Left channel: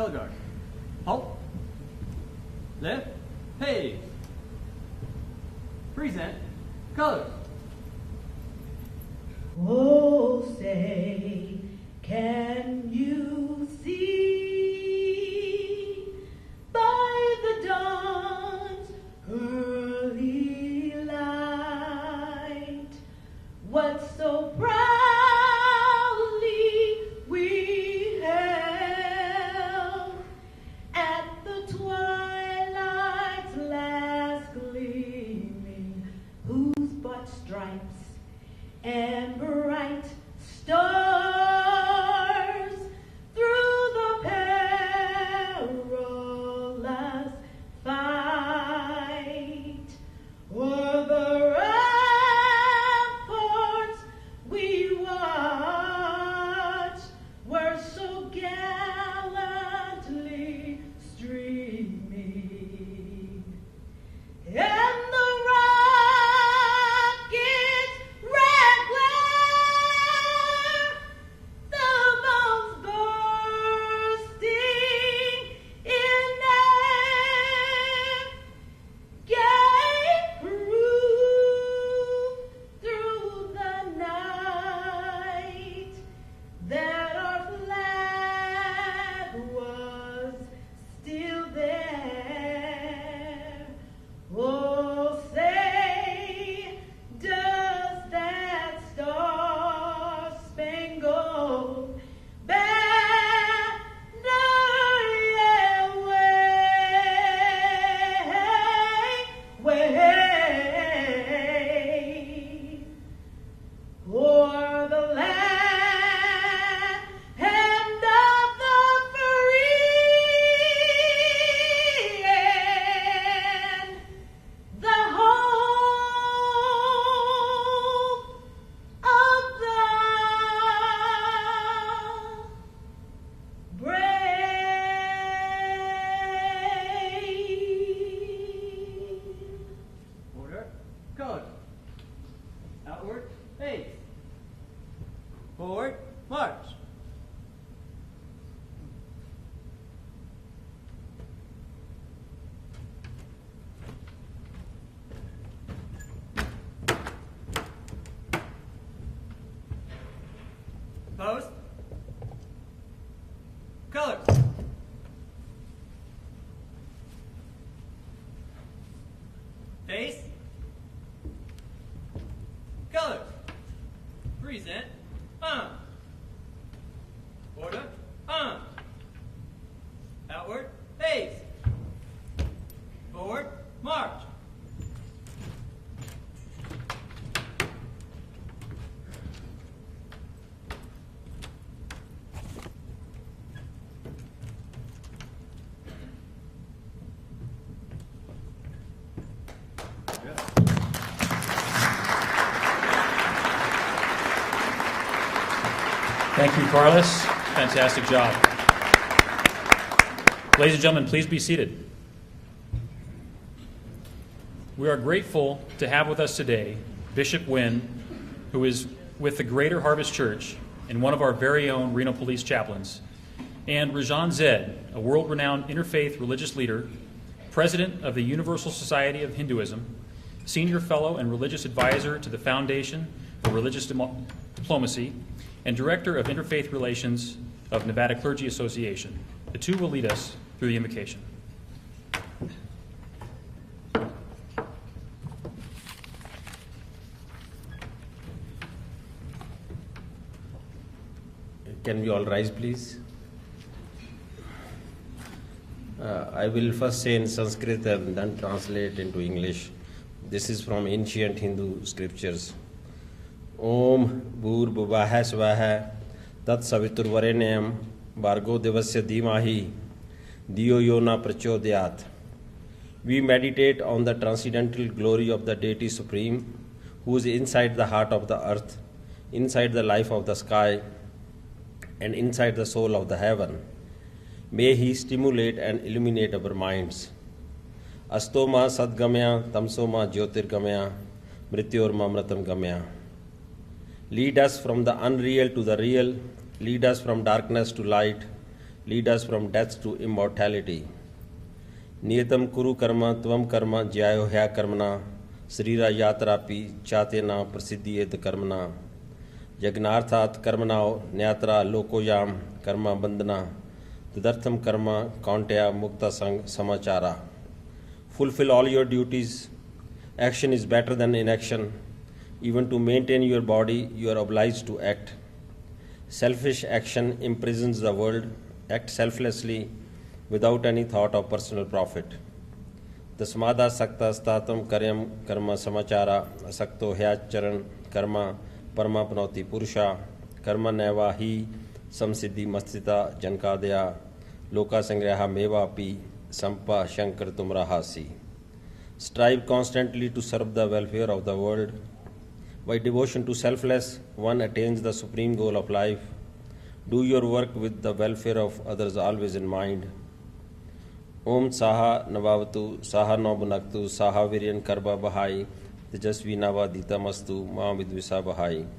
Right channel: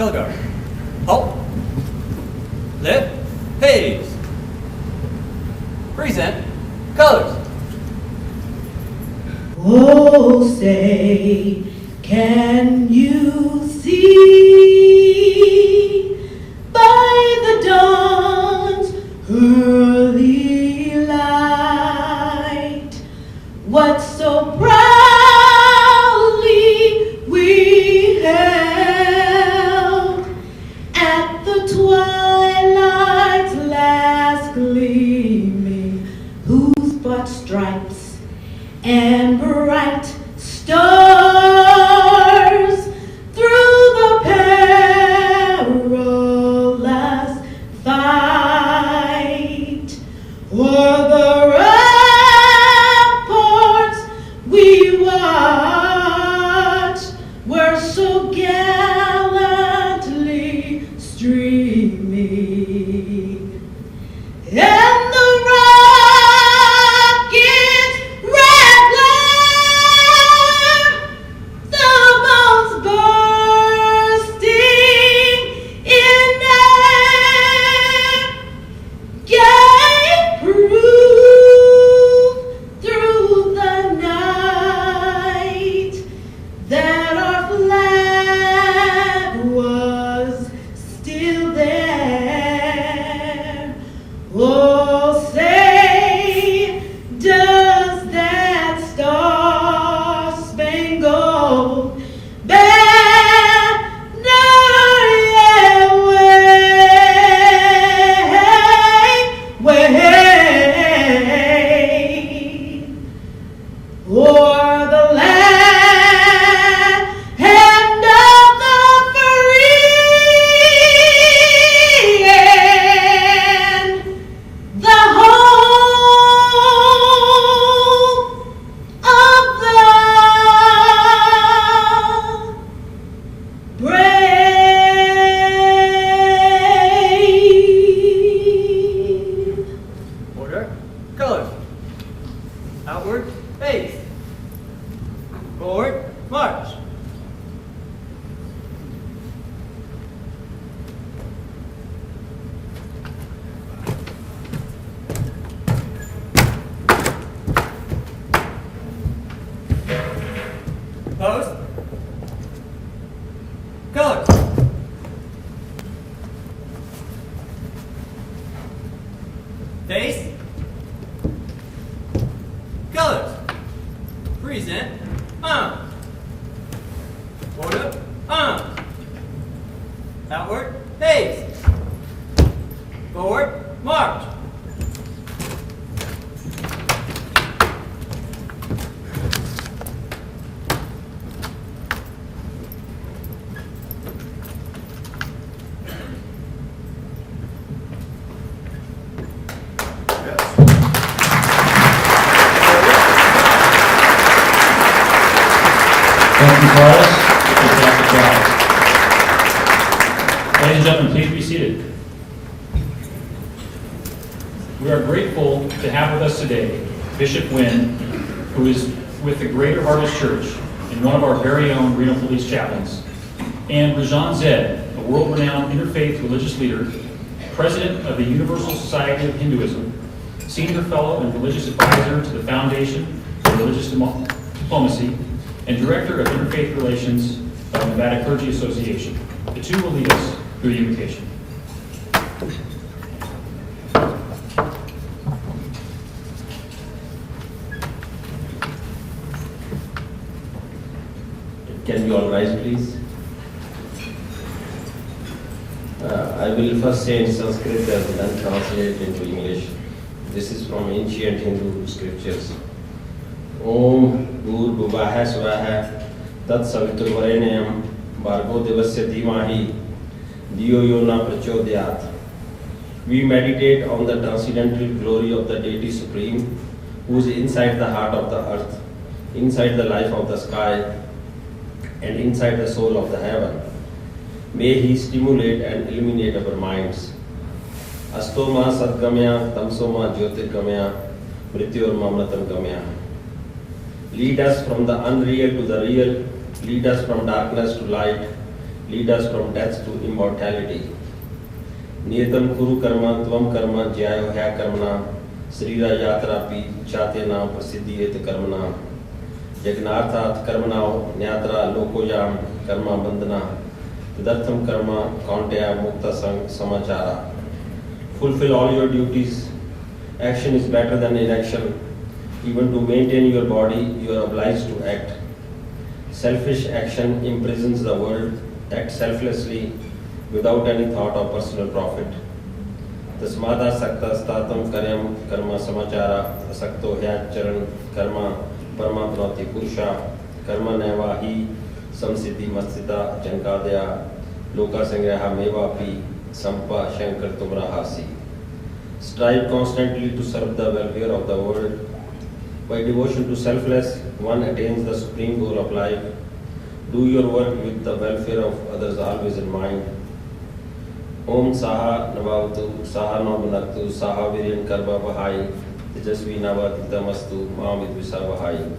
Color guard. Halt. Lift. Phase. Present. Colors. Oh, say, can you see by the dawn's early light what so proudly we held at the twilight's last gleaming, whose but stripes and bright stars through the perilous fight o'er the ramparts we watched were so gallantly streaming, and the rocket's red glare, the bombs bursting in air, gave proof through the night that our flag was still there. Oh, say, does that star-spangled banner yet wave o'er the land of the free and the home of the brave? Order. Colors. Outward. Phase. Forward. March. Post. Colors. Face. Colors. Present. Order. Outward. Face. Forward. March. Thank you, Carlos. Fantastic job. Ladies and gentlemen, please be seated. We are grateful to have with us today Bishop Wynn, who is with the Greater Harvest Church and one of our very own Reno Police chaplains, and Rajan Zed, a world-renowned interfaith religious leader, president of the Universal Society of Hinduism, senior fellow and religious advisor to the Foundation for Religious Diplomacy, and Director of Interfaith Relations of Nevada Clergy Association. The two will lead us through the invocation. Can we all rise, please? I will first say in Sanskrit and then translate into English. This is from ancient Hindu scriptures. Om Bhurvuvah Swaha Tat Saviturvarenyam Bhargo Devasya Dhimahi Diyo Yona Prachodayat. We meditate on the transcendental glory of the Deity Supreme, who is inside the heart of the earth, inside the life of the sky, and inside the soul of the heaven. May He stimulate and illuminate our minds. Astoma Sadgamya Tamsoma Jyotirgamya Mrityor Mamratam Gamya. Lead us from the unreal to the real, lead us from darkness to light, lead us from death to immortality. Niyatam kuru karma tvam karma jyayo hya karmana srira yatra pi chatena prasiddhiyet karmana yagnarthat karmana nyatra lokoyam karma bandhana tadartham karma kaunteya mukta samachara. Fulfill all your duties. Action is better than inaction. Even to maintain your body, you are obliged to act. Selfish action imprisons the world. Act selflessly without any thought of personal profit. Tasmada sakta statam karyam karma samachara sakto hyacharan karma paramapnoti purusha karma navahi samsiddhi mastita chankadya loka sangraha mevapi sampa shankar tumrahasi. Strive constantly to serve the welfare of the world. By devotion to selfless, one attains the supreme goal of life. Do your work with the welfare of others always in mind. Om Saha Navavatu, Saha Namanatu, Saha Viryan Karva Bahai, Tejasvi Navaditamastu, Mahamit Visa Bahai.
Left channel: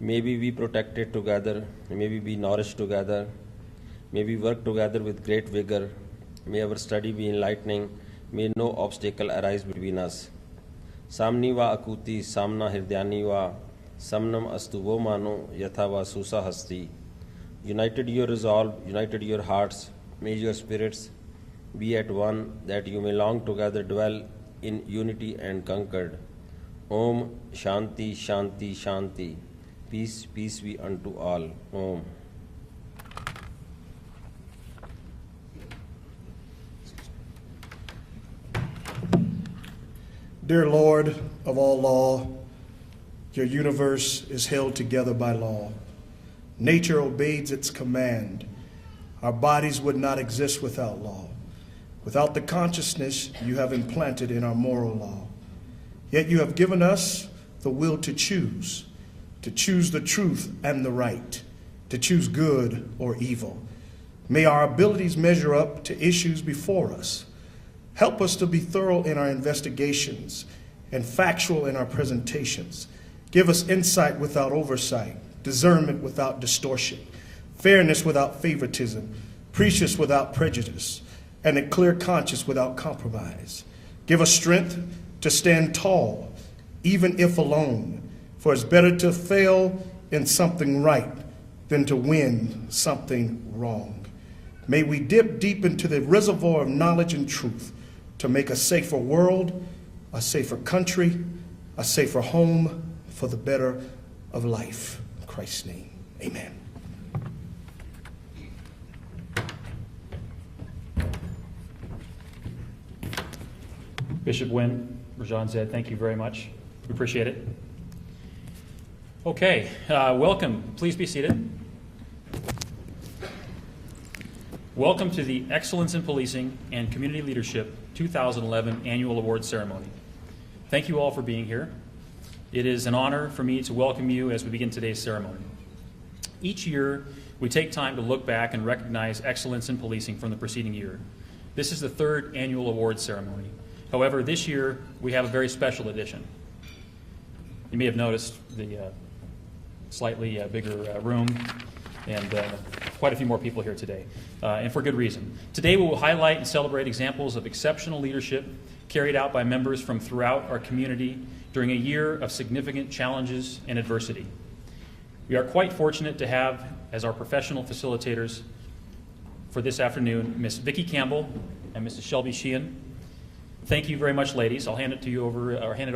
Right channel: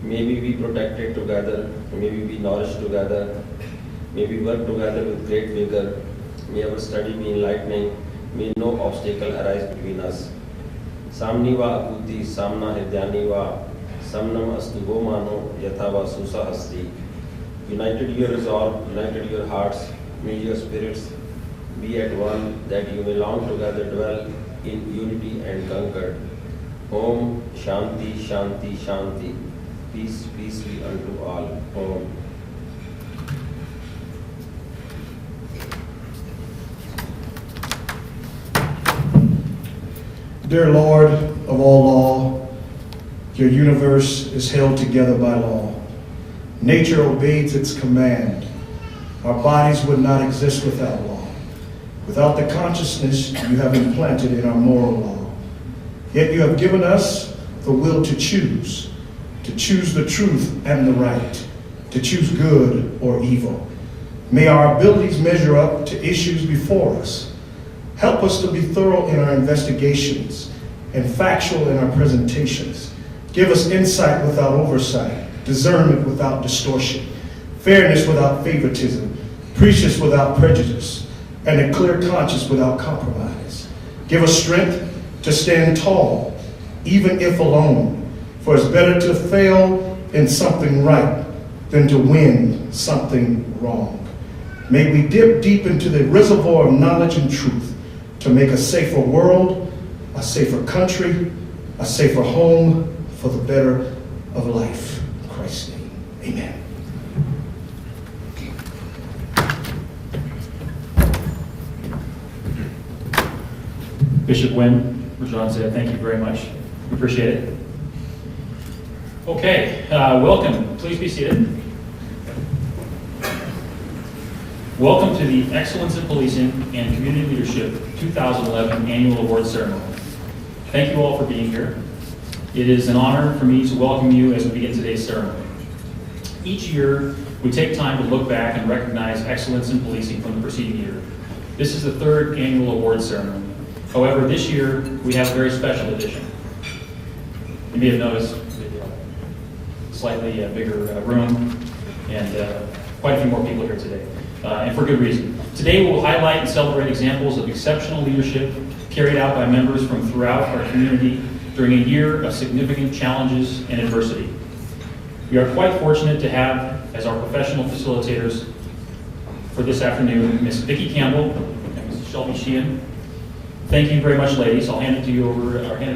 May we be protected together, may we be nourished together, may we work together with great vigor, may our study be enlightening, may no obstacle arise between us. Samni va akuti, samna hiryani va, samnam astu vo mano, yatha va susa hasti. United your resolve, united your hearts, may your spirits be at one, that you may long together dwell in unity and concord. Om Shanti Shanti Shanti. Peace, peace be unto all. Om. Dear Lord of all law, your universe is held together by law. Nature obeys its command. Our bodies would not exist without law, without the consciousness you have implanted in our moral law. Yet you have given us the will to choose the truth and the right, to choose good or evil. May our abilities measure up to issues before us. Help us to be thorough in our investigations and factual in our presentations. Give us insight without oversight, discernment without distortion, fairness without favoritism, precious without prejudice, and a clear conscience without compromise. Give us strength to stand tall, even if alone, for it's better to fail in something right than to win something wrong. May we dip deep into the reservoir of knowledge and truth to make a safer world, a safer country, a safer home for the better of life. In Christ's name, amen. Bishop Wynn, Rajan said, thank you very much. We appreciate it. Okay, welcome. Please be seated. Welcome to the Excellence in Policing and Community Leadership 2011 Annual Award Ceremony. Thank you all for being here. It is an honor for me to welcome you as we begin today's ceremony. Each year, we take time to look back and recognize excellence in policing from the preceding year. This is the third annual award ceremony. However, this year, we have a very special edition. You may have noticed the slightly bigger room and quite a few more people here today, and for good reason. Today, we will highlight and celebrate examples of exceptional leadership carried out by members from throughout our community during a year of significant challenges and adversity. We are quite fortunate to have as our professional facilitators for this afternoon, Ms. Vicki Campbell and Mrs. Shelby Sheehan. Thank you very much, ladies. I'll hand it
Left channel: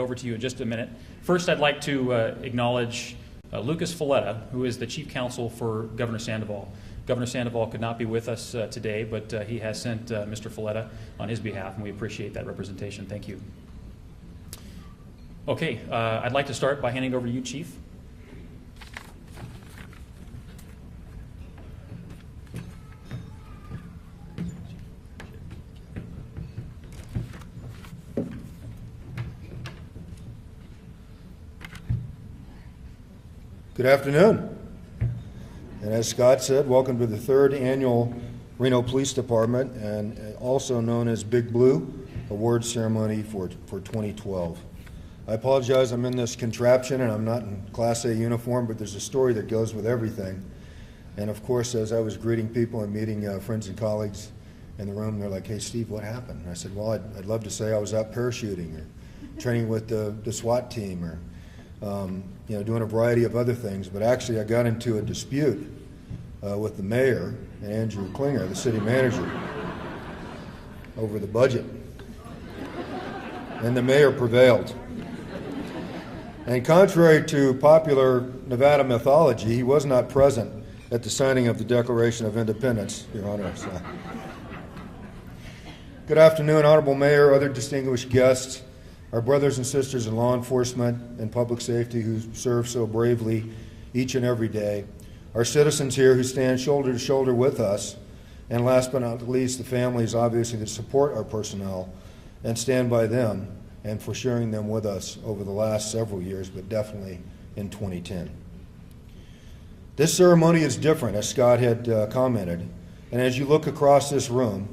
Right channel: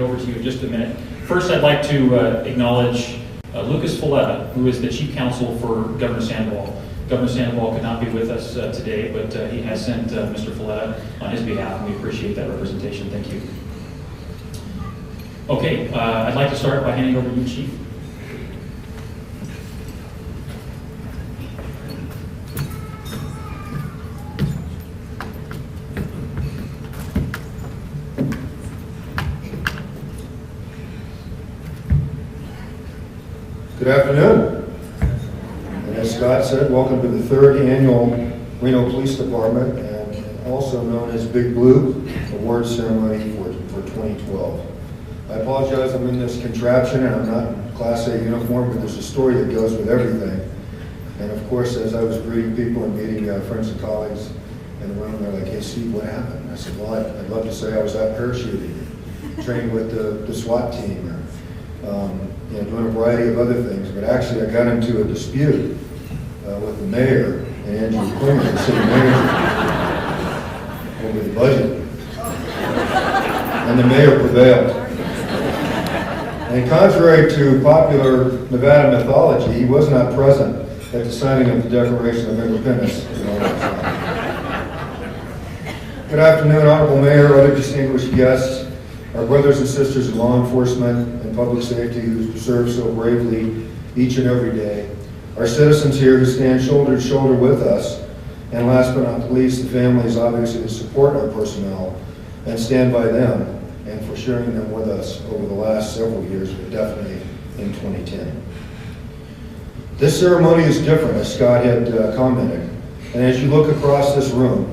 over to you in just a minute. First, I'd like to acknowledge Lucas Folletta, who is the Chief Counsel for Governor Sandoval. Governor Sandoval could not be with us today, but he has sent Mr. Folletta on his behalf, and we appreciate that representation. Thank you. Okay, I'd like to start by handing over to you, Chief. Good afternoon. And as Scott said, welcome to the third annual Reno Police Department, and also known as Big Blue Award Ceremony for 2012. I apologize, I'm in this contraption and I'm not in Class A uniform, but there's a story that goes with everything. And of course, as I was greeting people and meeting friends and colleagues in the room, they're like, "Hey, Steve, what happened?" I said, "Well, I'd love to say I was out parachuting, training with the SWAT team, or doing a variety of other things. But actually, I got into a dispute with the mayor and Andrew Klinger, the city manager, over the budget. And the mayor prevailed. And contrary to popular Nevada mythology, he was not present at the signing of the Declaration of Independence. Good afternoon, Honorable Mayor, other distinguished guests, our brothers and sisters in law enforcement and public safety who serve so bravely each and every day, our citizens here who stand shoulder to shoulder with us, and last but not least, the families obviously that support our personnel and stand by them and for sharing them with us over the last several years, but definitely in 2010. This ceremony is different, as Scott had commented, and as you look across this room,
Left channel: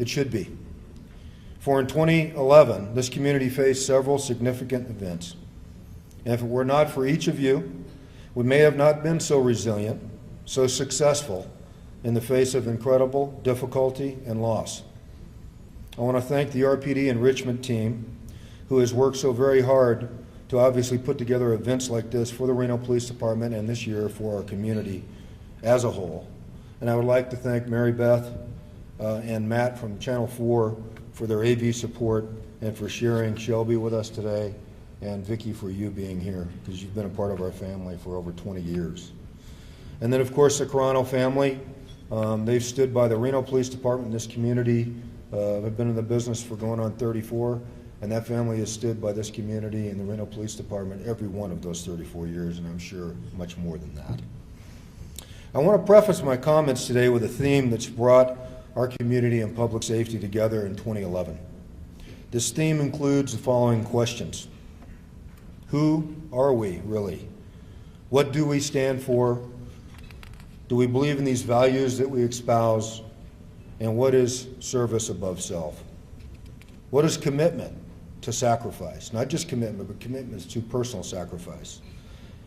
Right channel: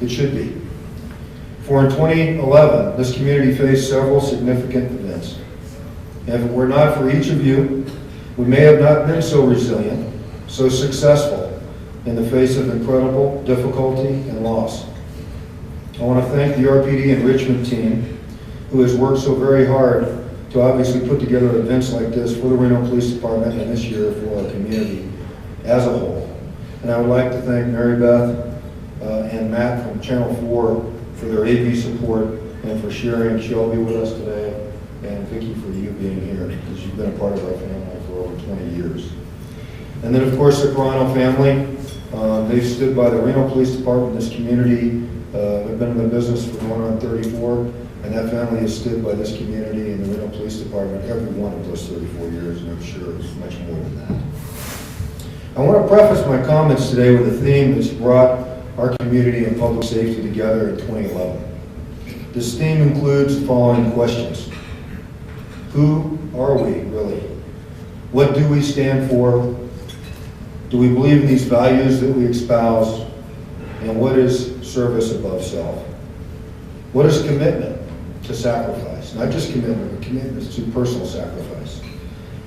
it should be. For in 2011, this community faced several significant events. And if it were not for each of you, we may have not been so resilient, so successful in the face of incredible difficulty and loss. I want to thank the RPD Enrichment team, who has worked so very hard to obviously put together events like this for the Reno Police Department and this year for our community as a whole. And I would like to thank Mary Beth and Matt from Channel 4 for their AV support and for sharing Shelby with us today, and Vicki for you being here, because you've been a part of our family for over 20 years. And then, of course, the Carano family. They've stood by the Reno Police Department, this community. Have been in the business for going on 34, and that family has stood by this community and the Reno Police Department every one of those 34 years, and I'm sure it's much more than that. I want to preface my comments today with a theme that's brought our community and public safety together in 2011. This theme includes the following questions. Who are we, really? What do we stand for? Do we believe in these values that we espouse? And what is service above self? What is commitment to sacrifice? Not just commitment, but commitment to personal sacrifice.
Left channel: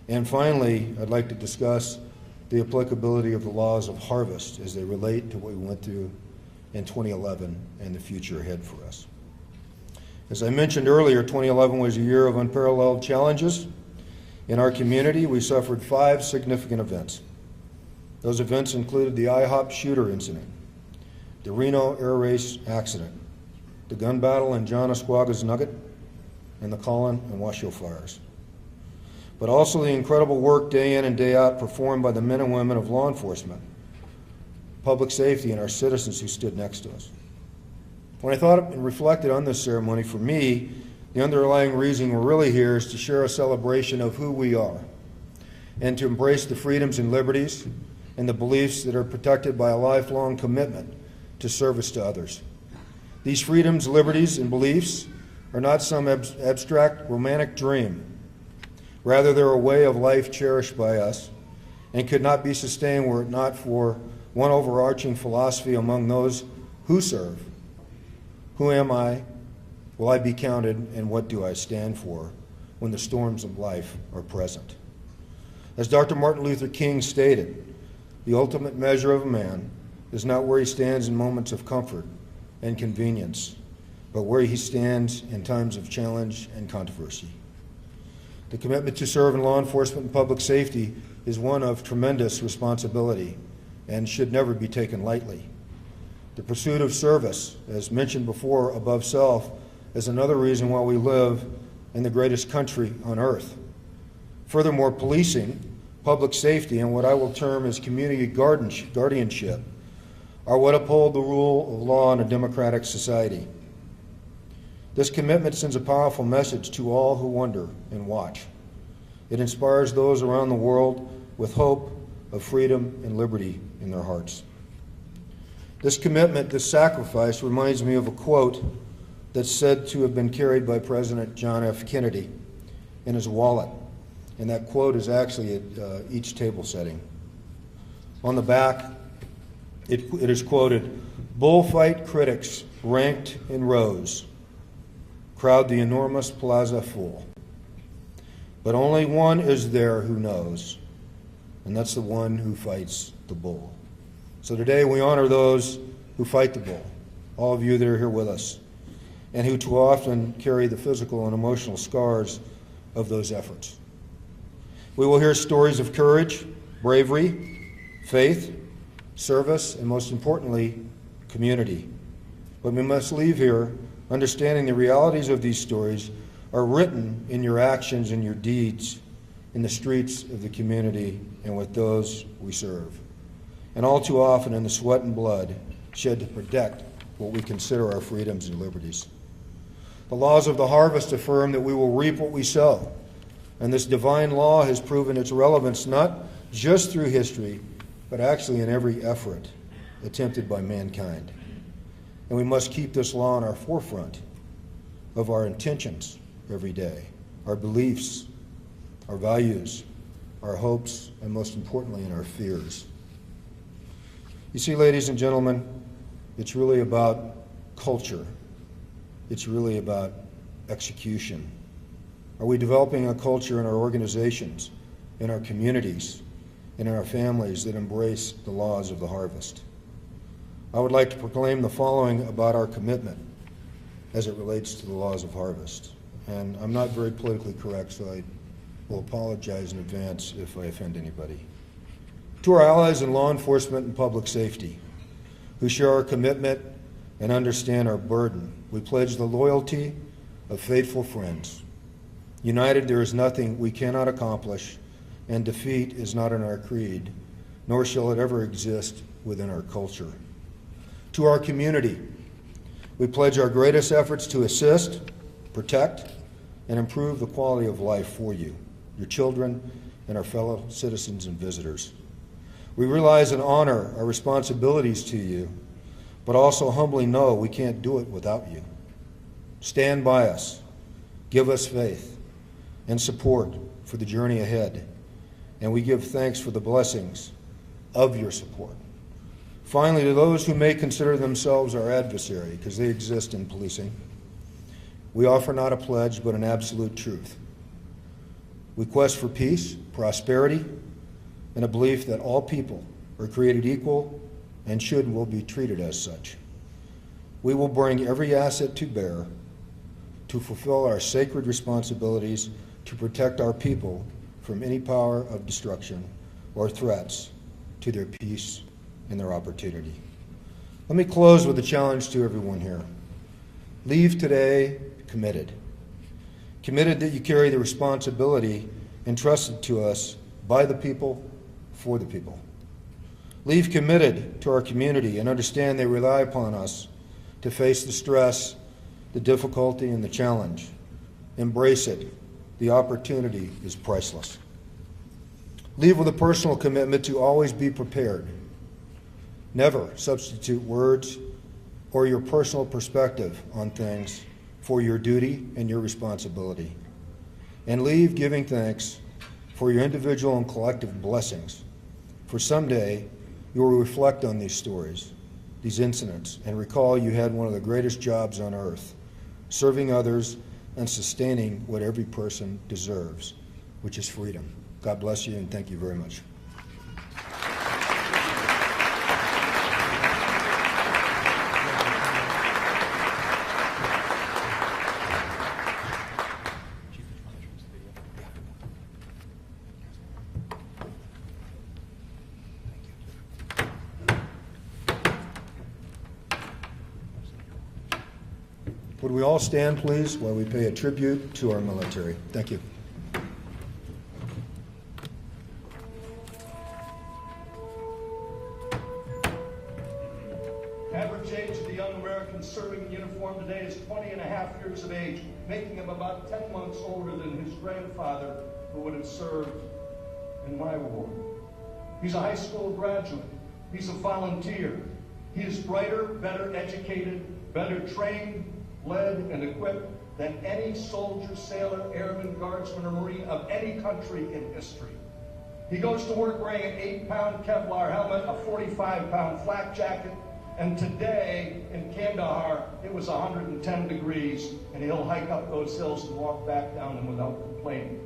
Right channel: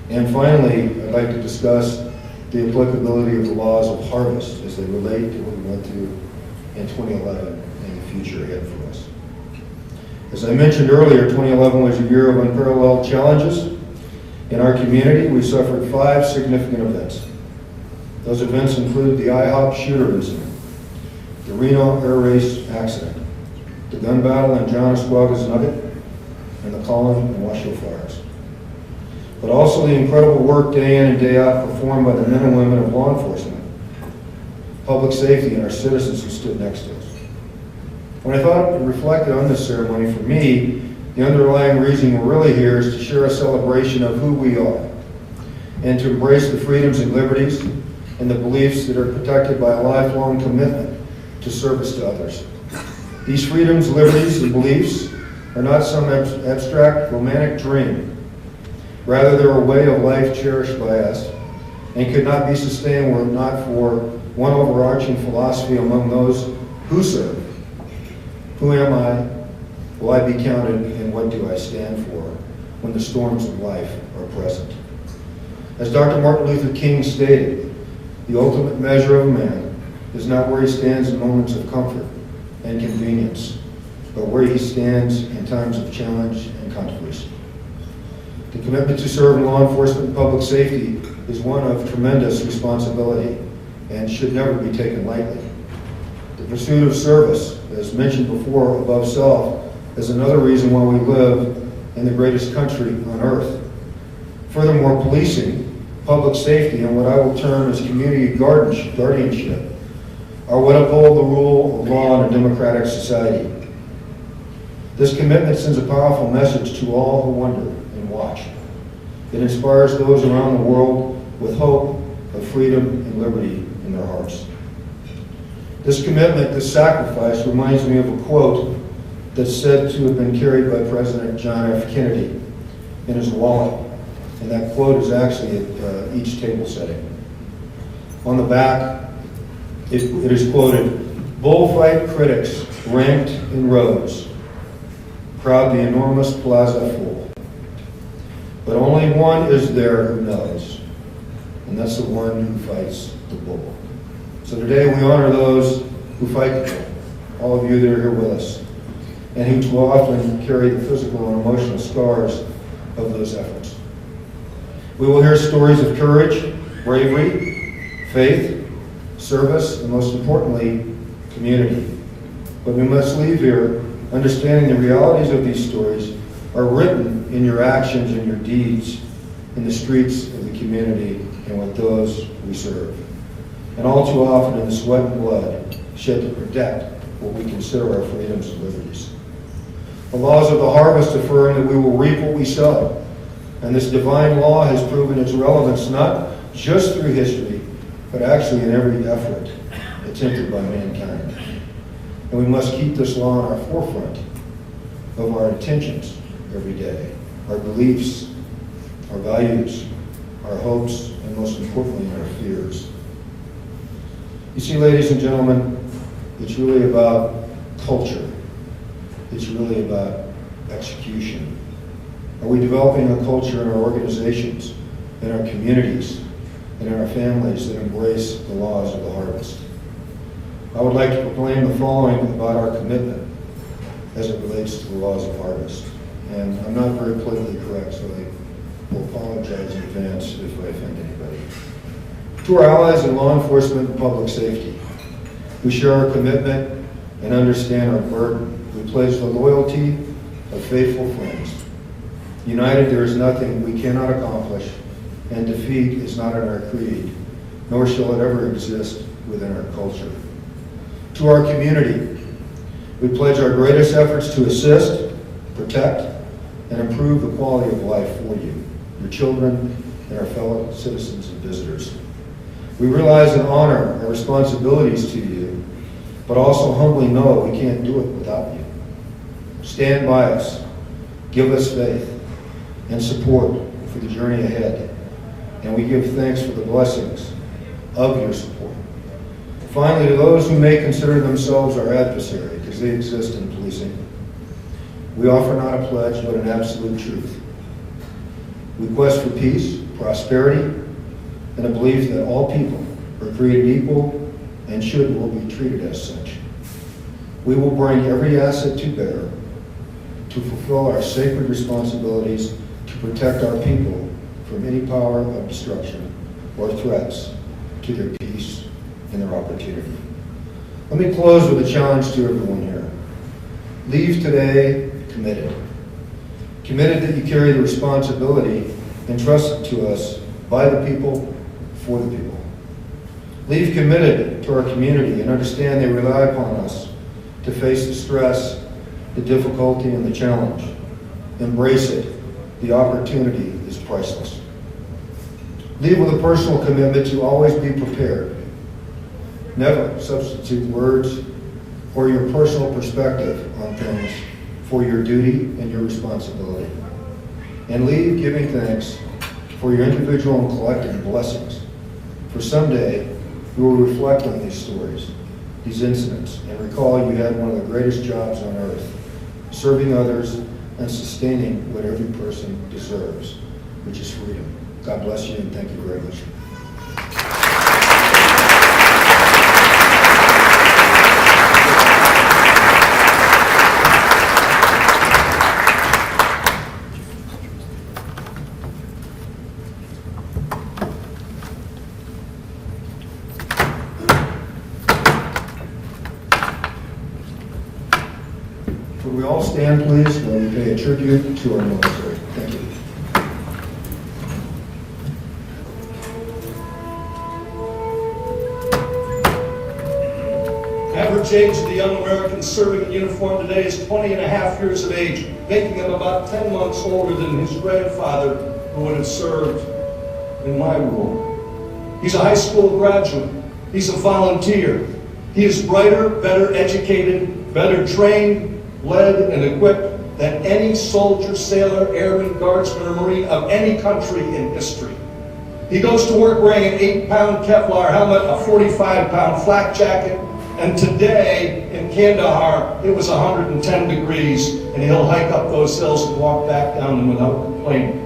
And finally, I'd like to discuss the applicability of the laws of harvest as they relate to what we went through in 2011 and the future ahead for us. As I mentioned earlier, 2011 was a year of unparalleled challenges. In our community, we suffered 5 significant events. Those events include the IHOP shooter incident, the Reno air race accident, the gun battle in John Esquaga's Nugget, and the Collin and Washoe fires. But also the incredible work day in and day out performed by the men and women of law enforcement, public safety, and our citizens who stood next to us. When I thought and reflected on this ceremony, for me, the underlying reason we're really here is to share a celebration of who we are and to embrace the freedoms and liberties and the beliefs that are protected by a lifelong commitment to service to others. These freedoms, liberties, and beliefs are not some abstract romantic dream. Rather, they're a way of life cherished by us and could not be sustained were it not for one overarching philosophy among those who serve. Who am I? Will I be counted? And what do I stand for when the storms of life are present? As Dr. Martin Luther King stated, the ultimate measure of a man is not where he stands in moments of comfort and convenience, but where he stands in times of challenge and controversy. The commitment to serve in law enforcement and public safety is one of tremendous responsibility and should never be taken lightly. The pursuit of service, as mentioned before, above self, is another reason why we live in the greatest country on earth. Furthermore, policing, public safety, and what I will term as community guardianship are what uphold the rule of law in a democratic society. This commitment sends a powerful message to all who wonder and watch. It inspires those around the world with hope of freedom and liberty in their hearts. This commitment, this sacrifice, reminds me of a quote that's said to have been carried by President John F. Kennedy in his wallet. And that quote is actually at each table setting. On the back, it is quoted, "Bullfight critics ranked in rows, crowd the enormous plaza full. But only one is there who knows, and that's the one who fights the bull. So today we honor those who fight the bull, all of you that are here with us, and who too often carry the physical and emotional scars of those efforts. We will hear stories of courage, bravery, faith, service, and most importantly, community. But we must leave here understanding the realities of these stories are written in your actions and your deeds in the streets of the community and with those we serve. And all too often in the sweat and blood shed to protect what we consider our freedoms and liberties. The laws of the harvest affirm that we will reap what we sow. And this divine law has proven its relevance not just through history, but actually in every effort attempted by mankind. And we must keep this law in our forefront of our intentions every day, our beliefs, our values, our hopes, and most importantly, our fears. You see, ladies and gentlemen, it's really about culture. It's really about execution. Are we developing a culture in our organizations, in our communities, and in our families that embrace the laws of the harvest? I would like to proclaim the following about our commitment as it relates to the laws of harvest. And I'm not very politically correct, so I will apologize in advance if I offend anybody. To our allies in law enforcement and public safety, who share our commitment and understand our burden, we pledge the loyalty of faithful friends. United, there is nothing we cannot accomplish, and defeat is not in our creed, nor shall it ever exist within our culture. To our community, we pledge our greatest efforts to assist, protect, and improve the quality of life for you, your children, and our fellow citizens and visitors. We realize and honor our responsibilities to you, but also humbly know we can't do it without you. Stand by us, give us faith and support for the journey ahead, and we give thanks for the blessings of your support. Finally, to those who may consider themselves our adversary, because they exist in policing, we offer not a pledge, but an absolute truth. We quest for peace, prosperity, and a belief that all people are created equal and will be treated as such. We will bring every asset to bear to fulfill our sacred responsibilities to protect our people from any power of destruction or threats to their peace and their opportunity. Let me close with a challenge to everyone here. Leave today committed. Committed that you carry the responsibility entrusted to us by the people, for the people. Leave committed to our community and understand they rely upon us to face the stress, the difficulty, and the challenge. Embrace it. The opportunity is priceless. Leave with a personal commitment to always be prepared. Never substitute words or your personal perspective on things for your duty and your responsibility. And leave giving thanks for your individual and collective blessings. For someday, you will reflect on these stories, these incidents, and recall you had one of the greatest jobs on earth, serving others and sustaining what every person deserves, which is freedom. God bless you, and thank you very much. Would we all stand, please, while we pay a tribute to our military? Thank you. Average age of the young American serving in uniform today is 20 and a half years of age, making him about 10 months older than his grandfather who would have served in my rule. He's a high school graduate. He's a volunteer. He is brighter, better educated, better trained, led, and equipped than any soldier, sailor, airman, guardsman, or Marine of any country in history. He goes to work wearing an 8-pound Kevlar helmet, a 45-pound flak jacket, and today in Kandahar, it was 110 degrees, and he'll hike up those hills and walk back down them without complaining.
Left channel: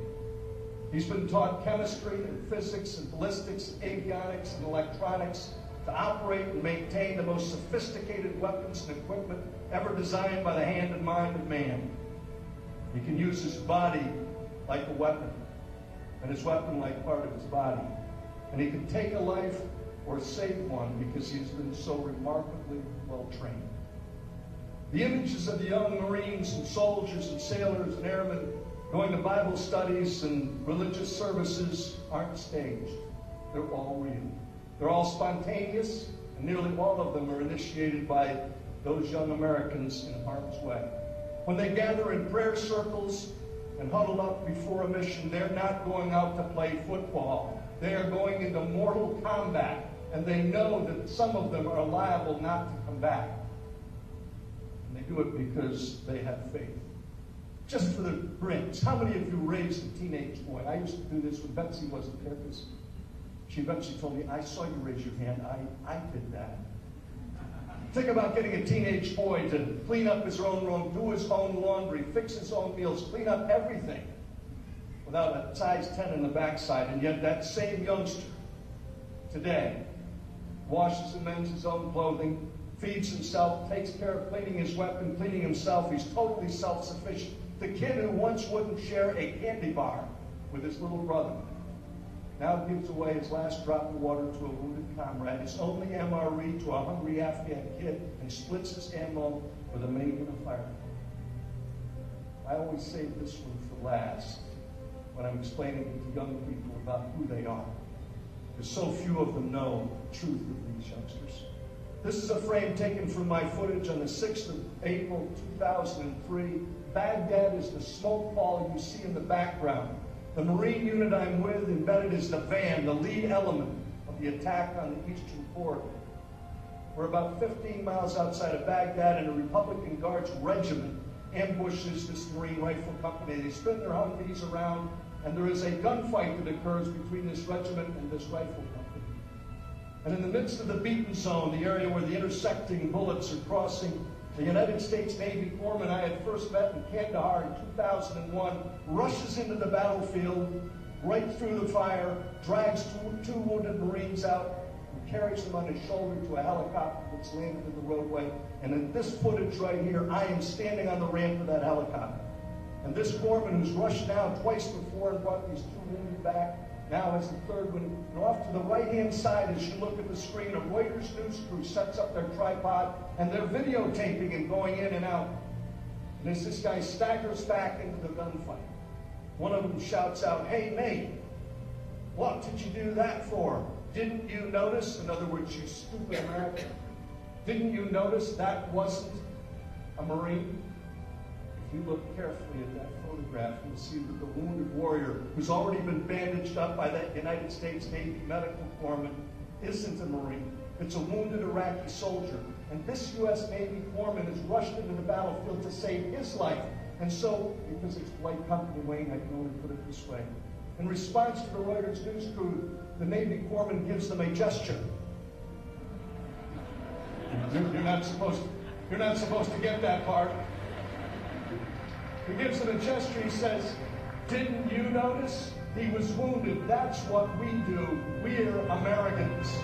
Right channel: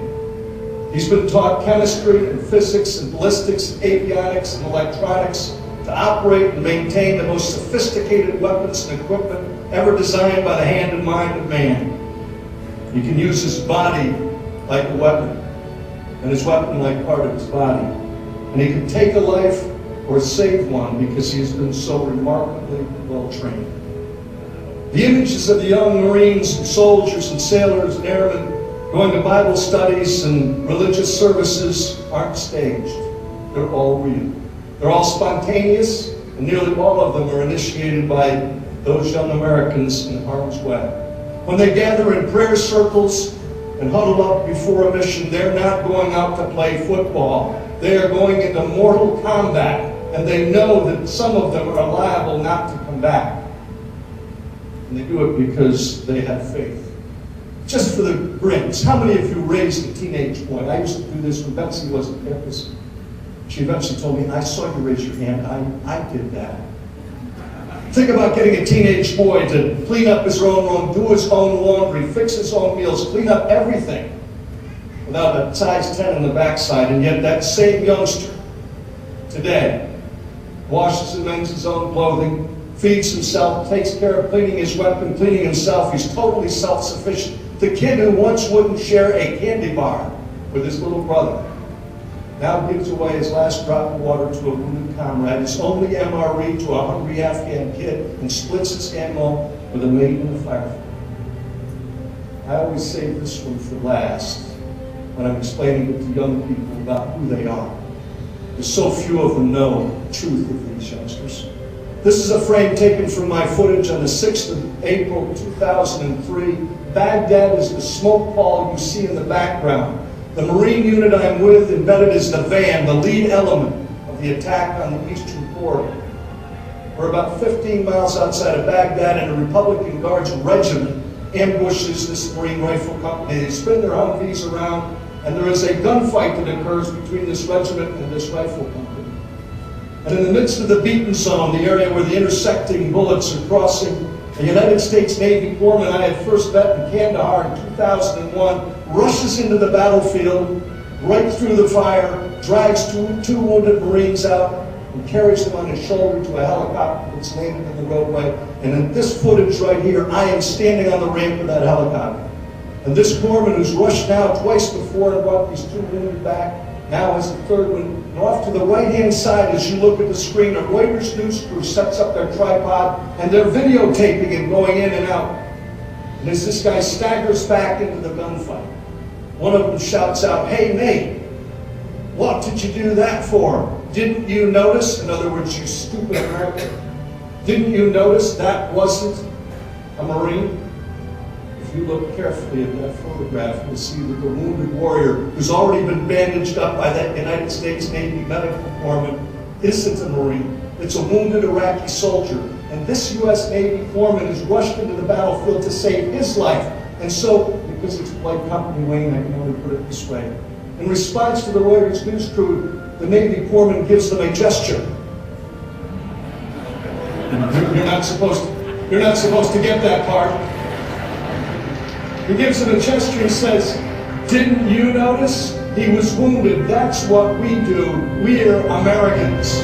He's been taught chemistry and physics and ballistics, and avionics and electronics to operate and maintain the most sophisticated weapons and equipment ever designed by the hand and mind of man. He can use his body like a weapon, and his weapon like part of his body. And he can take a life or save one because he has been so remarkably well trained. The images of the young Marines and soldiers and sailors and airmen going to Bible studies and religious services aren't staged. They're all real. They're all spontaneous, and nearly all of them are initiated by those young Americans in harm's way. When they gather in prayer circles and huddle up before a mission, they're not going out to play football. They are going into mortal combat, and they know that some of them are liable not to come back. And they do it because they have faith. Just for the grins, how many of you raised a teenage boy? I used to do this when Betsy wasn't there. She eventually told me, I saw you raise your hand. I did that. Think about getting a teenage boy to clean up his own room, do his own laundry, fix his own meals, clean up everything without a size 10 in the backside. And yet that same youngster today washes and mends his own clothing, feeds himself, takes care of cleaning his weapon, cleaning himself. He's totally self-sufficient. The kid who once wouldn't share a candy bar with his little brother now gives away his last drop of water to a wounded comrade, his only MRE to a hungry Afghan kid, and splits his ammo with a mate in the firefight. I always save this one for last when I'm explaining it to young people about who they are. There's so few of them know the truth of these youngsters. This is a frame taken from my footage on the 6th of April, 2003. Baghdad is the smoke pall you see in the background. The Marine unit I'm with embedded is the van, the lead element of the attack on the eastern corridor. We're about 15 miles outside of Baghdad, and a Republican Guards regiment ambushes this Marine rifle company. They spin their Humvees around, and there is a gunfight that occurs between this regiment and this rifle company. And in the midst of the beaten zone, the area where the intersecting bullets are crossing, a United States Navy corpsman I had first met in Kandahar in 2001 rushes into the battlefield, right through the fire, drags two wounded Marines out, and carries them on his shoulder to a helicopter that's landed in the roadway. And in this footage right here, I am standing on the ramp of that helicopter. And this corpsman who's rushed now twice before and brought these two wounded back, now has the third one. And off to the right-hand side, as you look at the screen, a Reuters news crew sets up their tripod, and they're videotaping him going in and out. And as this guy staggers back into the gunfight, one of them shouts out, "Hey, mate, what did you do that for? Didn't you notice?" In other words, you stupid American. Didn't you notice that wasn't a Marine? If you look carefully at that photograph, you'll see that the wounded warrior who's already been bandaged up by that United States Navy medical corpsman isn't a Marine. It's a wounded Iraqi soldier. And this U.S. Navy corpsman is rushed into the battlefield to save his life. And so, because it's polite company, Wayne, I can only put it this way. In response to the Reuters news crew, the Navy corpsman gives them a gesture. You're not supposed to get that part. He gives them a gesture and says, "Didn't you notice? He was wounded. That's what we do. We're Americans."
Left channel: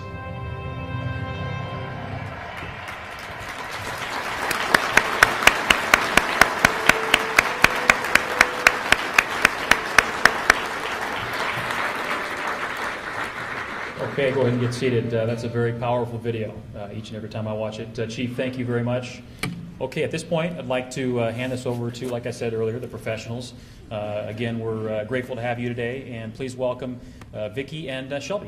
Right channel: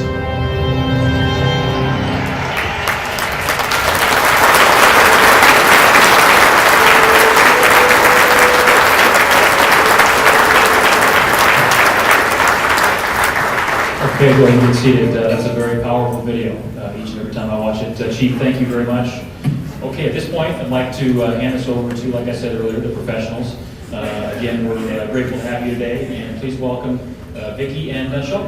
Okay, go ahead and get seated. That's a very powerful video each and every time I watch it. Chief, thank you very much. Okay, at this point, I'd like to hand this over to, like I said earlier, the professionals. Again, we're grateful to have you today, and please welcome Vicki and Sean.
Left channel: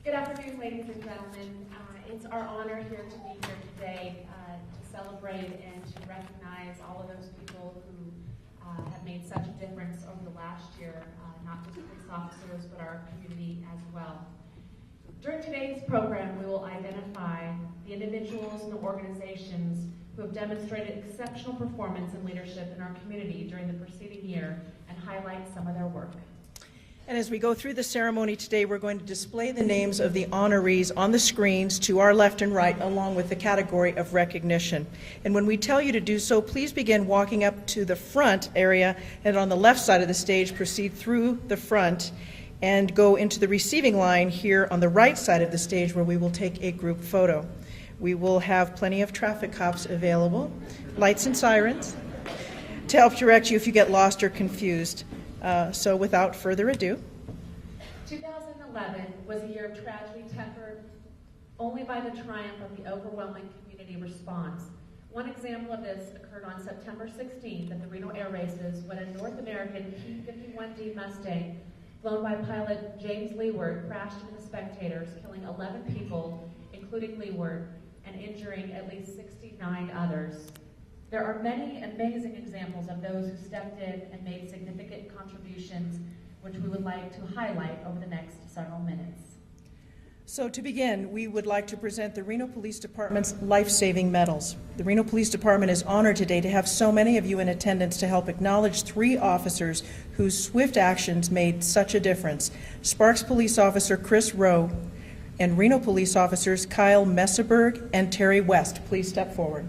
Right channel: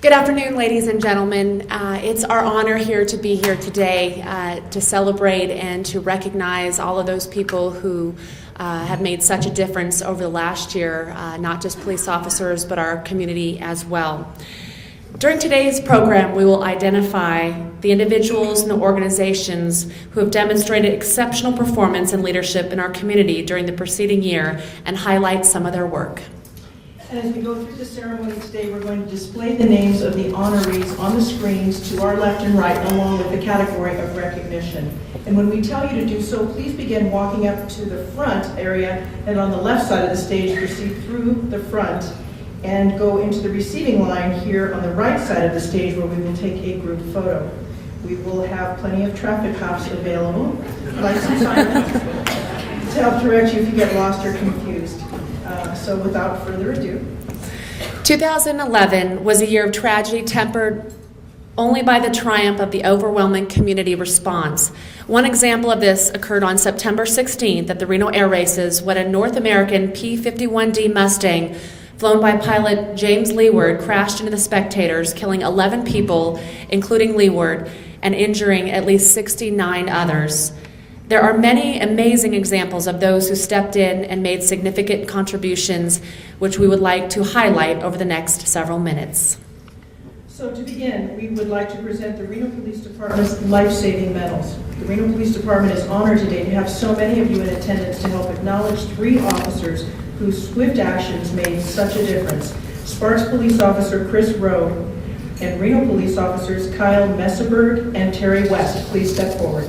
Good afternoon, ladies and gentlemen. It's our honor here to be here today to celebrate and to recognize all of those people who have made such a difference over the last year, not just police officers, but our community as well. During today's program, we will identify the individuals and the organizations who have demonstrated exceptional performance and leadership in our community during the preceding year and highlight some of their work. And as we go through the ceremony today, we're going to display the names of the honorees on the screens to our left and right, along with the category of recognition. And when we tell you to do so, please begin walking up to the front area, and on the left side of the stage, proceed through the front and go into the receiving line here on the right side of the stage, where we will take a group photo. We will have plenty of traffic cops available, lights and sirens, to help direct you if you get lost or confused. So without further ado. 2011 was a year of tragedy tempered only by the triumph of the overwhelming community response. One example of this occurred on September 16th at the Reno Air Races, when a North American P-51D Mustang flown by pilot James Leeward crashed into the spectators, killing 11 people, including Leeward, and injuring at least 69 others. There are many amazing examples of those who stepped in and made significant contributions, which we would like to highlight over the next several minutes. So to begin, we would like to present the Reno Police Department's life-saving medals. The Reno Police Department is honored today to have so many of you in attendance to help acknowledge 3 officers whose swift actions made such a difference. Sparks Police Officer Chris Rowe and Reno Police Officers Kyle Messerberg and Terry West. Please step forward.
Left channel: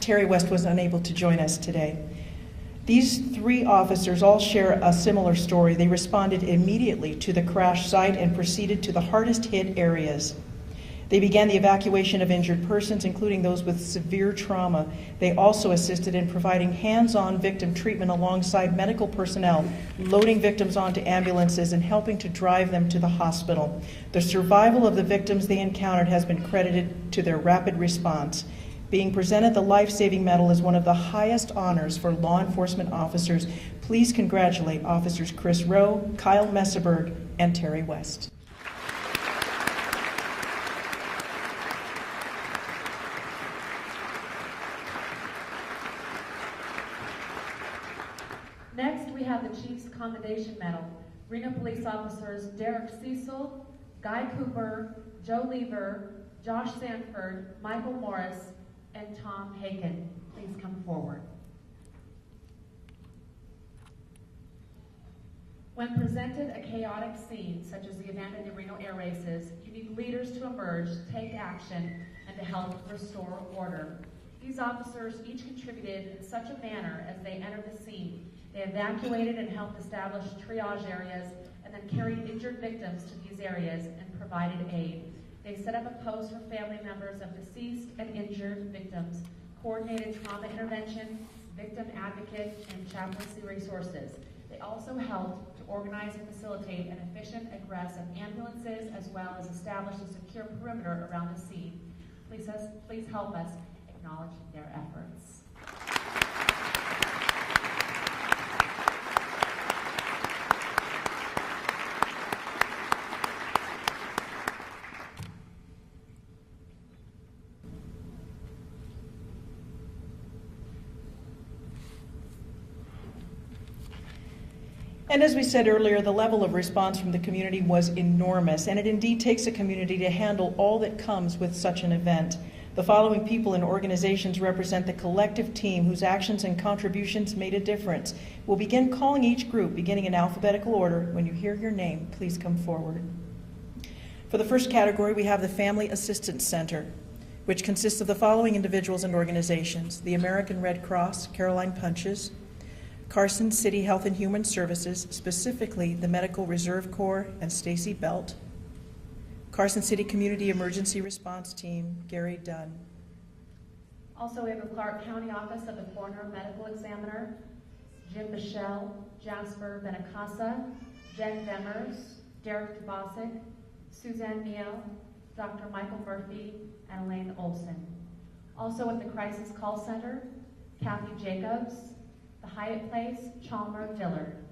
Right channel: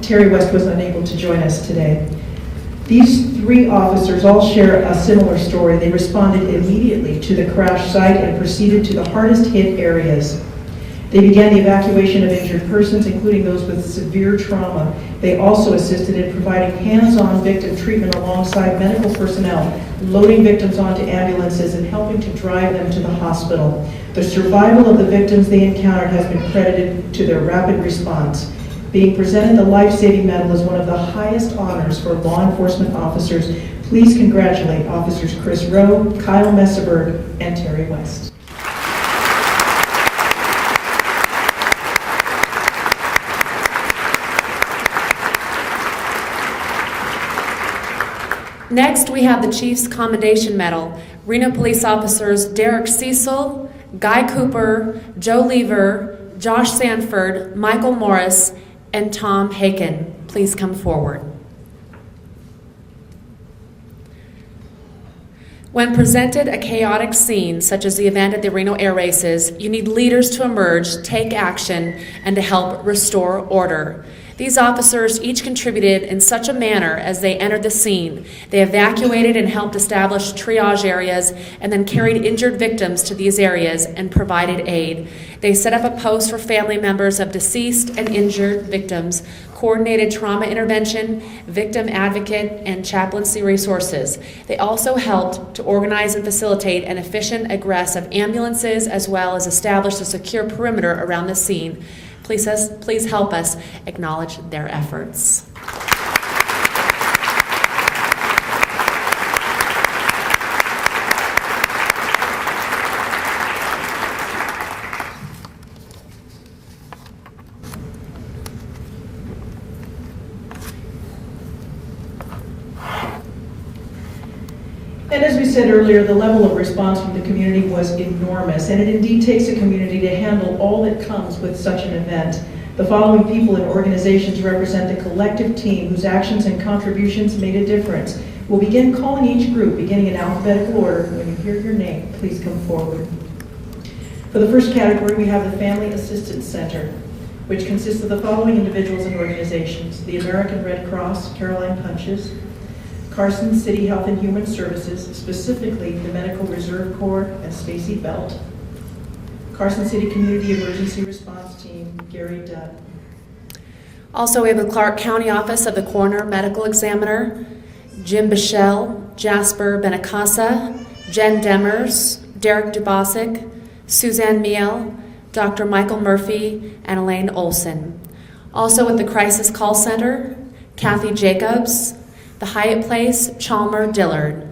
Terry West was unable to join us today. These 3 officers all share a similar story. They responded immediately to the crash site and proceeded to the hardest hit areas. They began the evacuation of injured persons, including those with severe trauma. They also assisted in providing hands-on victim treatment alongside medical personnel, loading victims onto ambulances and helping to drive them to the hospital. The survival of the victims they encountered has been credited to their rapid response. Being presented the life-saving medal is one of the highest honors for law enforcement officers. Please congratulate Officers Chris Rowe, Kyle Messerberg, and Terry West. Next, we have the Chief's Commendation Medal. Reno Police Officers Derek Cecil, Guy Cooper, Joe Lever, Josh Sanford, Michael Morris, and Tom Haken. Please come forward. When presented a chaotic scene, such as the event at the Reno Air Races, you need leaders to emerge, take action, and to help restore order. These officers each contributed in such a manner as they entered the scene. They evacuated and helped establish triage areas, and then carried injured victims to these areas and provided aid. They set up a post for family members of deceased and injured victims, coordinated trauma intervention, victim advocate, and chaplaincy resources. They also helped to organize and facilitate an efficient egress of ambulances, as well as establish a secure perimeter around the scene. Please help us acknowledge their efforts. And as we said earlier, the level of response from the community was enormous, and it indeed takes a community to handle all that comes with such an event. The following people and organizations represent the collective team whose actions and contributions made a difference. We'll begin calling each group, beginning in alphabetical order. When you hear your name, please come forward. For the first category, we have the Family Assistance Center, which consists of the following individuals and organizations: the American Red Cross, Caroline Punches; Carson City Health and Human Services, specifically the Medical Reserve Corps and Stacy Belt; Carson City Community Emergency Response Team, Gary Dunn. Also, we have the Clark County Office of the Coroner Medical Examiner, Jim Bichelle, Jasper Benacasa, Jen Demers, Derek Dubasic, Suzanne Miel, Dr. Michael Murphy, and Elaine Olson. Also with the Crisis Call Center, Kathy Jacobs, the Hyatt Place, Chalmer Dillard.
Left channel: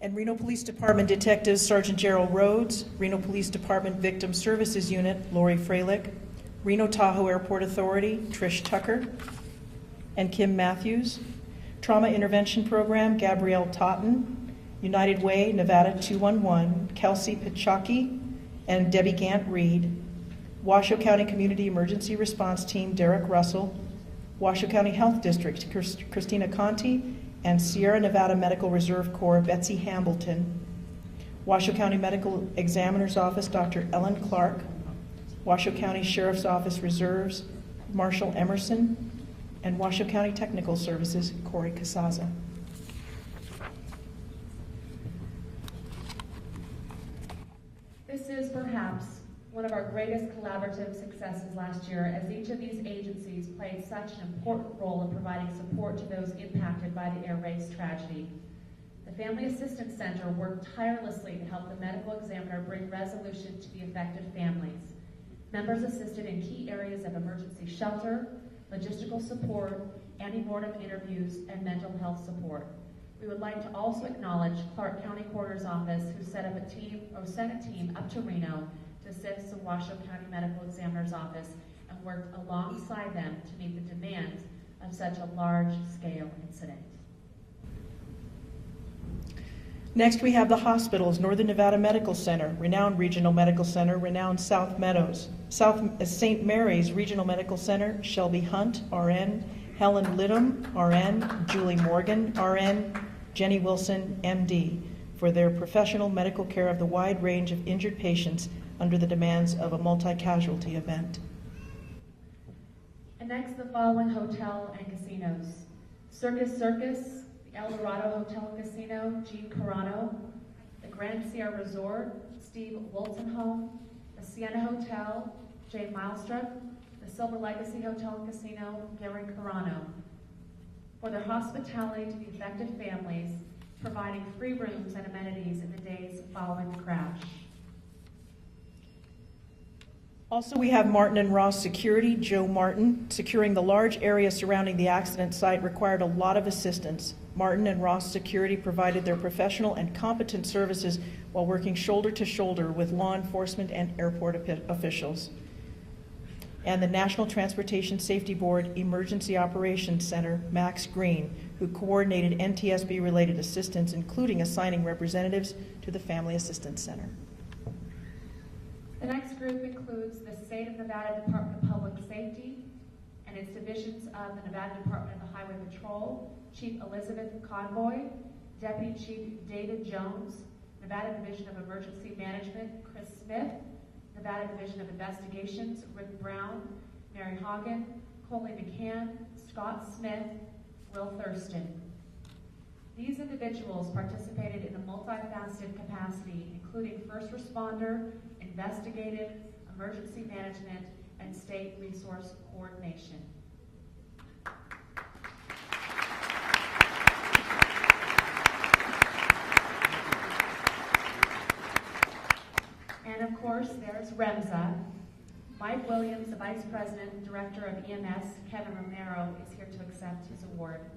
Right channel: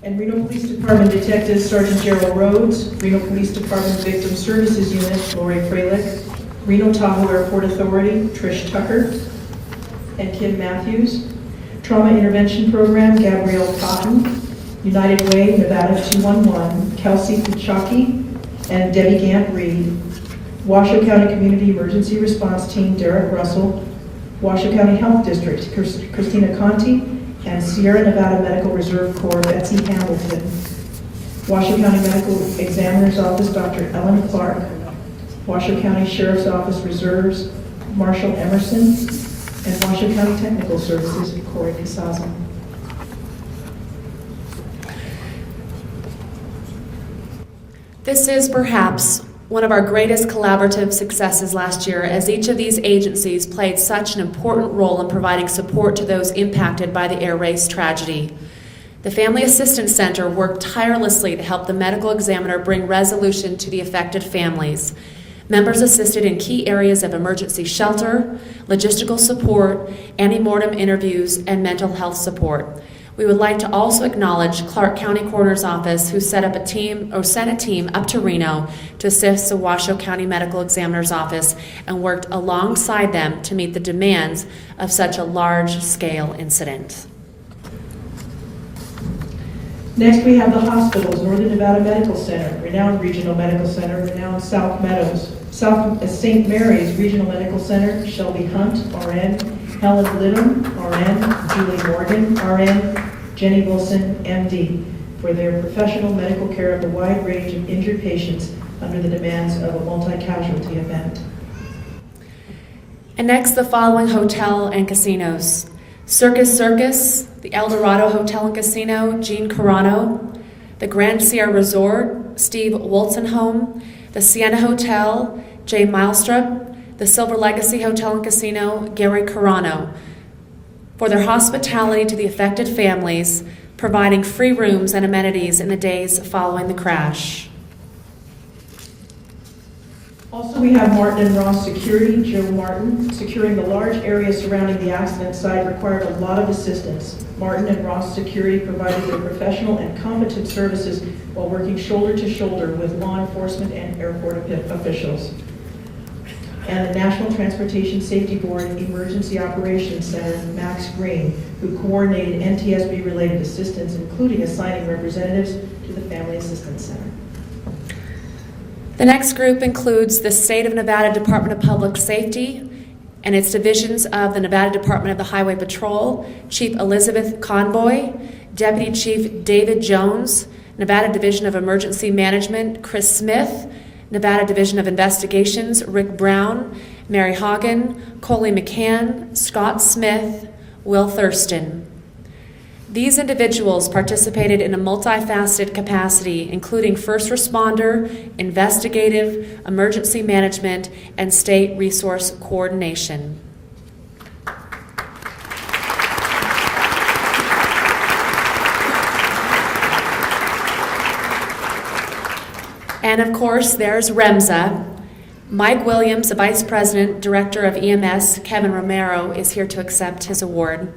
And Reno Police Department Detective Sergeant Gerald Rhodes, Reno Police Department Victim Services Unit, Lori Freilich, Reno Tahoe Airport Authority, Trish Tucker and Kim Matthews, Trauma Intervention Program, Gabrielle Cotton, United Way, Nevada 211, Kelsey Kuchaki, and Debbie Gant-Reed. Washoe County Community Emergency Response Team, Derek Russell. Washoe County Health District, Christina Conti, and Sierra Nevada Medical Reserve Corps, Betsy Hamilton. Washoe County Medical Examiner's Office, Dr. Ellen Clark. Washoe County Sheriff's Office Reserves, Marshall Emerson. And Washoe County Technical Services, Corey Casaza. This is perhaps one of our greatest collaborative successes last year, as each of these agencies played such an important role in providing support to those impacted by the air race tragedy. The Family Assistance Center worked tirelessly to help the medical examiner bring resolution to the affected families. Members assisted in key areas of emergency shelter, logistical support, antemortem interviews, and mental health support. We would like to also acknowledge Clark County Coroner's Office, who sent a team up to Reno to assist the Washoe County Medical Examiner's Office and worked alongside them to meet the demands of such a large-scale incident. Next, we have the hospitals: Northern Nevada Medical Center, renowned Regional Medical Center, renowned South Meadows. South St. Mary's Regional Medical Center, Shelby Hunt, RN, Helen Lidham, RN, Julie Morgan, RN, Jenny Wilson, MD, for their professional medical care of a wide range of injured patients under the demands of a multi-casualty event. And next, the following hotel and casinos: Circus Circus, the El Dorado Hotel and Casino, Gene Carano; the Grand Sierra Resort, Steve Wolzenholm; the Sienna Hotel, Jay Milestrup; the Silver Legacy Hotel and Casino, Gary Carano, for their hospitality to the affected families, providing free rooms and amenities in the days following the crash. Also, we have Martin and Ross Security, Joe Martin. Securing the large area surrounding the accident site required a lot of assistance. Martin and Ross Security provided their professional and competent services while working shoulder to shoulder with law enforcement and airport officials. And the National Transportation Safety Board Emergency Operations Center, Max Green, who coordinated NTSB-related assistance, including assigning representatives to the Family Assistance Center. The next group includes the State of Nevada Department of Public Safety and its divisions of the Nevada Department of the Highway Patrol, Chief Elizabeth Conboy, Deputy Chief David Jones, Nevada Division of Emergency Management, Chris Smith, Nevada Division of Investigations, Rick Brown, Mary Hagen, Coley McCann, Scott Smith, Will Thurston. These individuals participated in a multifaceted capacity, including first responder, investigative, emergency management, and state resource coordination. And of course, there's REMSA. Mike Williams, the Vice President, Director of EMS, Kevin Romero, is here to accept his award.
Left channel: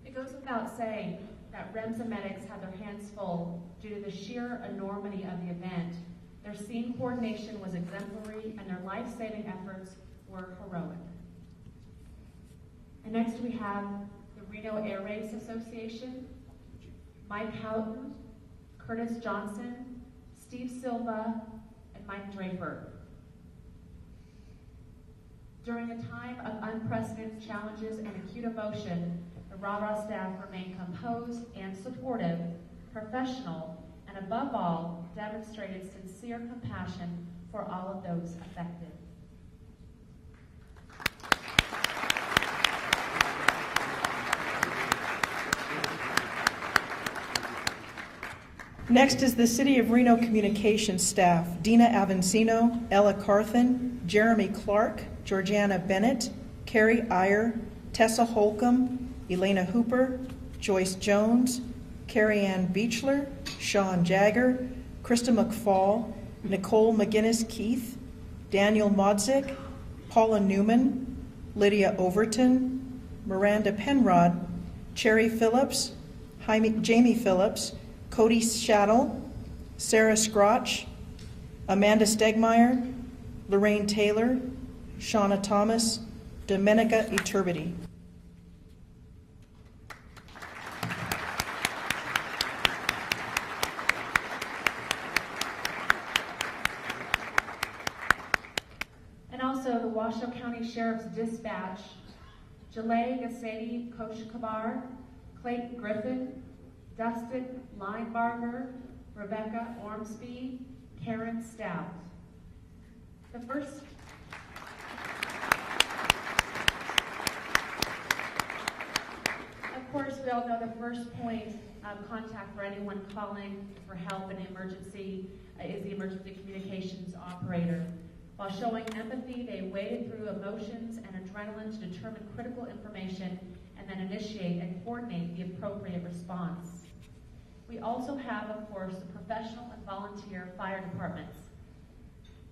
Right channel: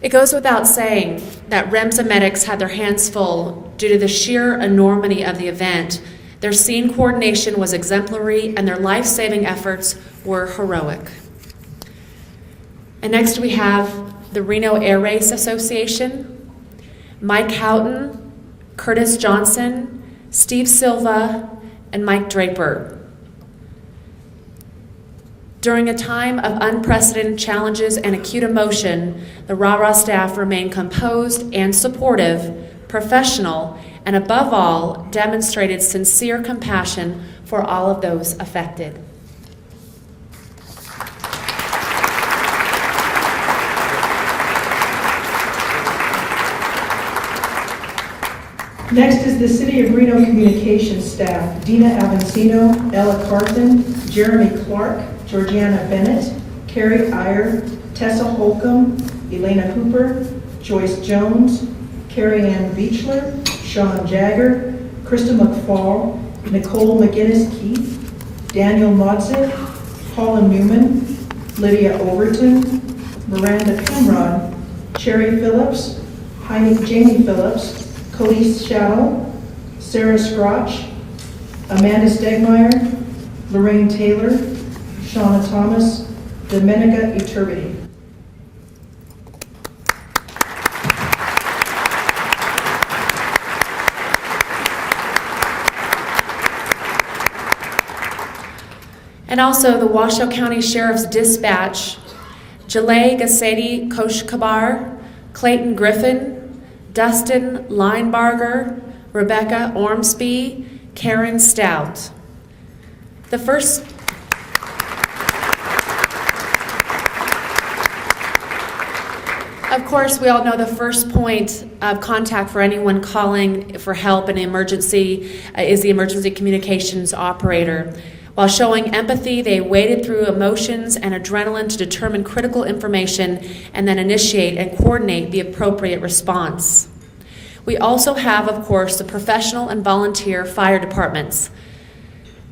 It goes without saying that REMSA medics had their hands full due to the sheer enormity of the event. Their scene coordination was exemplary and their life-saving efforts were heroic. And next we have the Reno Air Race Association, Mike Houghton, Curtis Johnson, Steve Silva, and Mike Draper. During a time of unprecedented challenges and acute emotion, the RARA staff remained composed and supportive, professional, and above all, demonstrated sincere compassion for all of those affected. Next is the City of Reno Communications staff: Dina Avancino, Ella Carthen, Jeremy Clark, Georgiana Bennett, Carrie Iyer, Tessa Holcomb, Elena Hooper, Joyce Jones, Carrie Ann Beechler, Sean Jagger, Krista McFall, Nicole McGinnis Keith, Daniel Modsick, Paula Newman, Lydia Overton, Miranda Penrod, Cherry Phillips, Jamie Phillips, Cody Shadow, Sarah Scrotch, Amanda Stegmeyer, Lorraine Taylor, Shauna Thomas, Domenica Iturbide. And also the Washoe County Sheriff's Dispatch, Jalay Gassedi Koshkabar, Clayton Griffin, Dustin Linebarger, Rebecca Ormsby, Karen Stout. The first Of course, we all know the first point of contact for anyone calling for help in an emergency is the emergency communications operator. While showing empathy, they waded through emotions and adrenaline to determine critical information and then initiate and coordinate the appropriate response. We also have, of course, the professional and volunteer fire departments.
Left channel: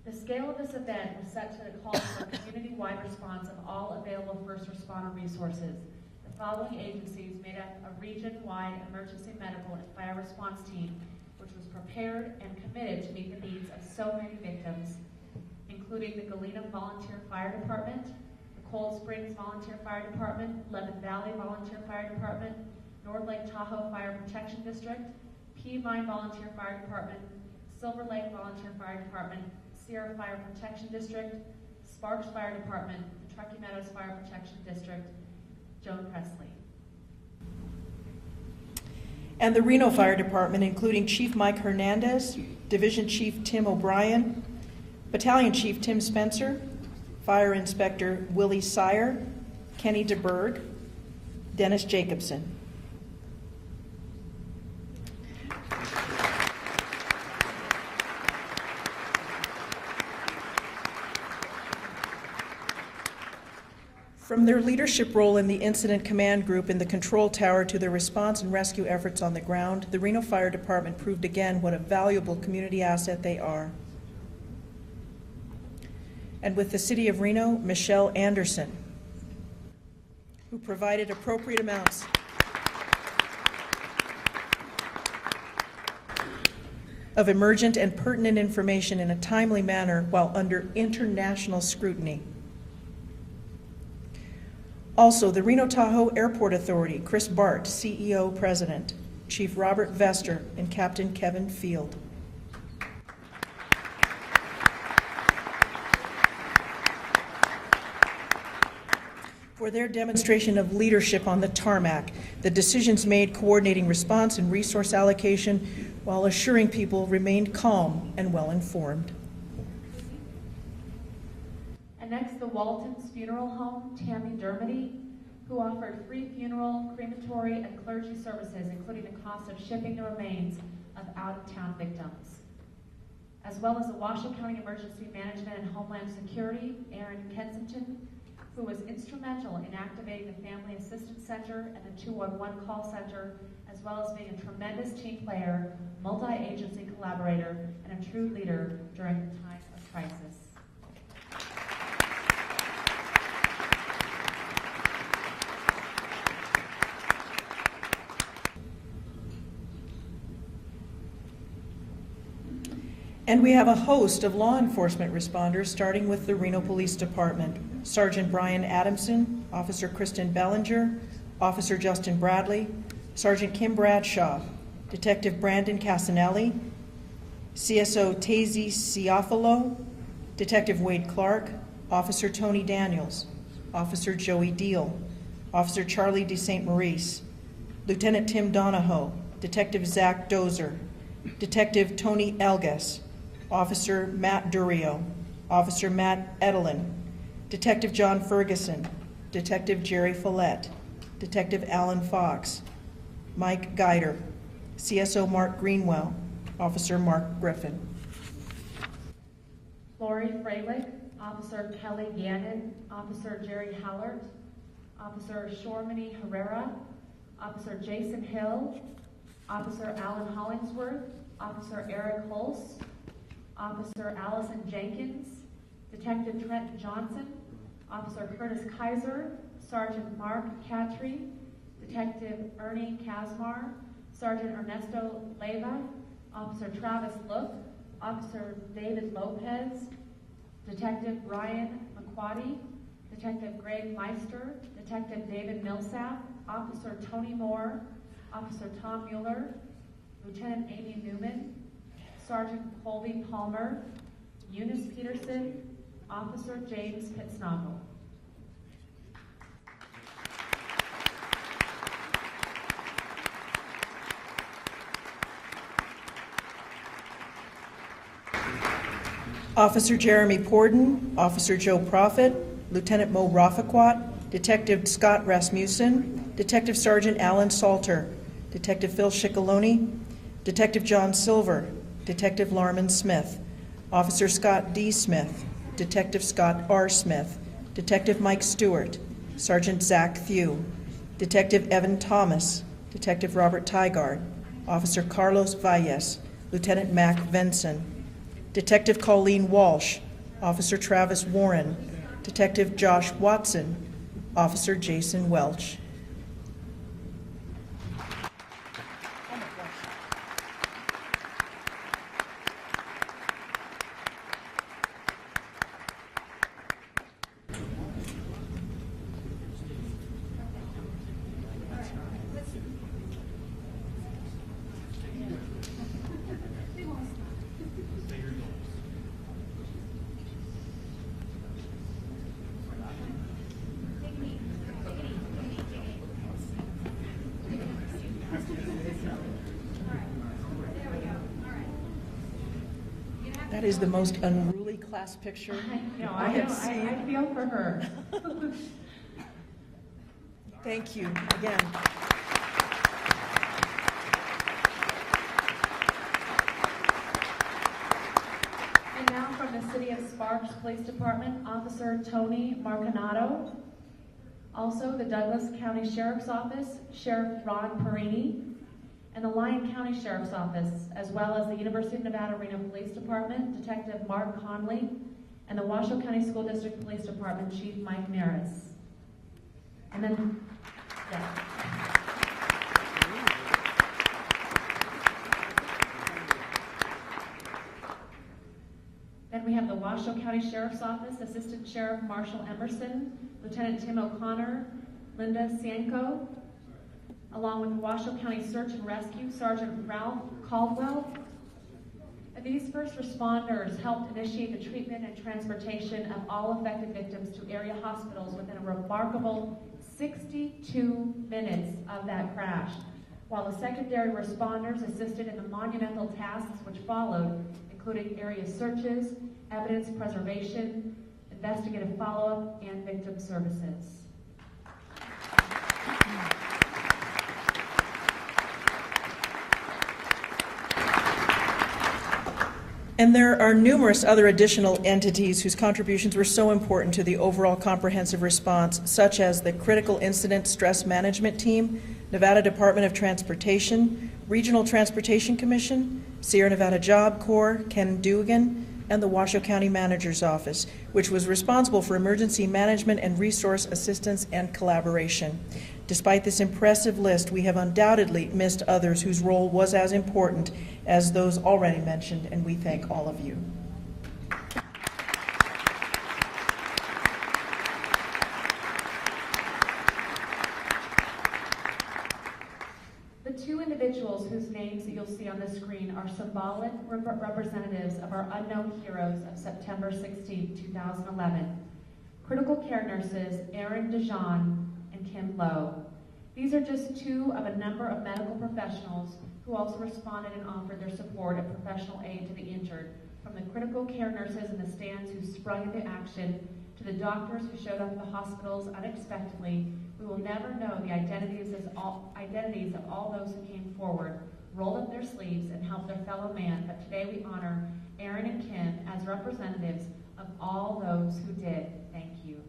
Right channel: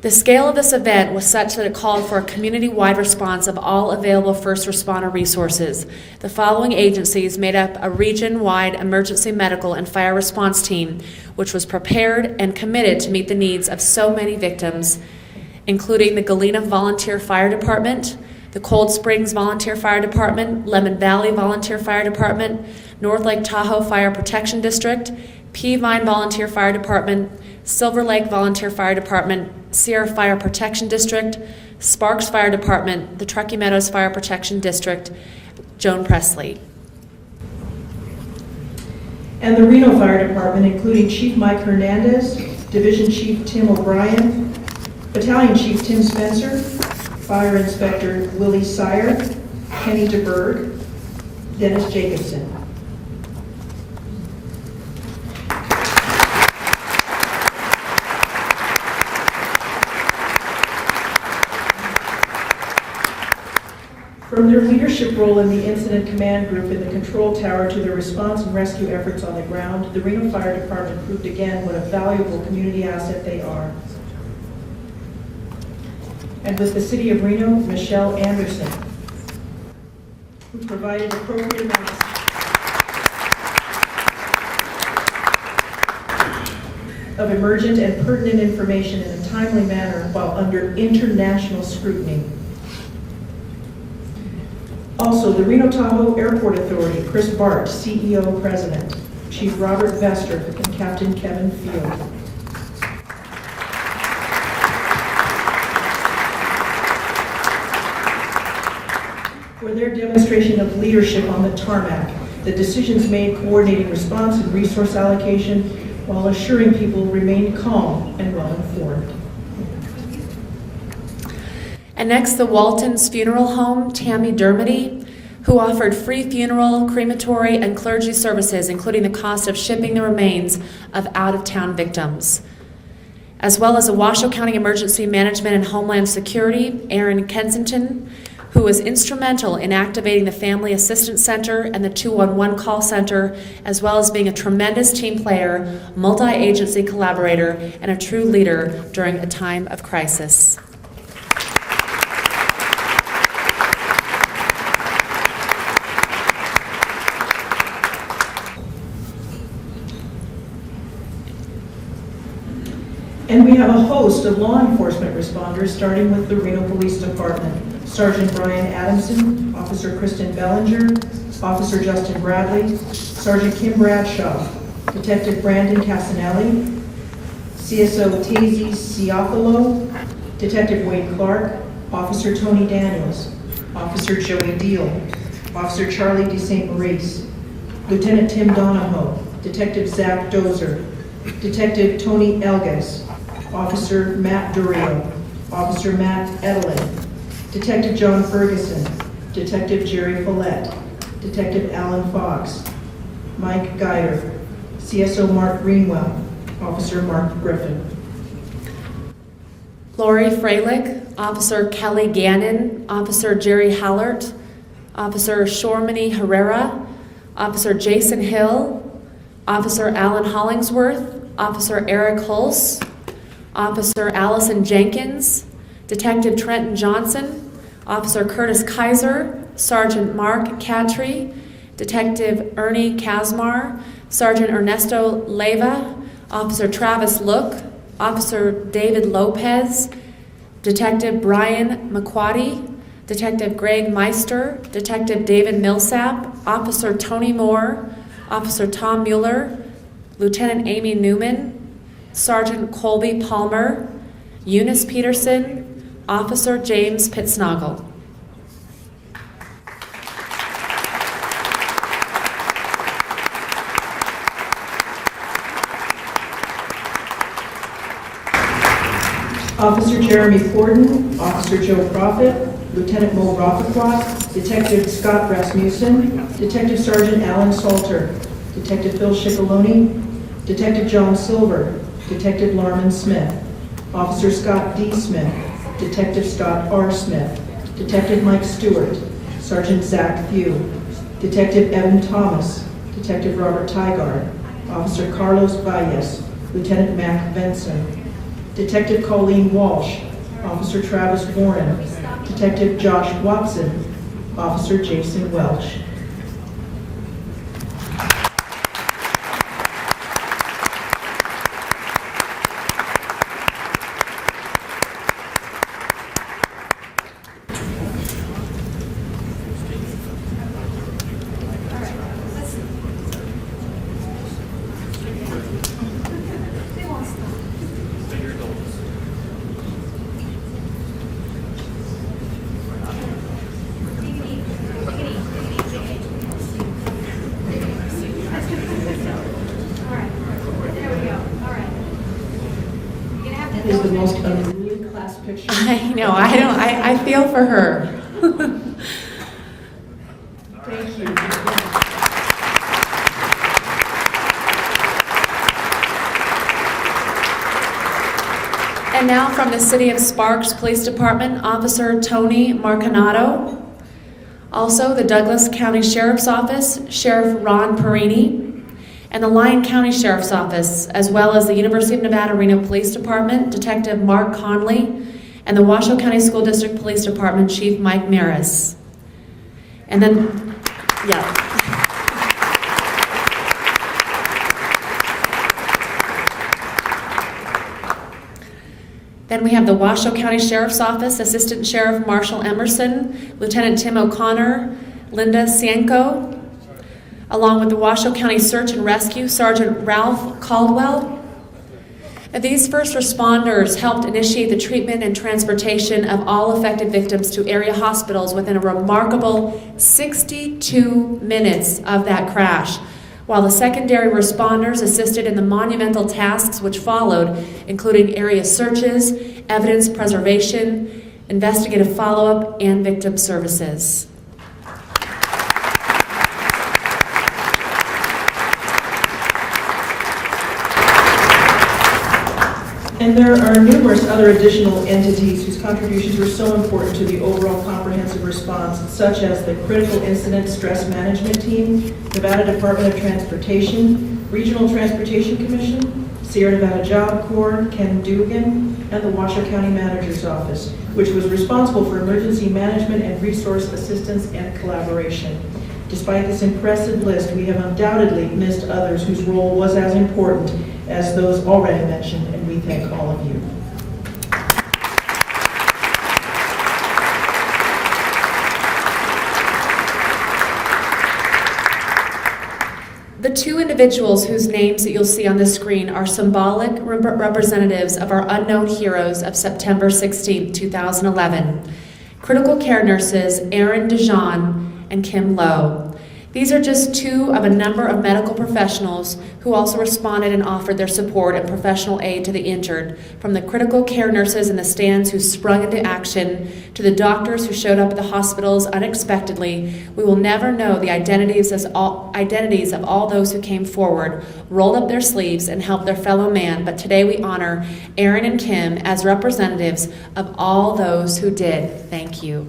The scale of this event was such that it called for a community-wide response of all available first responder resources. The following agencies made up a region-wide emergency medical and fire response team, which was prepared and committed to meet the needs of so many victims, including the Galena Volunteer Fire Department, the Cold Springs Volunteer Fire Department, Lemon Valley Volunteer Fire Department, North Lake Tahoe Fire Protection District, Peavine Volunteer Fire Department, Silver Lake Volunteer Fire Department, Sierra Fire Protection District, Sparks Fire Department, the Truckee Meadows Fire Protection District, Joan Presley. And the Reno Fire Department, including Chief Mike Hernandez, Division Chief Tim O'Brien, Battalion Chief Tim Spencer, Fire Inspector Willie Sire, Kenny DeBerg, Dennis Jacobson. From their leadership role in the Incident Command Group in the control tower to their response and rescue efforts on the ground, the Reno Fire Department proved again what a valuable community asset they are. And with the City of Reno, Michelle Anderson, who provided appropriate amounts of emergent and pertinent information in a timely manner while under international scrutiny. Also, the Reno Tahoe Airport Authority, Chris Bart, CEO President, Chief Robert Vester, and Captain Kevin Field. For their demonstration of leadership on the tarmac, the decisions made coordinating response and resource allocation while assuring people remained calm and well informed. And next, the Waltons Funeral Home, Tammy Dermody, who offered free funeral, crematory, and clergy services, including the cost of shipping the remains of out-of-town victims. As well as the Washoe County Emergency Management and Homeland Security, Aaron Kensington, who was instrumental in activating the Family Assistance Center and the 211 call center, as well as being a tremendous team player, multi-agency collaborator, and a true leader during a time of crisis. And we have a host of law enforcement responders, starting with the Reno Police Department. Sergeant Brian Adamson, Officer Kristen Bellinger, Officer Justin Bradley, Sergeant Kim Bradshaw, Detective Brandon Casanelli, CSO Tazy Ciafalo, Detective Wade Clark, Officer Tony Daniels, Officer Joey Deal, Officer Charlie De St. Maurice, Lieutenant Tim Donahoe, Detective Zach Dozer, Detective Tony Elgas, Officer Matt Durio, Officer Matt Edelin, Detective John Ferguson, Detective Jerry Follett, Detective Alan Fox, Mike Geider, CSO Mark Greenwell, Officer Mark Griffin. Lori Freilich, Officer Kelly Gannon, Officer Jerry Hallert, Officer Shormany Herrera, Officer Jason Hill, Officer Alan Hollingsworth, Officer Eric Hulse, Officer Allison Jenkins, Detective Trenton Johnson, Officer Curtis Kaiser, Sergeant Mark Catry, Detective Ernie Kazmar, Sergeant Ernesto Leyva, Officer Travis Look, Officer David Lopez, Detective Brian McQuaddy, Detective Greg Meister, Detective David Millsap, Officer Tony Moore, Officer Tom Mueller, Lieutenant Amy Newman, Sergeant Colby Palmer, Eunice Peterson, Officer James Pitsnoggle. Officer Jeremy Forden, Officer Joe Prophet, Lieutenant Mo Rafaquat, Detective Scott Rasmussen, Detective Sergeant Alan Salter, Detective Phil Schiccoloni, Detective John Silver, Detective Larman Smith, Officer Scott D. Smith, Detective Scott R. Smith, Detective Mike Stewart, Sergeant Zach Few, Detective Evan Thomas, Detective Robert Tygard, Officer Carlos Valles, Lieutenant Mac Benson, Detective Colleen Walsh, Officer Travis Warren, Detective Josh Watson, Officer Jason Welch. That is the most unruly class picture. I know, I feel for her. Thank you. And now from the City of Sparks Police Department, Officer Tony Marcanato. Also, the Douglas County Sheriff's Office, Sheriff Ron Perini, and the Lyon County Sheriff's Office, as well as the University of Nevada, Reno Police Department, Detective Mark Conley, and the Washoe County School District Police Department, Chief Mike Maris. And then, yeah. Then we have the Washoe County Sheriff's Office, Assistant Sheriff Marshall Emerson, Lieutenant Tim O'Connor, Linda Cienko, along with the Washoe County Search and Rescue, Sergeant Ralph Caldwell. Now, these first responders helped initiate the treatment and transportation of all affected victims to area hospitals within a remarkable 62 minutes of that crash, while the secondary responders assisted in the monumental tasks which followed, including area searches, evidence preservation, investigative follow-up, and victim services. And there are numerous other additional entities whose contributions were so important to the overall comprehensive response, such as the Critical Incident Stress Management Team, Nevada Department of Transportation, Regional Transportation Commission, Sierra Nevada Job Corps, Ken Dugan, and the Washoe County Manager's Office, which was responsible for emergency management and resource assistance and collaboration. Despite this impressive list, we have undoubtedly missed others whose role was as important as those already mentioned, and we thank all of you. The two individuals whose names that you'll see on the screen are symbolic representatives of our unknown heroes of September 16, 2011. Critical care nurses Erin Dijon and Kim Lowe. These are just two of a number of medical professionals who also responded and offered their support and professional aid to the injured, from the critical care nurses in the stands who sprung into action to the doctors who showed up at the hospitals unexpectedly. We will never know the identities of all those who came forward, rolled up their sleeves, and helped their fellow man, but today we honor Erin and Kim as representatives of all those who did. Thank you.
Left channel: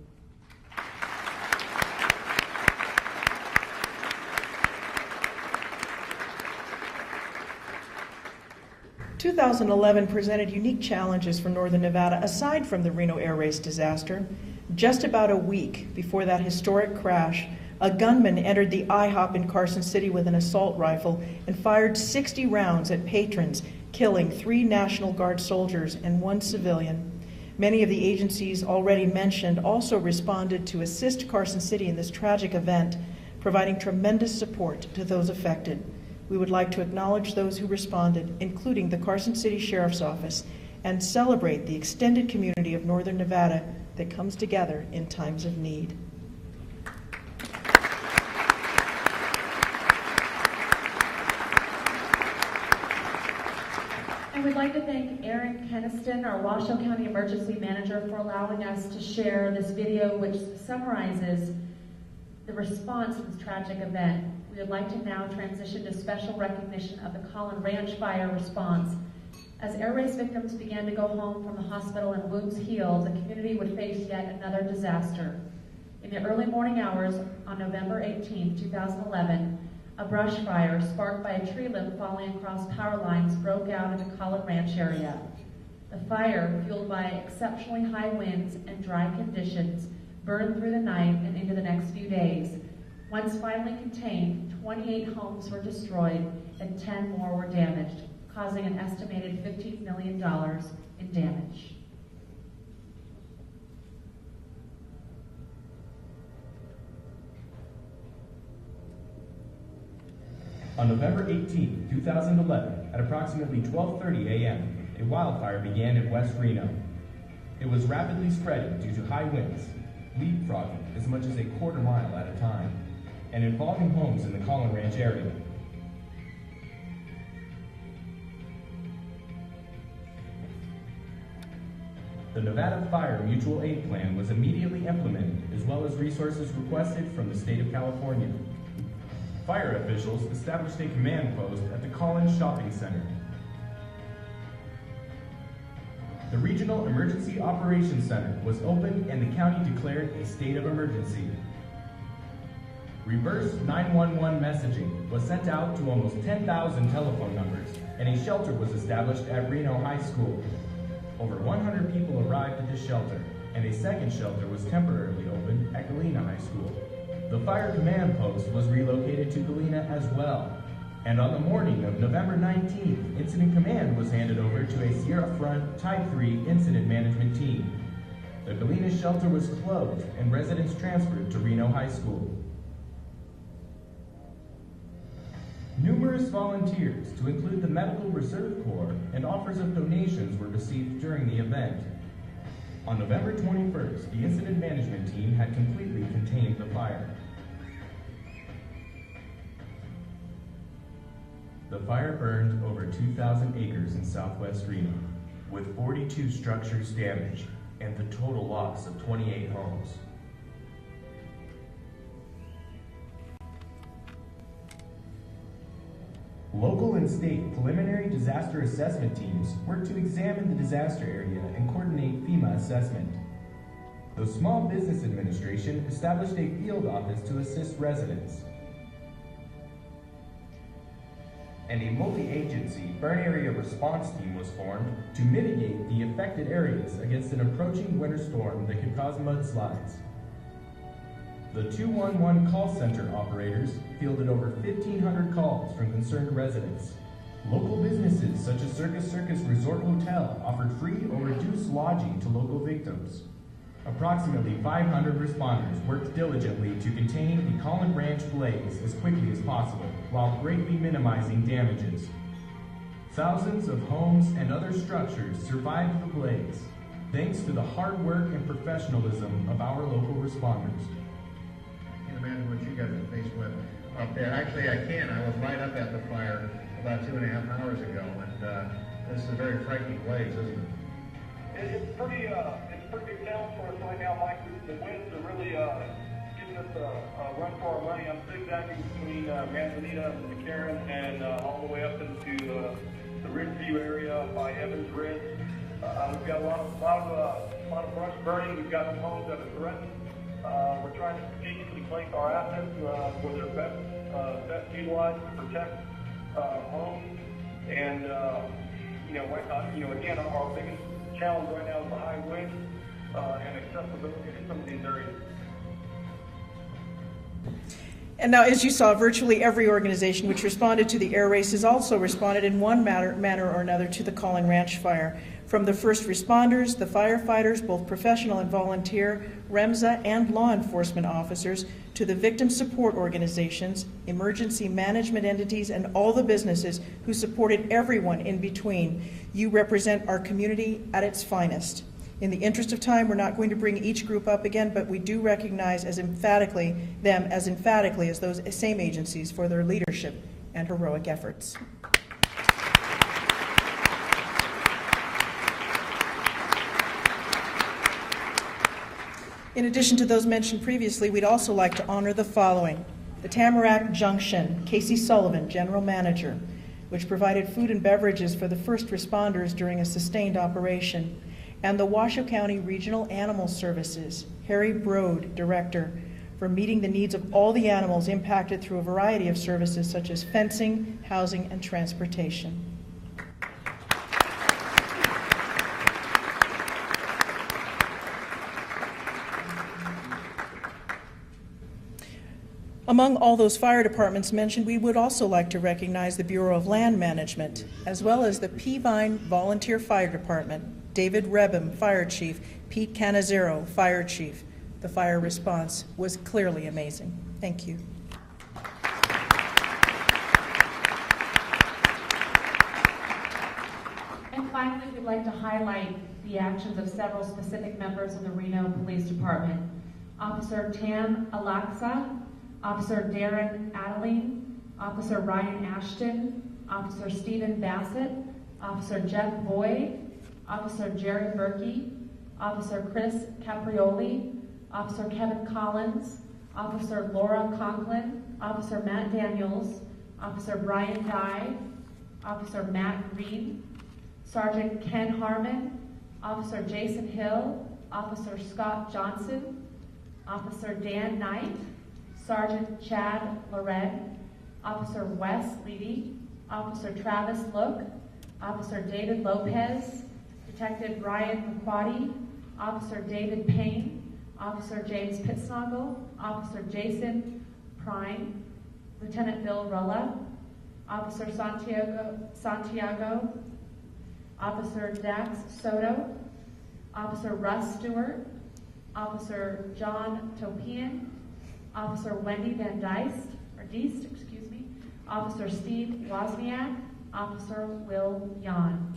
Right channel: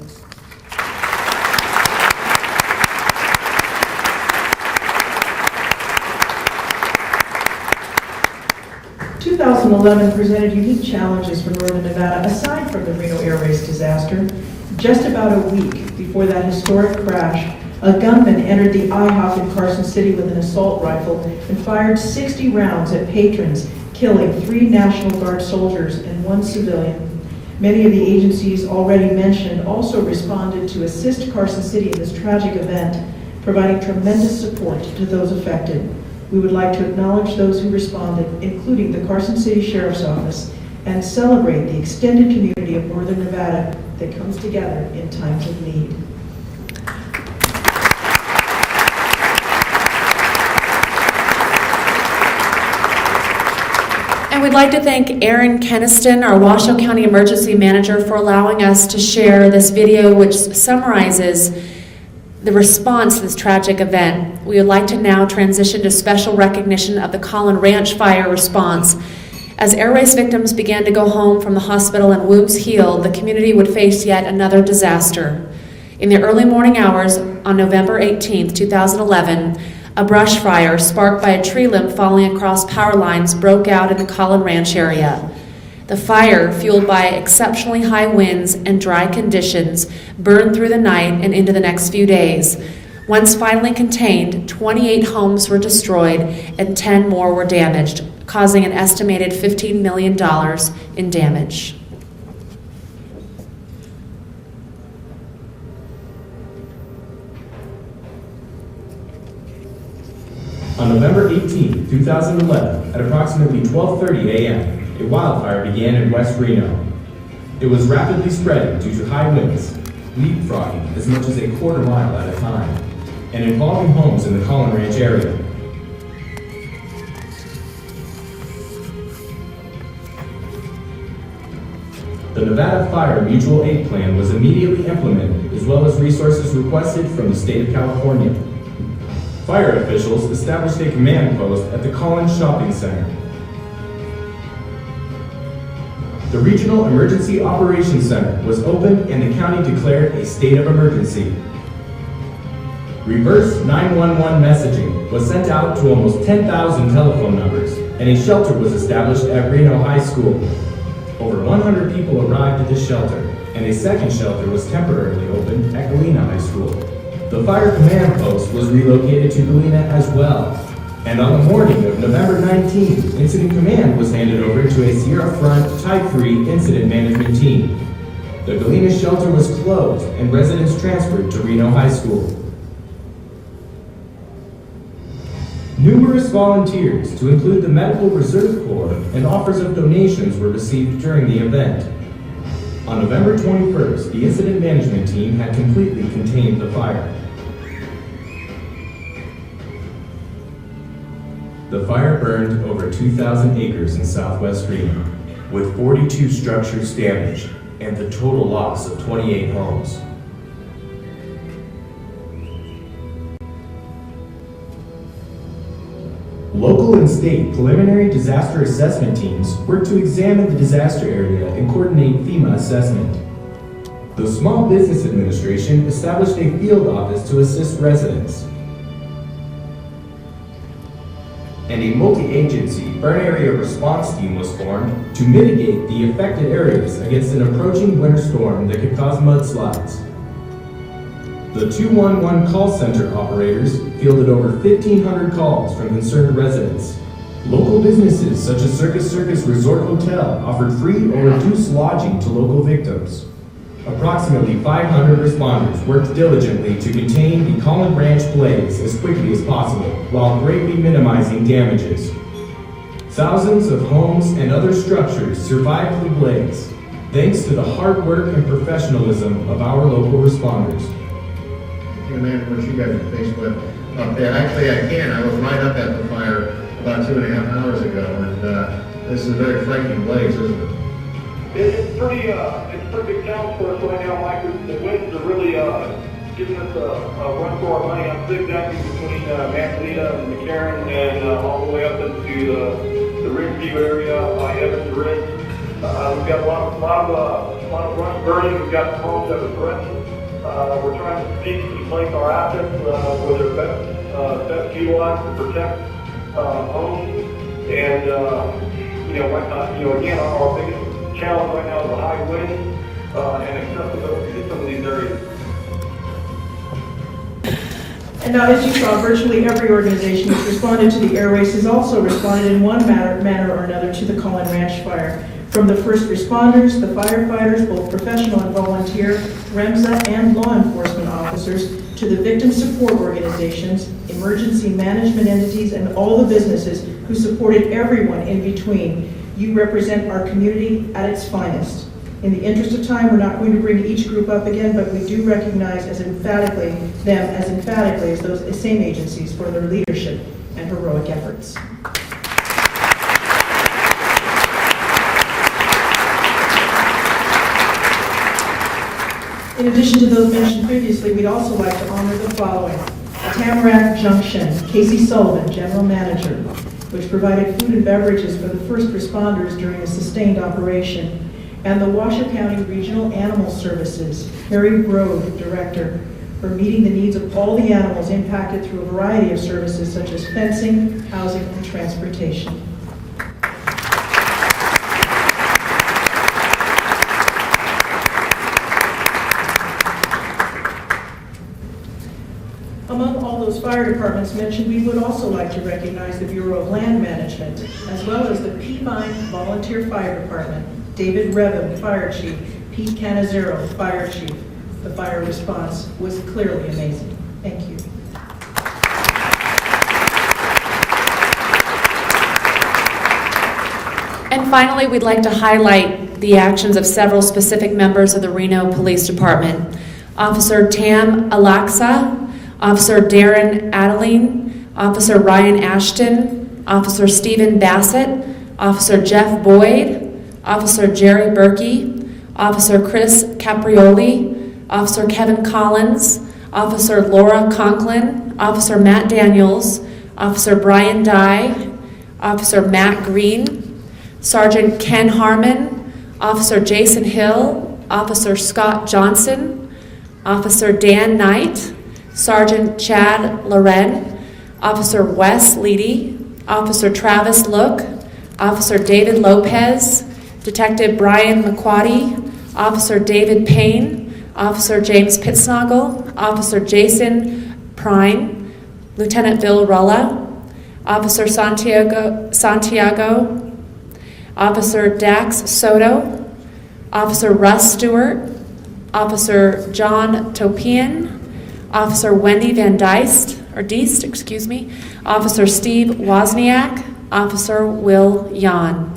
2011 presented unique challenges for Northern Nevada aside from the Reno Air Race disaster. Just about a week before that historic crash, a gunman entered the IHOP in Carson City with an assault rifle and fired 60 rounds at patrons, killing 3 National Guard soldiers and 1 civilian. Many of the agencies already mentioned also responded to assist Carson City in this tragic event, providing tremendous support to those affected. We would like to acknowledge those who responded, including the Carson City Sheriff's Office, and celebrate the extended community of Northern Nevada that comes together in times of need. And we'd like to thank Aaron Keniston, our Washoe County Emergency Manager, for allowing us to share this video which summarizes the response to this tragic event. We would like to now transition to special recognition of the Collin Ranch fire response. As air race victims began to go home from the hospital and wounds healed, the community would face yet another disaster. In the early morning hours on November 18, 2011, a brush fire sparked by a tree limb falling across power lines broke out in the Collin Ranch area. The fire, fueled by exceptionally high winds and dry conditions, burned through the night and into the next few days. Once finally contained, 28 homes were destroyed and 10 more were damaged, causing an estimated $15 million in damage. On November 18, 2011, at approximately 12:30 a.m., a wildfire began in West Reno. It was rapidly spreading due to high winds, leapfrogging as much as a quarter mile at a time, and involving homes in the Collin Ranch area. The Nevada Fire Mutual Aid Plan was immediately implemented, as well as resources requested from the state of California. Fire officials established a command post at the Collin Shopping Center. The Regional Emergency Operations Center was opened and the county declared a state of emergency. Reverse 911 messaging was sent out to almost 10,000 telephone numbers, and a shelter was established at Reno High School. Over 100 people arrived at this shelter, and a second shelter was temporarily opened at Galena High School. The fire command post was relocated to Galena as well. And on the morning of November 19th, Incident Command was handed over to a Sierra Front Type 3 Incident Management Team. The Galena shelter was closed and residents transferred to Reno High School. Numerous volunteers, to include the Medical Reserve Corps, and offers of donations were received during the event. On November 21st, the Incident Management Team had completely contained the fire. The fire burned over 2,000 acres in southwest Reno, with 42 structures damaged and the total loss of 28 homes. Local and state preliminary disaster assessment teams work to examine the disaster area and coordinate FEMA assessment. The Small Business Administration established a field office to assist residents. And a multi-agency burn area response team was formed to mitigate the affected areas against an approaching winter storm that could cause mudslides. The 211 call center operators fielded over 1,500 calls from concerned residents. Local businesses such as Circus Resort Hotel offered free or reduced lodging to local victims. Approximately 500 responders worked diligently to contain the Collin Ranch blaze as quickly as possible, while greatly minimizing damages. Thousands of homes and other structures survived the blaze, thanks to the hard work and professionalism of our local responders. You can imagine what you guys are faced with up there. Actually, I can. I was right up at the fire about 2.5 hours ago, and this is a very frightening blaze, isn't it? It's pretty big challenge for us right now, Mike. The winds are really giving us a run for our money. I'm zigzagging between Manzanita and McCarran and all the way up into the Ridgeview area by Evans Ridge. We've got a lot of brush burning. We've got homes that are threatened. We're trying to strategically place our assets where they're best utilized to protect homes. And again, our biggest challenge right now is the high winds and accessibility to some of these areas. And now, as you saw, virtually every organization that's responded to the air race has also responded in one manner or another to the Collin Ranch fire. From the first responders, the firefighters, both professional and volunteer, REMSA and law enforcement officers, to the victim support organizations, emergency management entities, and all the businesses who supported everyone in between, you represent our community at its finest. In the interest of time, we're not going to bring each group up again, but we do recognize as emphatically as those same agencies for their leadership and heroic efforts. In addition to those mentioned previously, we'd also like to honor the following. Tamarack Junction, Casey Sullivan, General Manager, which provided food and beverages for the first responders during a sustained operation. And the Washoe County Regional Animal Services, Harry Brode, Director, for meeting the needs of all the animals impacted through a variety of services such as fencing, housing, and transportation. Among all those fire departments mentioned, we would also like to recognize the Bureau of Land Management, as well as the Peavine Volunteer Fire Department, David Revim, Fire Chief, Pete Canizero, Fire Chief. The fire response was clearly amazing. Thank you. And finally, we'd like to highlight the actions of several specific members of the Reno Police Department. Officer Tam Alaksa, Officer Darren Adeline, Officer Ryan Ashton, Officer Stephen Bassett, Officer Jeff Boyd, Officer Jerry Berkey, Officer Chris Caprioli, Officer Kevin Collins, Officer Laura Conklin, Officer Matt Daniels, Officer Brian Dye, Officer Matt Green, Sergeant Ken Harmon, Officer Jason Hill, Officer Scott Johnson, Officer Dan Knight, Sergeant Chad Loren, Officer Wes Leedy, Officer Travis Look, Officer David Lopez, Detective Brian McQuaddy, Officer David Payne, Officer James Pitsnoggle, Officer Jason Prine, Lieutenant Bill Rulla, Officer Santiago, Officer Dax Soto, Officer Russ Stewart, Officer John Topian, Officer Wendy Van Deist, Officer Steve Wozniak, Officer Will Yan.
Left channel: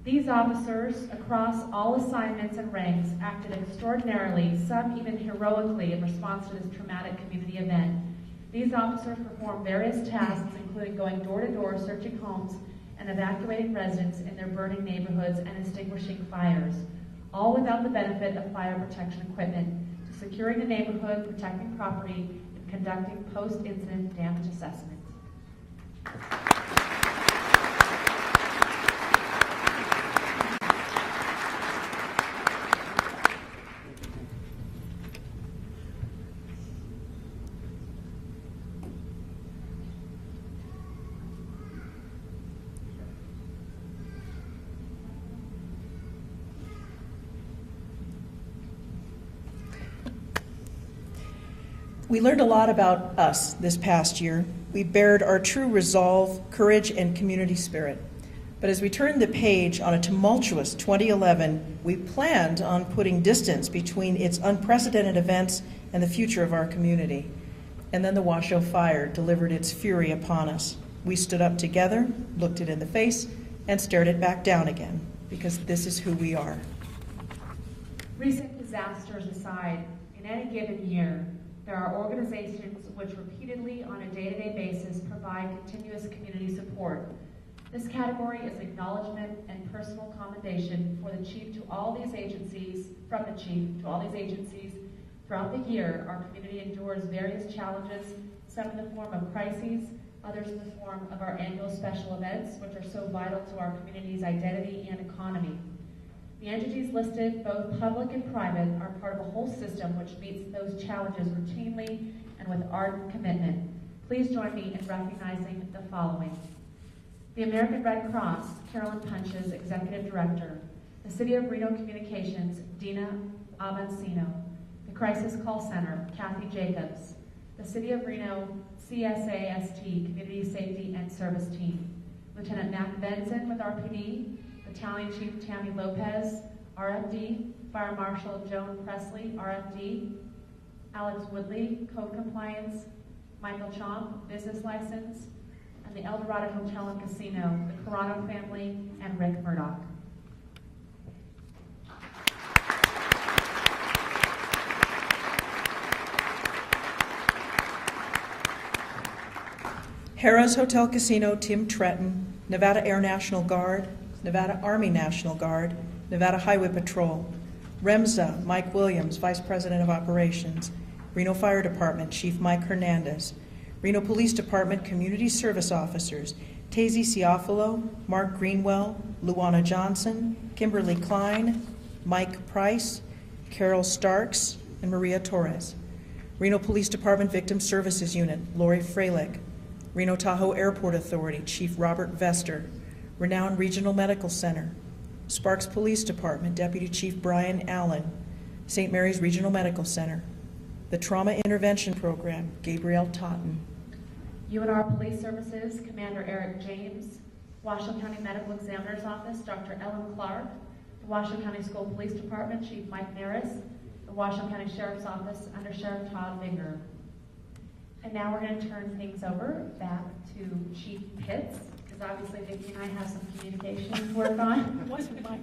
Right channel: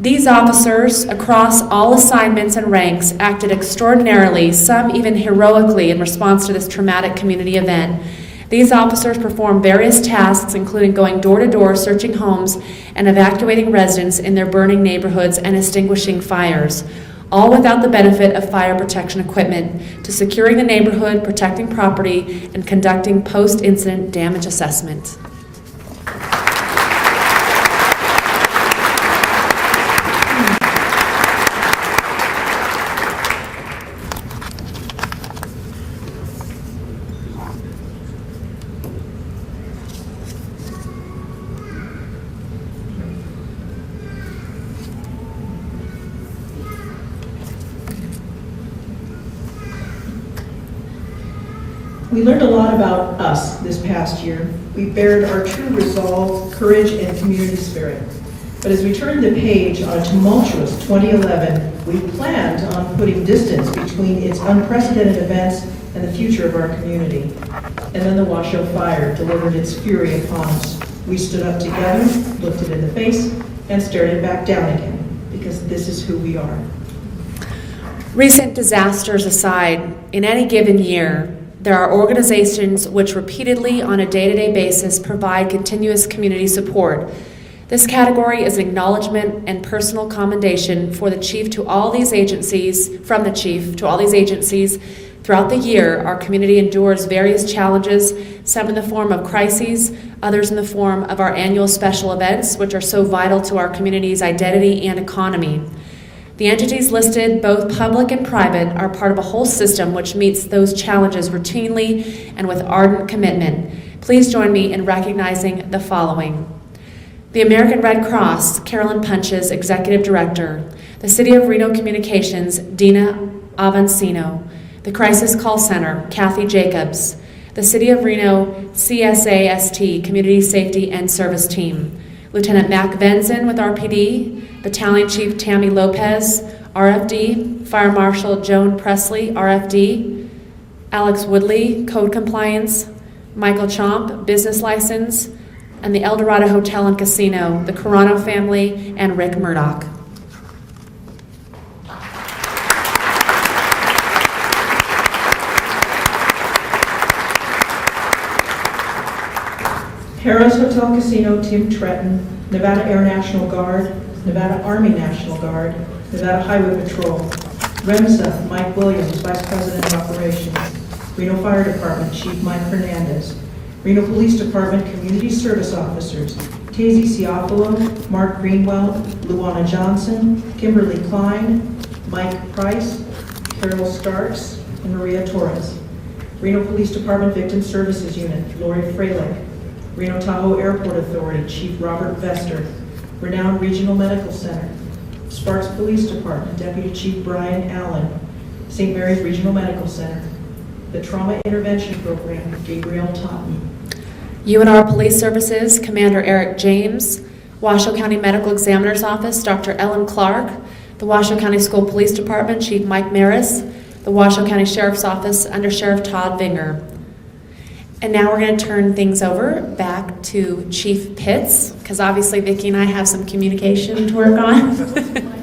These officers, across all assignments and ranks, acted extraordinarily, some even heroically, in response to this traumatic community event. These officers performed various tasks, including going door to door, searching homes, and evacuating residents in their burning neighborhoods and extinguishing fires, all without the benefit of fire protection equipment, to securing the neighborhood, protecting property, and conducting post-incident damage assessment. We learned a lot about us this past year. We bared our true resolve, courage, and community spirit. But as we turned the page on a tumultuous 2011, we planned on putting distance between its unprecedented events and the future of our community. And then the Washoe fire delivered its fury upon us. We stood up together, looked it in the face, and stared it back down again, because this is who we are. Recent disasters aside, in any given year, there are organizations which repeatedly, on a day-to-day basis, provide continuous community support. This category is an acknowledgement and personal commendation for the chief to all these agencies, from the chief to all these agencies. Throughout the year, our community endures various challenges, some in the form of crises, others in the form of our annual special events, which are so vital to our community's identity and economy. The entities listed, both public and private, are part of a whole system which meets those challenges routinely and with ardent commitment. Please join me in recognizing the following. The American Red Cross, Carolyn Punches, Executive Director. The City of Reno Communications, Dina Avancino. The Crisis Call Center, Kathy Jacobs. The City of Reno CSAST, Community Safety and Service Team. Lieutenant Mac Venzen with RPD, Battalion Chief Tammy Lopez, RFD, Fire Marshal Joan Presley, RFD, Alex Woodley, Code Compliance, Michael Chomp, Business License, and the El Dorado Hotel and Casino, the Carano family, and Rick Murdoch. Harrah's Hotel Casino, Tim Tretton, Nevada Air National Guard, Nevada Army National Guard, Nevada Highway Patrol, REMSA, Mike Williams, Vice President of Operations, Reno Fire Department, Chief Mike Hernandez, Reno Police Department Community Service Officers, Tazy Ciafalo, Mark Greenwell, Luana Johnson, Kimberly Klein, Mike Price, Carol Starks, and Maria Torres. Reno Police Department Victim Services Unit, Lori Freilich, Reno Tahoe Airport Authority, Chief Robert Vester, Renown Regional Medical Center, Sparks Police Department, Deputy Chief Brian Allen, St. Mary's Regional Medical Center, the Trauma Intervention Program, Gabriel Totten. UNR Police Services, Commander Eric James, Washoe County Medical Examiner's Office, Dr. Ellen Clark, the Washoe County School Police Department, Chief Mike Maris, the Washoe County Sheriff's Office, Under Sheriff Todd Vinger. And now we're going to turn things over back to Chief Pitts, because obviously Vicki and I have some communication to work on.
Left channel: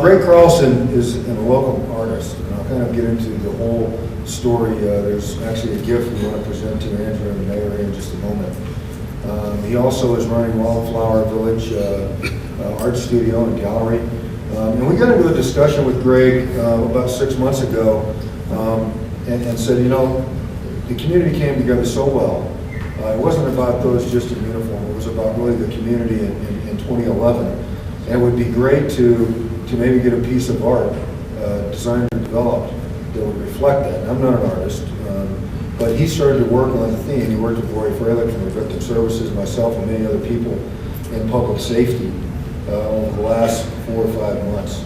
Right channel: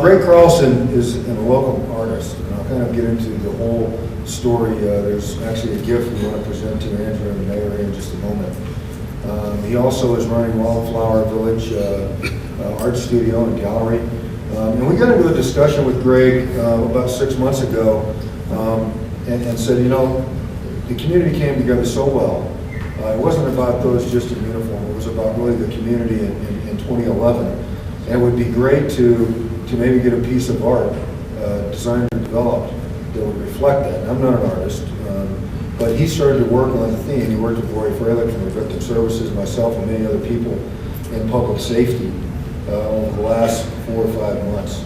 Greg Carlson is a local artist, and I'll kind of get into the whole story. There's actually a gift we want to present to Andrew and the mayor in just a moment. He also is running Wildflower Village Art Studio and Gallery. And we got into a discussion with Greg about 6 months ago and said, you know, the community came together so well. It wasn't about those just in uniform. It was about really the community in 2011. And it would be great to maybe get a piece of art designed and developed that would reflect that. And I'm not an artist, but he started to work on the theme. He worked with Lori Freilich from the Victim Services, myself, and many other people in public safety over the last 4 or 5 months.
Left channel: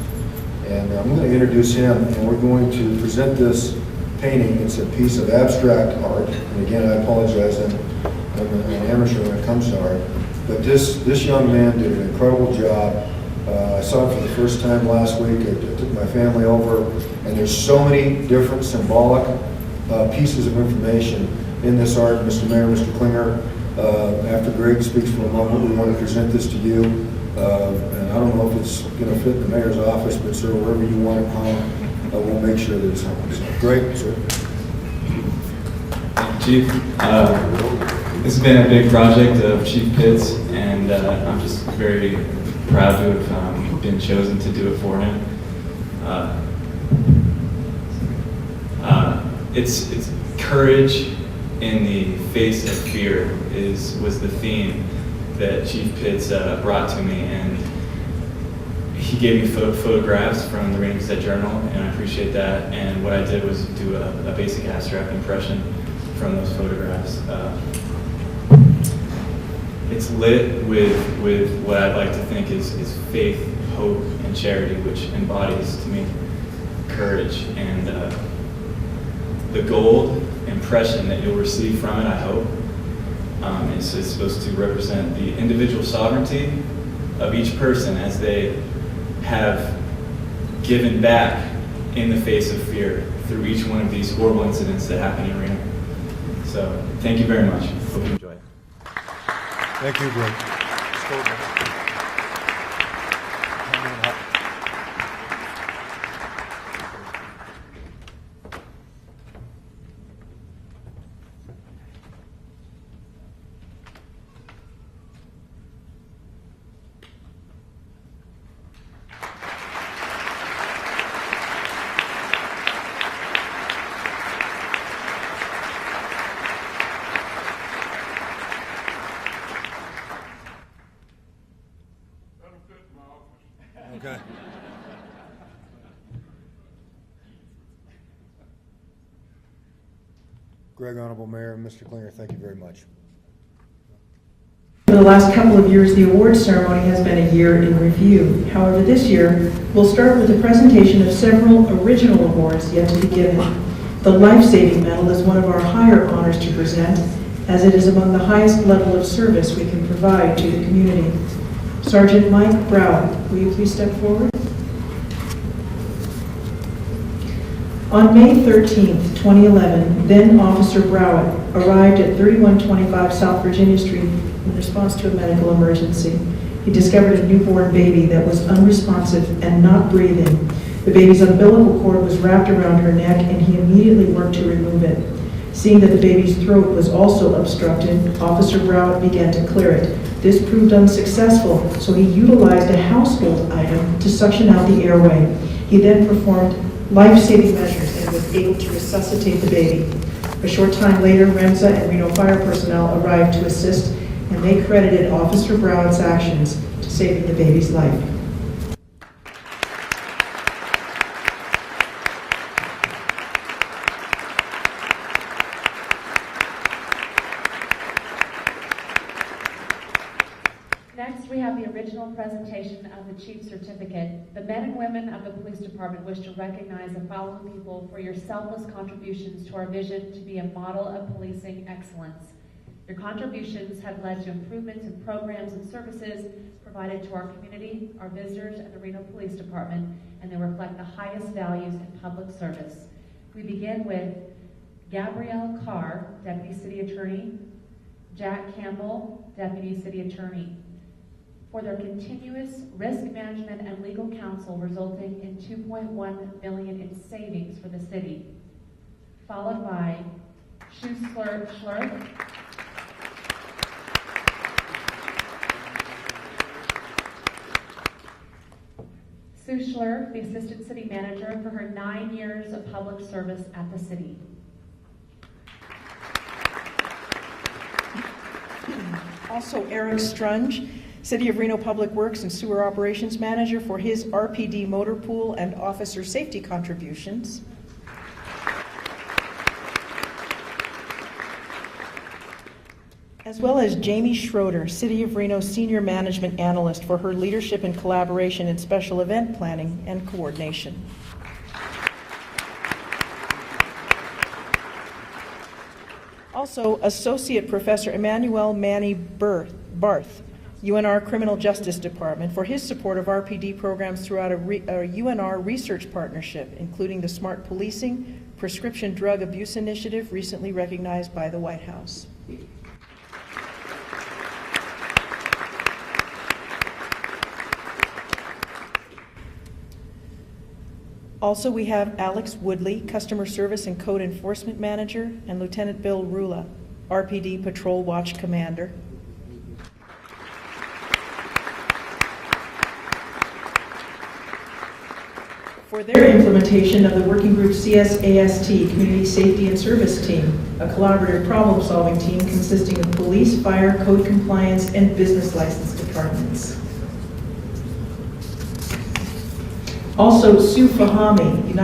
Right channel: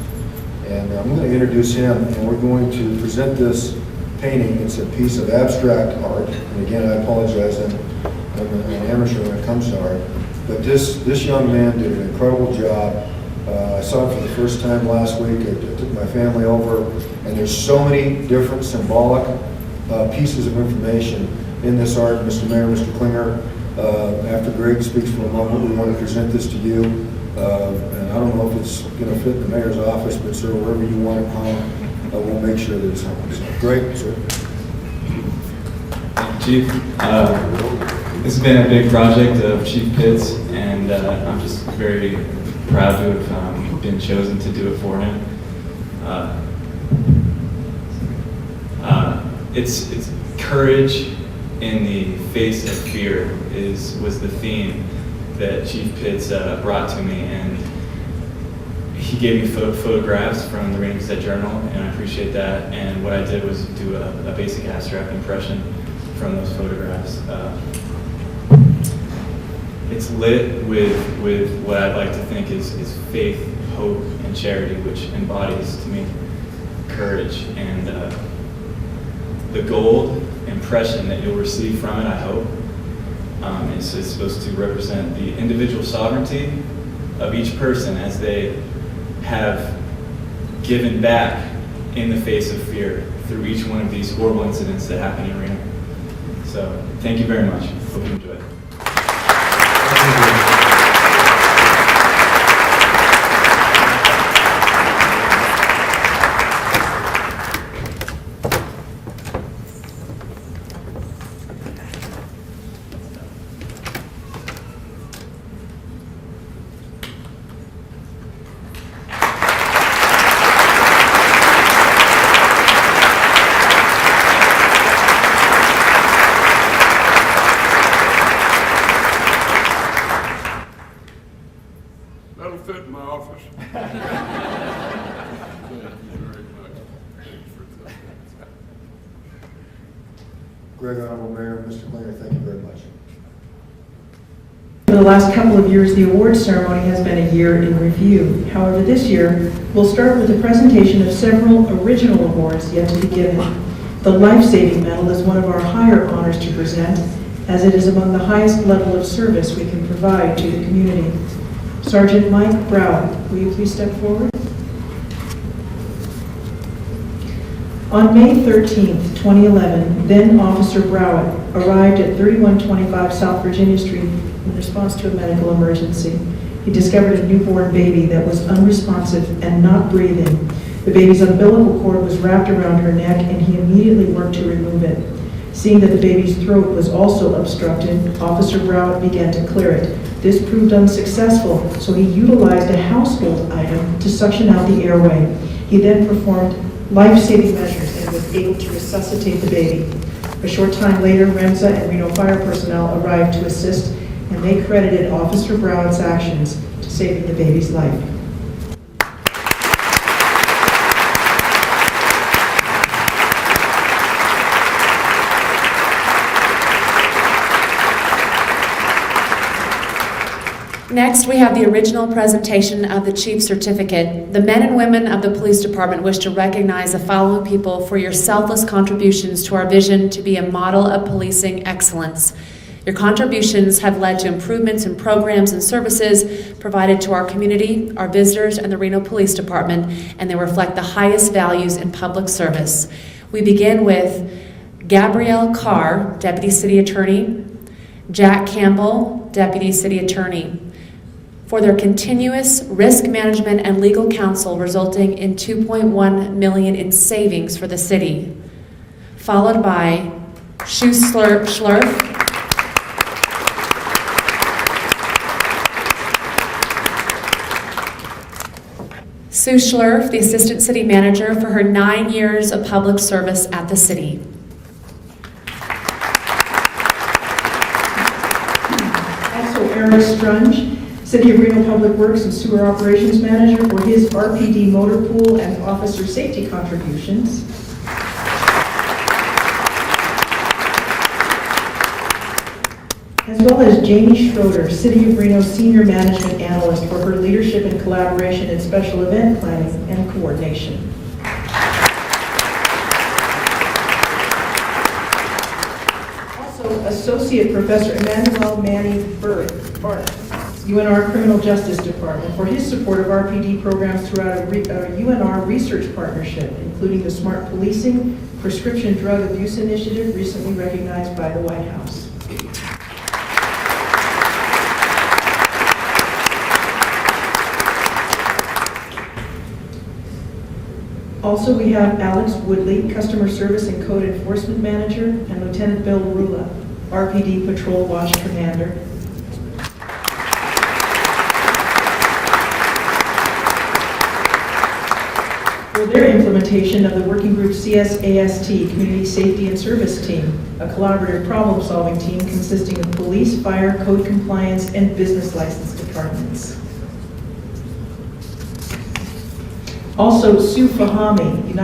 And I'm going to introduce him, and we're going to present this painting. It's a piece of abstract art. And again, I apologize, I'm an amateur when it comes to art. But this young man did an incredible job. I saw it for the first time last week. I took my family over, and there's so many different symbolic pieces of information in this art. Mr. Mayor, Mr. Klinger, after Greg speaks for a moment, we want to present this to you. And I don't know if it's going to fit in the mayor's office, but sir, wherever you want it hung, we'll make sure that it's hung. So, Greg, sir. Thank you, Chief. This has been a big project of Chief Pitts, and I'm just very proud to have been chosen to do it for him. It's courage in the face of fear was the theme that Chief Pitts brought to me, and he gave me photographs from the Reno Gazette Journal, and I appreciate that. And what I did was do a basic abstract impression from those photographs. It's lit with what I'd like to think is faith, hope, and charity, which embodies to me courage. And the gold impression that you'll receive from it, I hope, is supposed to represent the individual sovereignty of each person as they have given back in the face of fear through each one of these horrible incidents that happen in Reno. So thank you very much. Hope you enjoy. fit in my office. Thank you very much. Greg, Honorable Mayor, Mr. Klinger, thank you very much. For the last couple of years, the awards ceremony has been a year in review. However, this year, we'll start with the presentation of several original awards yet to be given. The Life-Saving Medal is one of our higher honors to present, as it is among the highest level of service we can provide to the community. Sergeant Mike Browett, will you please step forward? On May 13th, 2011, then Officer Browett arrived at 3125 South Virginia Street in response to a medical emergency. He discovered a newborn baby that was unresponsive and not breathing. The baby's umbilical cord was wrapped around her neck, and he immediately worked to remove it. Seeing that the baby's throat was also obstructed, Officer Browett began to clear it. This proved unsuccessful, so he utilized a household item to suction out the airway. He then performed life-saving measures and was able to resuscitate the baby. A short time later, REMSA and Reno fire personnel arrived to assist, and they credited Officer Browett's actions to saving the baby's life. Next, we have the original presentation of the Chief's Certificate. The men and women of the Police Department wish to recognize the following people for your selfless contributions to our vision to be a model of policing excellence. Your contributions have led to improvements in programs and services provided to our community, our visitors, and the Reno Police Department, and they reflect the highest values in public service. We begin with Gabrielle Carr, Deputy City Attorney, Jack Campbell, Deputy City Attorney, for their continuous risk management and legal counsel resulting in $2.1 million in savings for the city. Followed by Sue Schlurf, Sue Schlurf, the Assistant City Manager, for her 9 years of public service at the city. Also, Eric Strunge, City of Reno Public Works and Sewer Operations Manager, for his RPD motor pool and officer safety contributions. As well as Jamie Schroeder, City of Reno Senior Management Analyst, for her leadership and collaboration in special event planning and coordination. Also, Associate Professor Emmanuel Manny Bart, UNR Criminal Justice Department, for his support of RPD programs throughout a UNR research partnership, including the Smart Policing Prescription Drug Abuse Initiative, recently recognized by the White House. Also, we have Alex Woodley, Customer Service and Code Enforcement Manager, and Lieutenant Bill Rula, RPD Patrol Watch Commander. For their implementation of the working group CSAST, Community Safety and Service Team, a collaborative problem-solving team consisting of police, fire, code compliance, and business license departments. Also, Sue Fahami,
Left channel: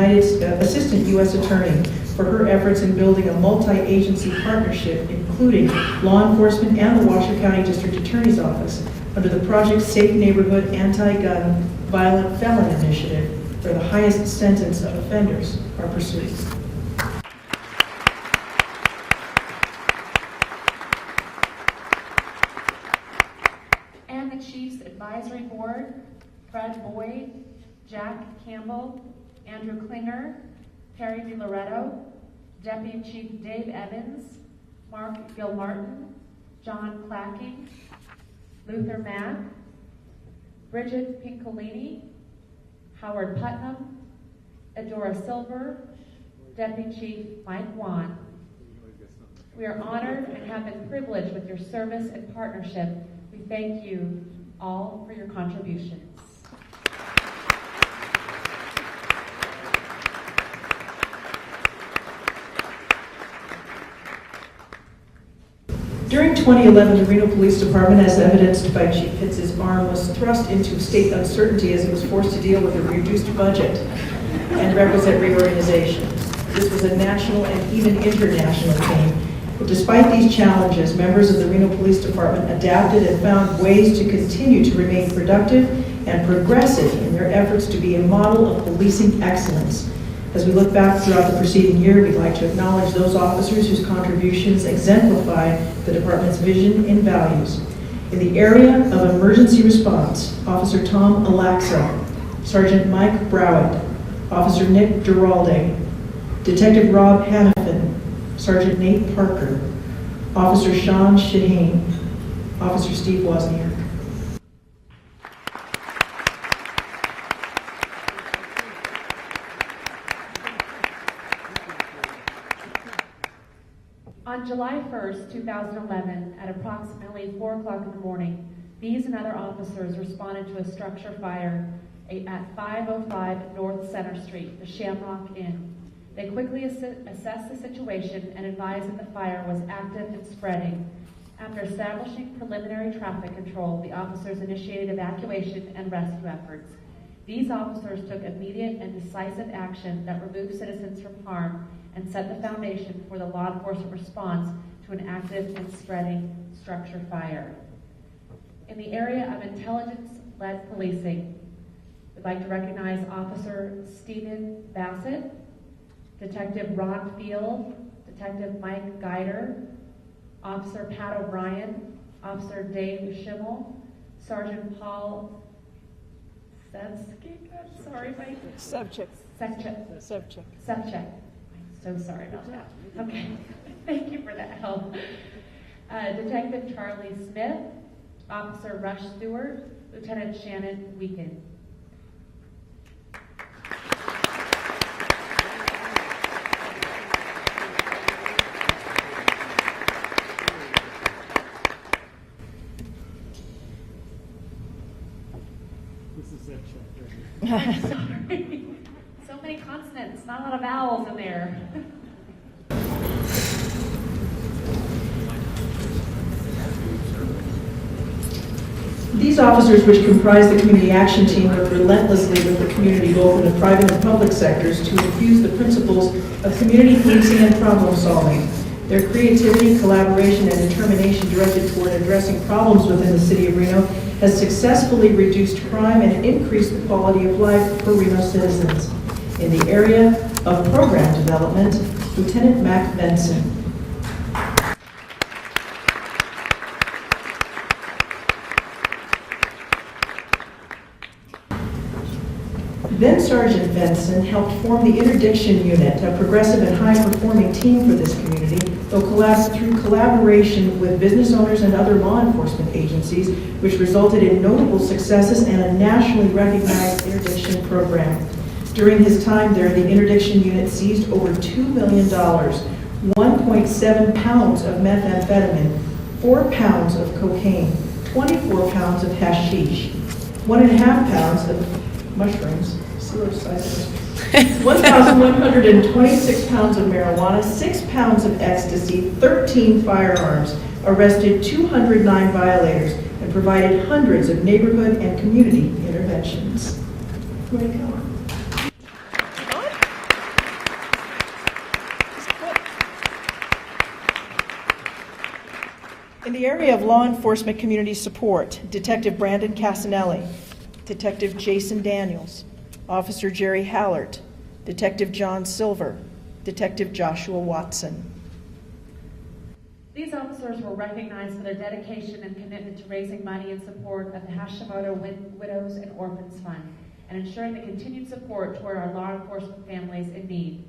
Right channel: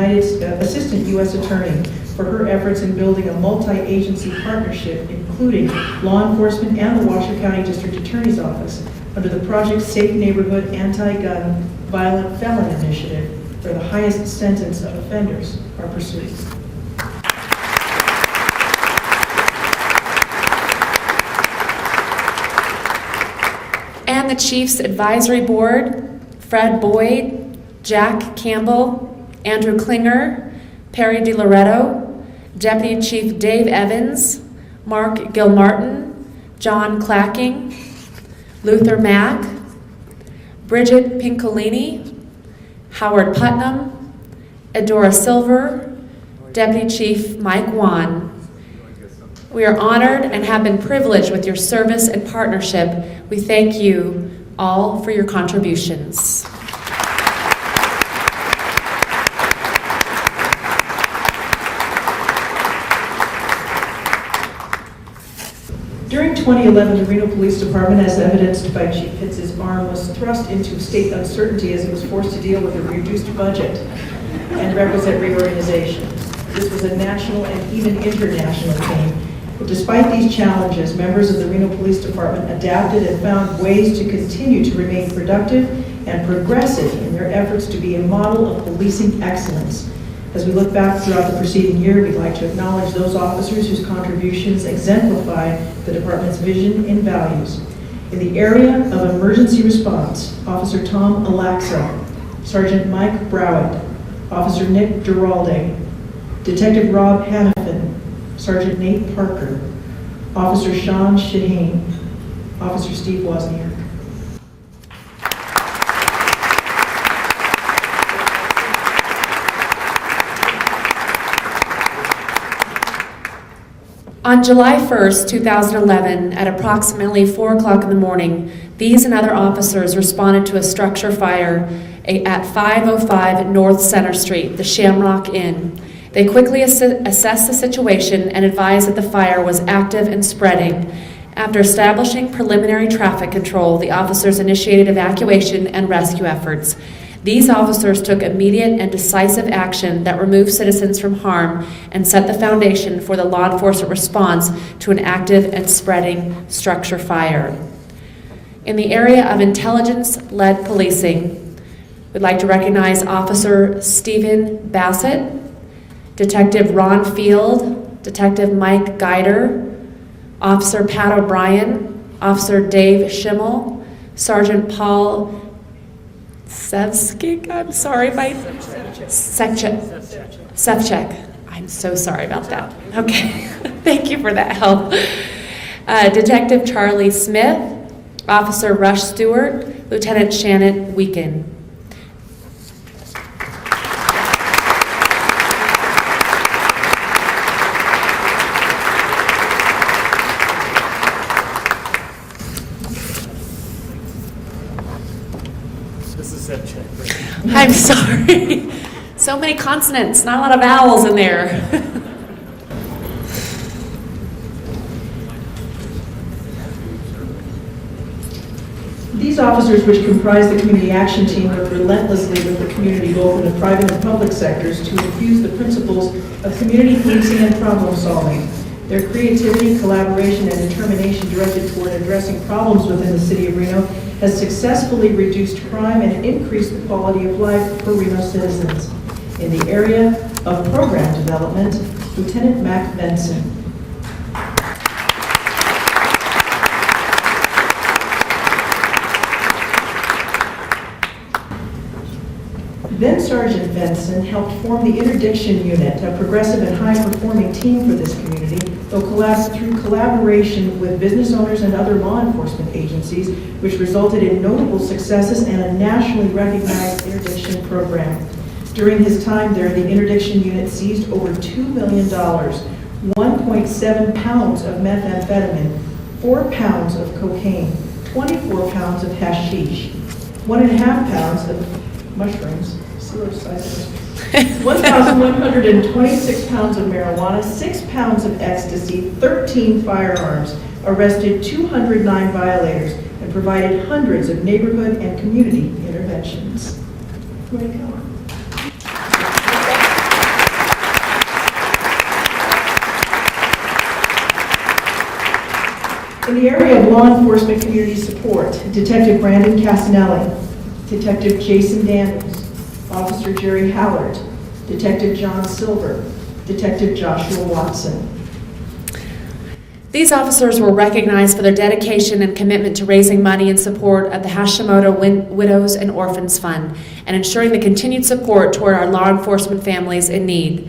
Assistant U.S. Attorney, for her efforts in building a multi-agency partnership, including law enforcement and the Washoe County District Attorney's Office, under the Project Safe Neighborhood Anti-Gun Violent Felon Initiative, where the highest sentence of offenders are pursued. And the Chiefs Advisory Board, Fred Boyd, Jack Campbell, Andrew Klinger, Perry DiLoretto, Deputy Chief Dave Evans, Mark Gilmartin, John Clacking, Luther Mack, Bridget Pincolini, Howard Putnam, Edora Silver, Deputy Chief Mike Wan. We are honored and have been privileged with your service and partnership. We thank you all for your contributions. During 2011, the Reno Police Department, as evidenced by Chief Hitz's arm, was thrust into state uncertainty as it was forced to deal with a reduced budget and requisite reorganization. This was a national and even international theme. But despite these challenges, members of the Reno Police Department adapted and found ways to continue to remain productive and progressive in their efforts to be a model of policing excellence. As we look back throughout the preceding year, we'd like to acknowledge those officers whose contributions exemplify the department's vision and values. In the area of emergency response, Officer Tom Alaxa, Sergeant Mike Browett, Officer Nick Giralde, Detective Rob Hannafin, Sergeant Nate Parker, Officer Sean Shaheen, Officer Steve Wozniak. On July 1st, 2011, at approximately 4 o'clock in the morning, these and other officers responded to a structure fire at 505 North Center Street, the Shamrock Inn. They quickly assessed the situation and advised that the fire was active and spreading. After establishing preliminary traffic control, the officers initiated evacuation and rescue efforts. These officers took immediate and decisive action that removed citizens from harm and set the foundation for the law enforcement response to an active and spreading structure fire. In the area of intelligence-led policing, we'd like to recognize Officer Stephen Bassett, Detective Ron Field, Detective Mike Geider, Officer Pat O'Brien, Officer Dave Schimmel, Sergeant Paul Sevchik, I'm sorry, Sevchik. I'm so sorry about that. Okay, thank you for that help. Detective Charlie Smith, Officer Rush Stewart, Lieutenant Shannon Weeken. I'm sorry. So many consonants, not a lot of vowels in there. These officers, which comprise the community action team, work relentlessly with the community, both in the private and public sectors, to infuse the principles of community policing and problem solving. Their creativity, collaboration, and determination directed toward addressing problems within the city of Reno has successfully reduced crime and increased the quality of life for Reno citizens. In the area of program development, Lieutenant Mac Benson. Then Sergeant Benson helped form the interdiction unit, a progressive and high-performing team for this community, though through collaboration with business owners and other law enforcement agencies, which resulted in notable successes and a nationally recognized interdiction program. During his time there, the interdiction unit seized over $2 million, 1.7 pounds of methamphetamine, 4 pounds of cocaine, 24 pounds of hashish, 1.5 pounds of mushrooms, 1,126 pounds of marijuana, 6 pounds of ecstasy, 13 firearms, arrested 209 violators, and provided hundreds of neighborhood and community interventions. In the area of law enforcement community support, Detective Brandon Casanelli, Detective Jason Daniels, Officer Jerry Hallard, Detective John Silver, Detective Joshua Watson. These officers were recognized for their dedication and commitment to raising money in support of the Hashimoto Widows and Orphans Fund and ensuring the continued support toward our law enforcement families in need.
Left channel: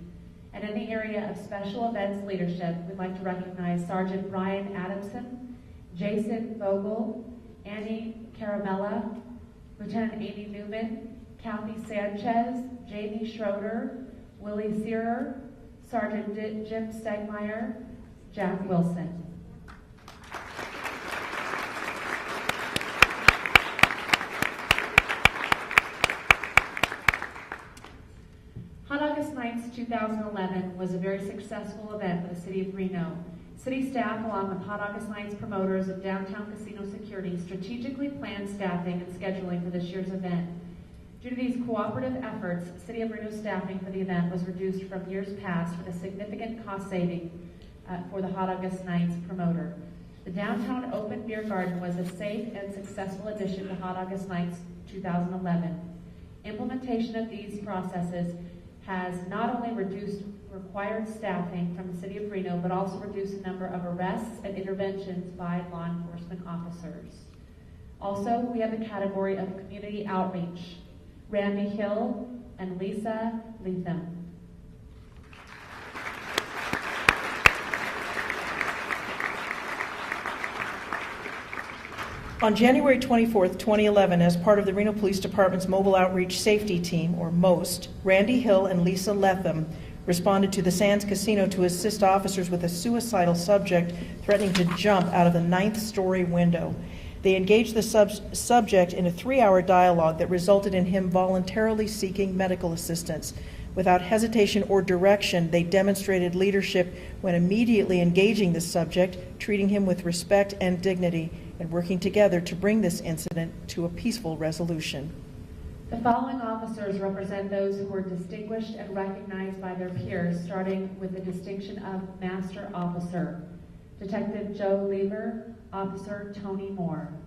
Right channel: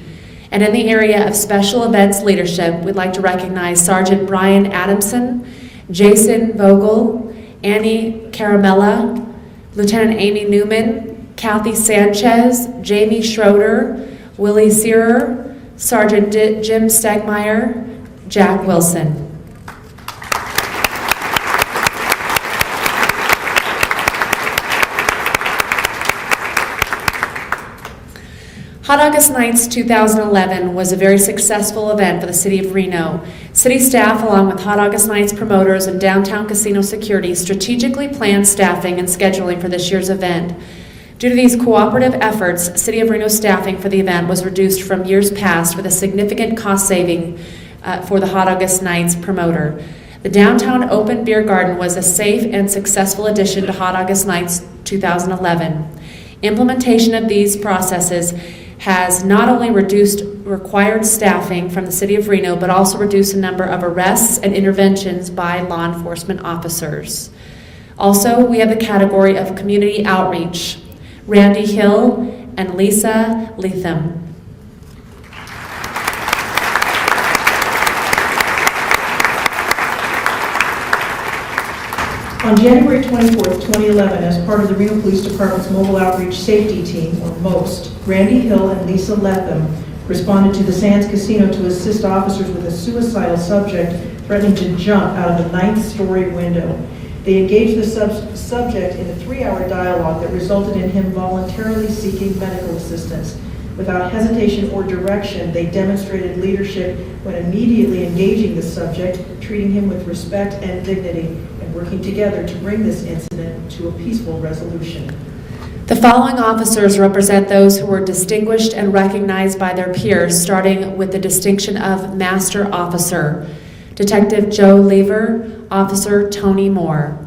And in the area of special events leadership, we'd like to recognize Sergeant Brian Adamson, Jason Vogel, Annie Caramella, Lieutenant Amy Newman, Kathy Sanchez, Jamie Schroeder, Willie Searer, Sergeant Jim Stegmeyer, Jack Wilson. Hot August Nights 2011 was a very successful event for the City of Reno. City staff, along with Hot August Nights promoters and downtown casino security, strategically planned staffing and scheduling for this year's event. Due to these cooperative efforts, City of Reno staffing for the event was reduced from years past, with a significant cost saving for the Hot August Nights promoter. The downtown open beer garden was a safe and successful addition to Hot August Nights 2011. Implementation of these processes has not only reduced required staffing from the City of Reno, but also reduced the number of arrests and interventions by law enforcement officers. Also, we have the category of community outreach. Randy Hill and Lisa Leatham. On January 24th, 2011, as part of the Reno Police Department's Mobile Outreach Safety Team, or MOST, Randy Hill and Lisa Leatham responded to the Sands Casino to assist officers with a suicidal subject threatening to jump out of the 9th-story window. They engaged the subject in a 3-hour dialogue that resulted in him voluntarily seeking medical assistance. Without hesitation or direction, they demonstrated leadership when immediately engaging the subject, treating him with respect and dignity, and working together to bring this incident to a peaceful resolution. The following officers represent those who were distinguished and recognized by their peers, starting with the distinction of Master Officer. Detective Joe Lever, Officer Tony Moore.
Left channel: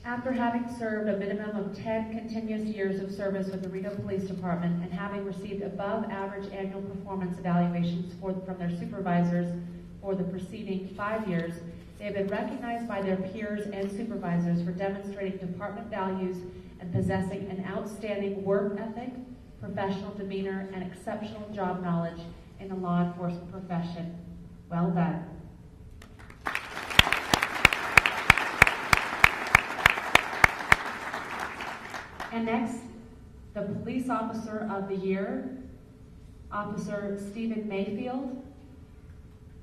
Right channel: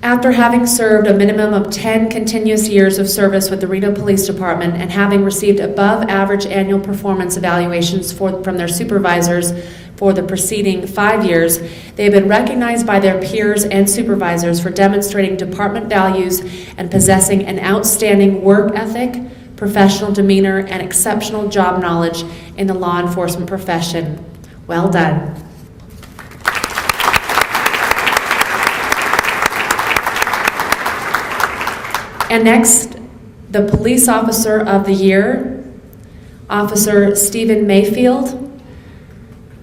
After having served a minimum of 10 continuous years of service with the Reno Police Department and having received above average annual performance evaluations from their supervisors for the preceding 5 years, they have been recognized by their peers and supervisors for demonstrating department values and possessing an outstanding work ethic, professional demeanor, and exceptional job knowledge in the law enforcement profession. Well done. And next, the Police Officer of the Year, Officer Stephen Mayfield.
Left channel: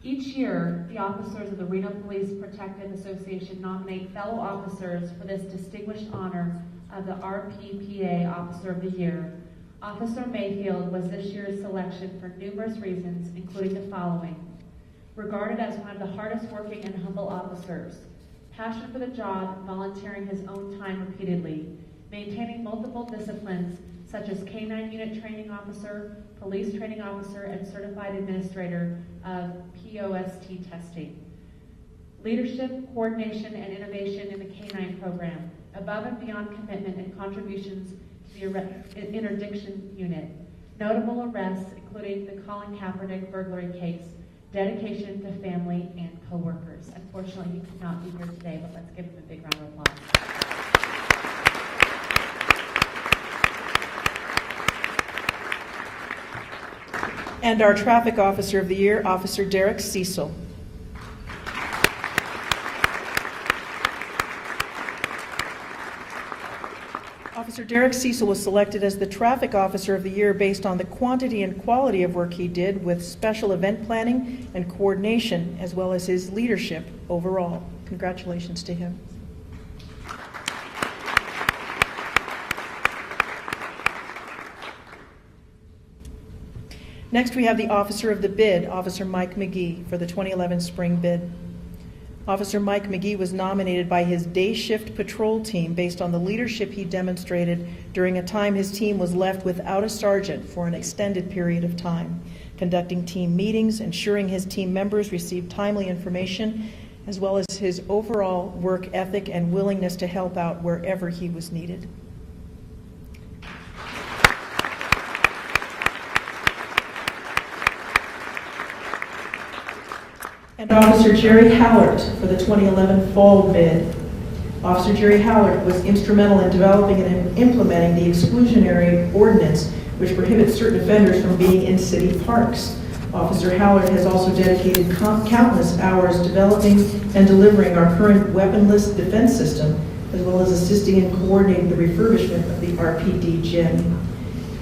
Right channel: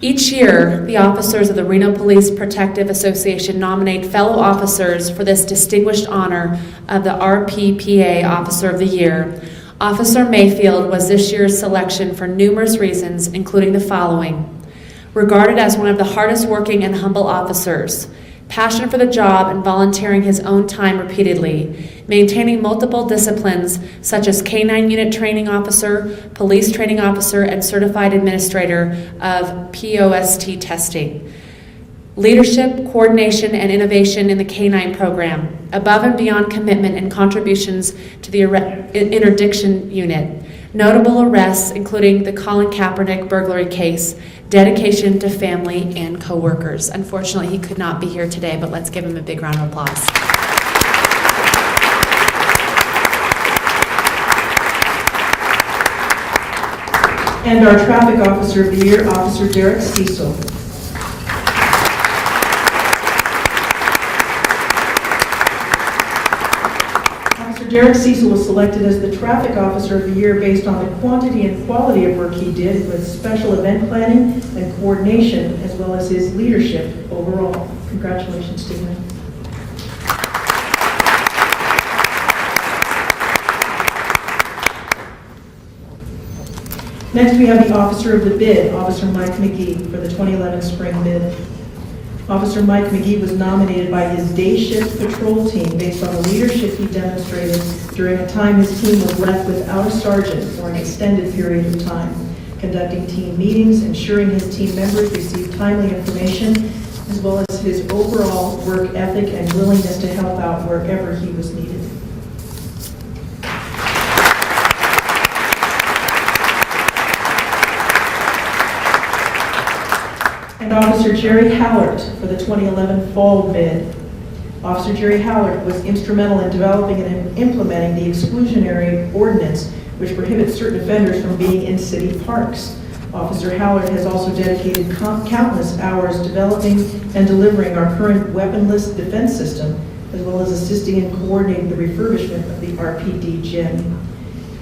Each year, the officers of the Reno Police Protective Association nominate fellow officers for this distinguished honor of the RPPA Officer of the Year. Officer Mayfield was this year's selection for numerous reasons, including the following: regarded as one of the hardest working and humble officers, passion for the job and volunteering his own time repeatedly, maintaining multiple disciplines such as K-9 Unit Training Officer, Police Training Officer, and Certified Administrator of POST testing. Leadership, coordination, and innovation in the K-9 program, above and beyond commitment and contributions to the interdiction unit. Notable arrests, including the Colin Kaepernick burglary case, dedication to family and co-workers. Unfortunately, he could not be here today, but let's give him a big round of applause. And our Traffic Officer of the Year, Officer Derek Cecil. Derek Cecil was selected as the Traffic Officer of the Year based on the quantity and quality of work he did with special event planning and coordination, as well as his leadership overall. Congratulations, Stephen. Next, we have the Officer of the Bid, Officer Mike McGee, for the 2011 Spring Bid. Officer Mike McGee was nominated by his day shift patrol team based on the leadership he demonstrated during a time his team was left without a sergeant for an extended period of time, conducting team meetings, ensuring his team members received timely information, as well as his overall work ethic and willingness to help out wherever he was needed. And Officer Jerry Howard for the 2011 Fall Bid. Officer Jerry Howard was instrumental in developing and implementing the exclusionary ordinance which prohibits certain offenders from being in city parks. Officer Howard has also dedicated countless hours developing and delivering our current weaponless defense system, as well as assisting in coordinating the refurbishment of the RPD gym.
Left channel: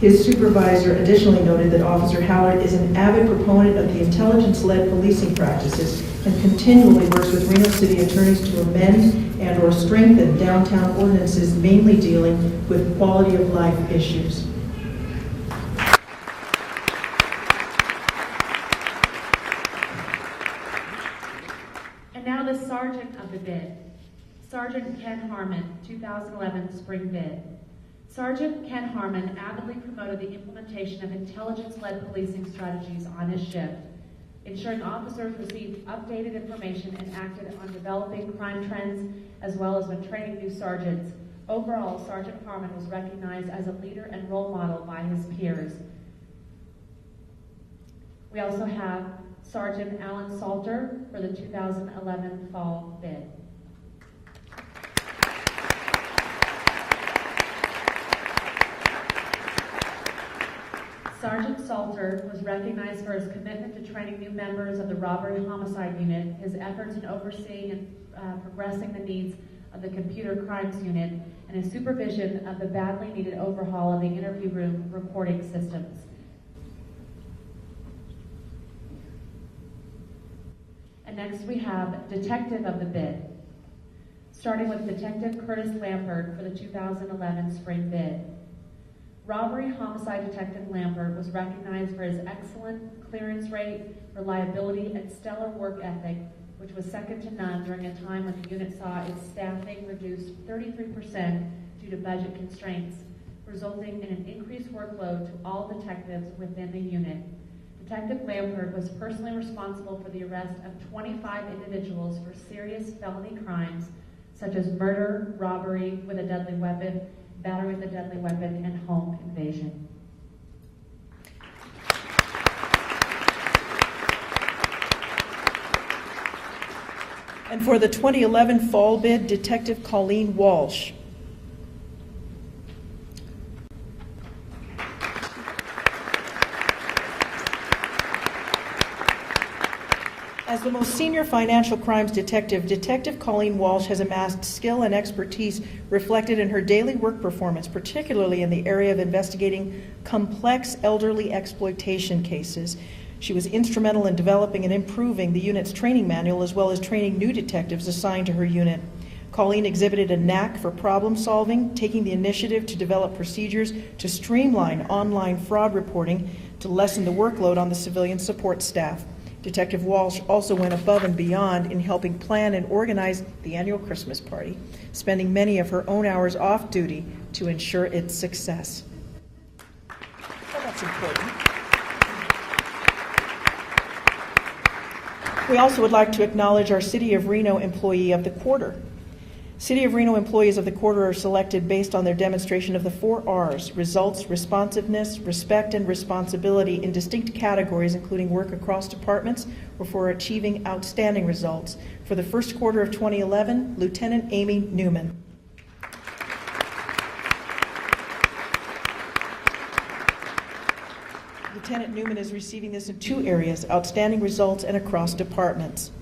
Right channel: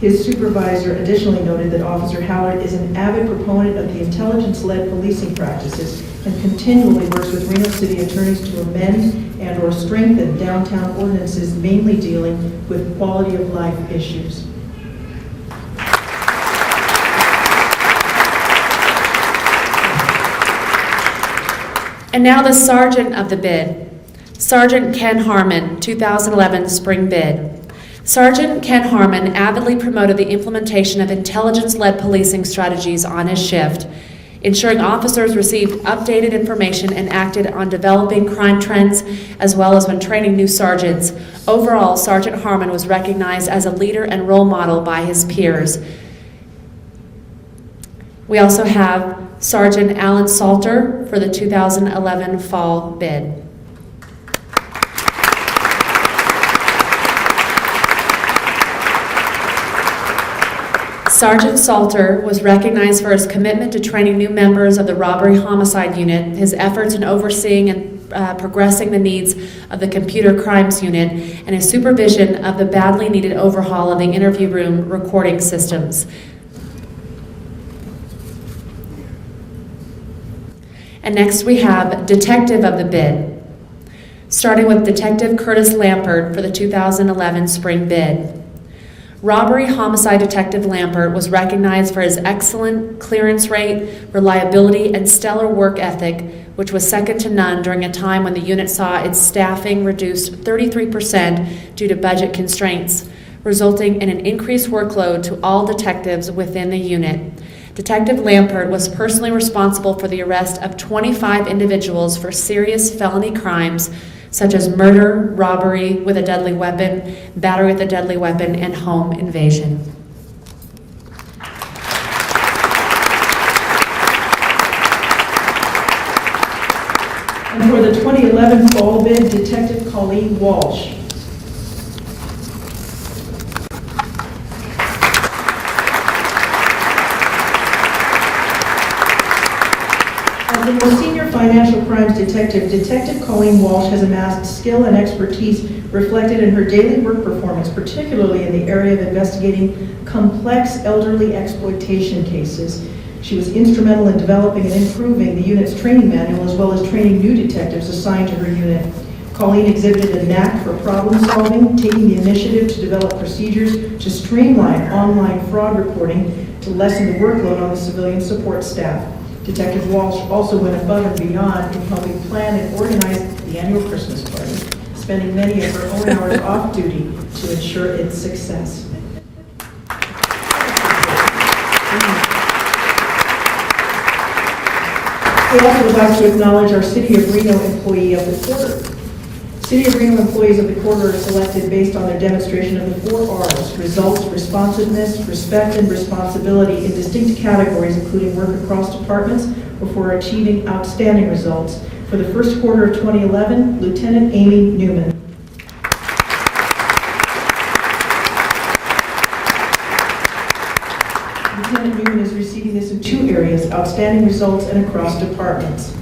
His supervisor additionally noted that Officer Howard is an avid proponent of the intelligence-led policing practices and continually works with Reno City attorneys to amend and/or strengthen downtown ordinances mainly dealing with quality of life issues. And now the Sergeant of the Bid. Sergeant Ken Harmon, 2011 Spring Bid. Sergeant Ken Harmon avidly promoted the implementation of intelligence-led policing strategies on his shift, ensuring officers received updated information and acted on developing crime trends, as well as when training new sergeants. Overall, Sergeant Harmon was recognized as a leader and role model by his peers. We also have Sergeant Alan Salter for the 2011 Fall Bid. Sergeant Salter was recognized for his commitment to training new members of the Robbery Homicide Unit, his efforts in overseeing and progressing the needs of the Computer Crimes Unit, and his supervision of the badly needed overhaul of the interview room recording systems. And next we have Detective of the Bid, starting with Detective Curtis Lampert for the 2011 Spring Bid. Robbery Homicide Detective Lampert was recognized for his excellent clearance rate, reliability, and stellar work ethic, which was second to none during a time when the unit saw its staffing reduced 33% due to budget constraints, resulting in an increased workload to all detectives within the unit. Detective Lampert was personally responsible for the arrest of 25 individuals for serious felony crimes such as murder, robbery with a deadly weapon, battery with a deadly weapon, and home invasion. And for the 2011 Fall Bid, Detective Colleen Walsh. As the most senior financial crimes detective, Detective Colleen Walsh has amassed skill and expertise reflected in her daily work performance, particularly in the area of investigating complex elderly exploitation cases. She was instrumental in developing and improving the unit's training manual, as well as training new detectives assigned to her unit. Colleen exhibited a knack for problem solving, taking the initiative to develop procedures to streamline online fraud reporting to lessen the workload on the civilian support staff. Detective Walsh also went above and beyond in helping plan and organize the annual Christmas party, spending many of her own hours off duty to ensure its success. We also would like to acknowledge our City of Reno employee of the quarter. City of Reno employees of the quarter are selected based on their demonstration of the 4 R's: results, responsiveness, respect, and responsibility in distinct categories, including work across departments or for achieving outstanding results. For the first quarter of 2011, Lieutenant Amy Newman. Lieutenant Newman is receiving this in 2 areas: outstanding results and across departments.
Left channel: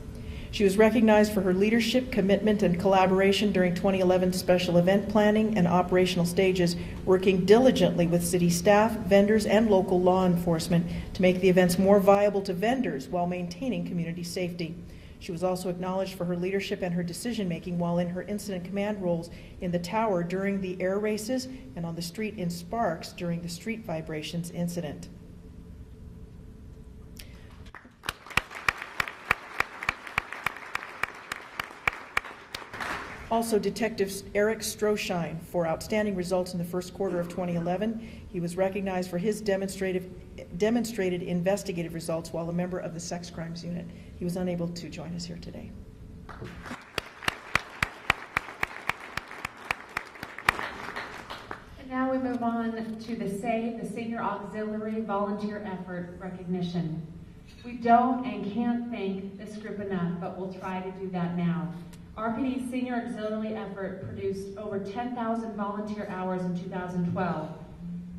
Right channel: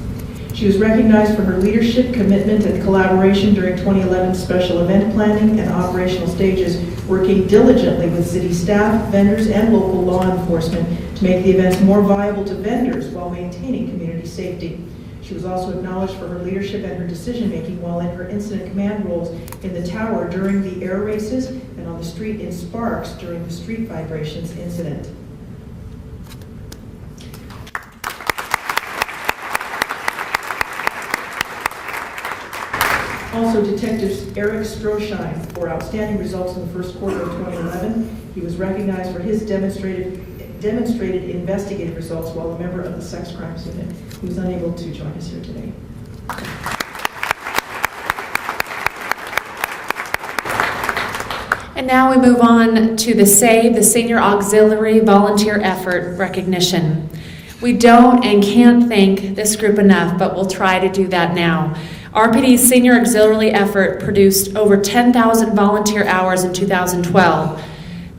She was recognized for her leadership, commitment, and collaboration during 2011 special event planning and operational stages, working diligently with city staff, vendors, and local law enforcement to make the events more viable to vendors while maintaining community safety. She was also acknowledged for her leadership and her decision-making while in her incident command roles in the tower during the air races and on the street in Sparks during the street vibrations incident. Also, Detective Eric Stroschein for outstanding results in the first quarter of 2011. He was recognized for his demonstrated investigative results while a member of the Sex Crimes Unit. He was unable to join us here today. And now we move on to the SAVE, the Senior Auxiliary Volunteer Effort recognition. We don't and can't thank this group enough, but we'll try to do that now. RPD's Senior Auxiliary Effort produced over 10,000 volunteer hours in 2012.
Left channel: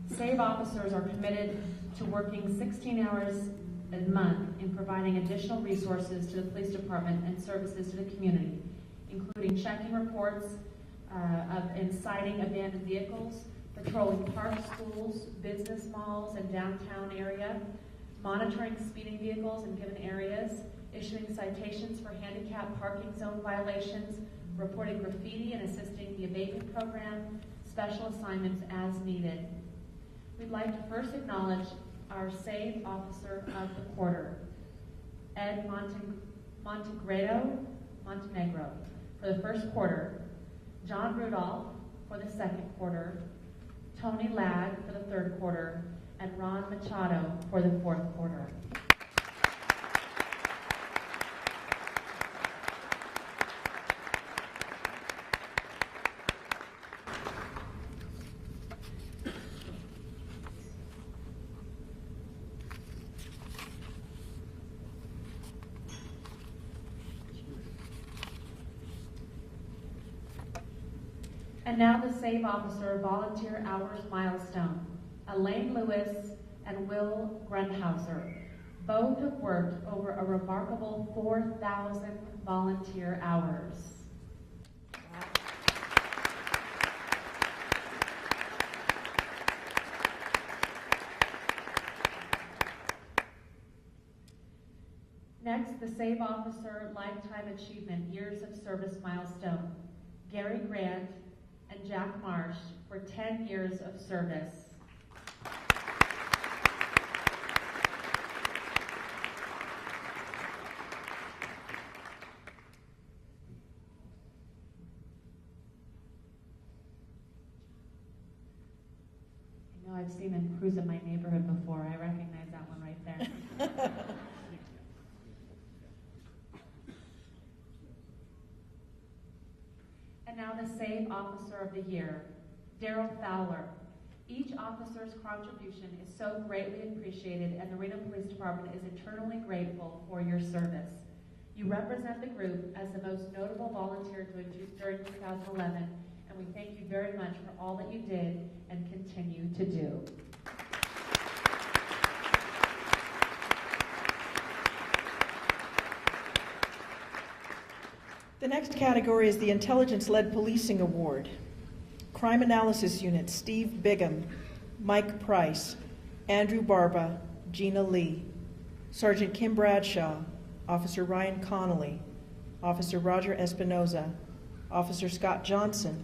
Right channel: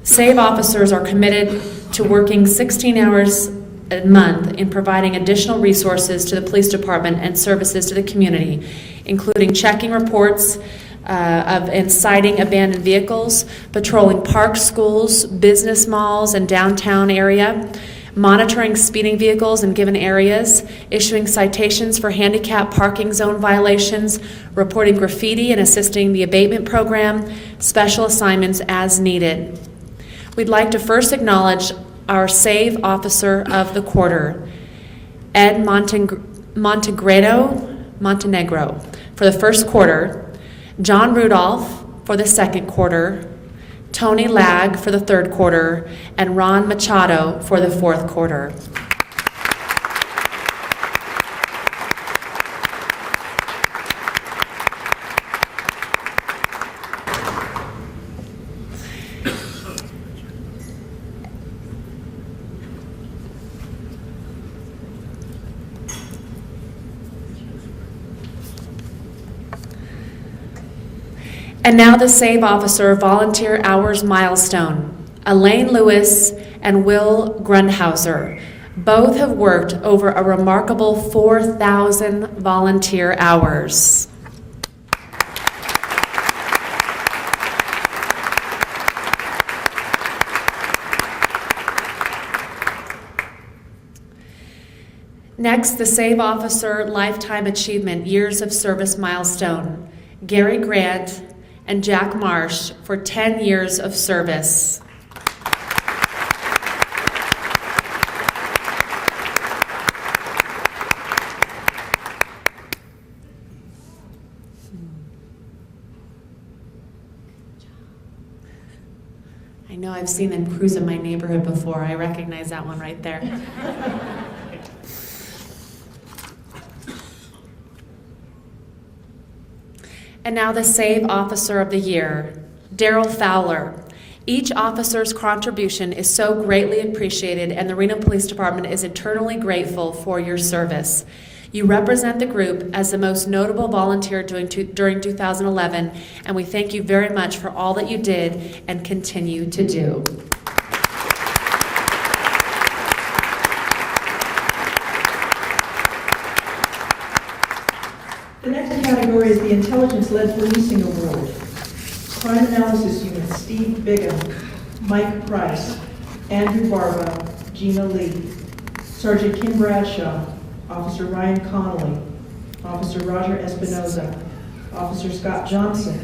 SAVE officers are committed to working 16 hours a month in providing additional resources to the police department and services to the community, including checking reports, of inciting abandoned vehicles, patrolling parks, schools, business malls, and downtown area, monitoring speeding vehicles in given areas, issuing citations for handicap parking zone violations, reporting graffiti and assisting the abatement program, special assignments as needed. We'd like to first acknowledge our SAVE Officer of the Quarter, Ed Montenegro for the first quarter, John Rudolph for the second quarter, Tony Lag for the third quarter, and Ron Machado for the fourth quarter. And now the SAVE Officer Volunteer Hours Milestone, Elaine Lewis and Will Grundhauser. Both have worked over a remarkable 4,000 volunteer hours. Next, the SAVE Officer Lifetime Achievement Years of Service Milestone, Gary Grant and Jack Marsh for 10 years of service. I know I've seen them cruise in my neighborhood before. I recognize that one right there. And now the SAVE Officer of the Year, Daryl Fowler. Each officer's contribution is so greatly appreciated, and the Reno Police Department is eternally grateful for your service. You represent the group as the most notable volunteer during 2011, and we thank you very much for all that you did and continue to do. The next category is the Intelligence-Led Policing Award. Crime Analysis Unit, Steve Bigham, Mike Price, Andrew Barba, Gina Lee, Sergeant Kim Bradshaw, Officer Ryan Connolly, Officer Roger Espinoza, Officer Scott Johnson,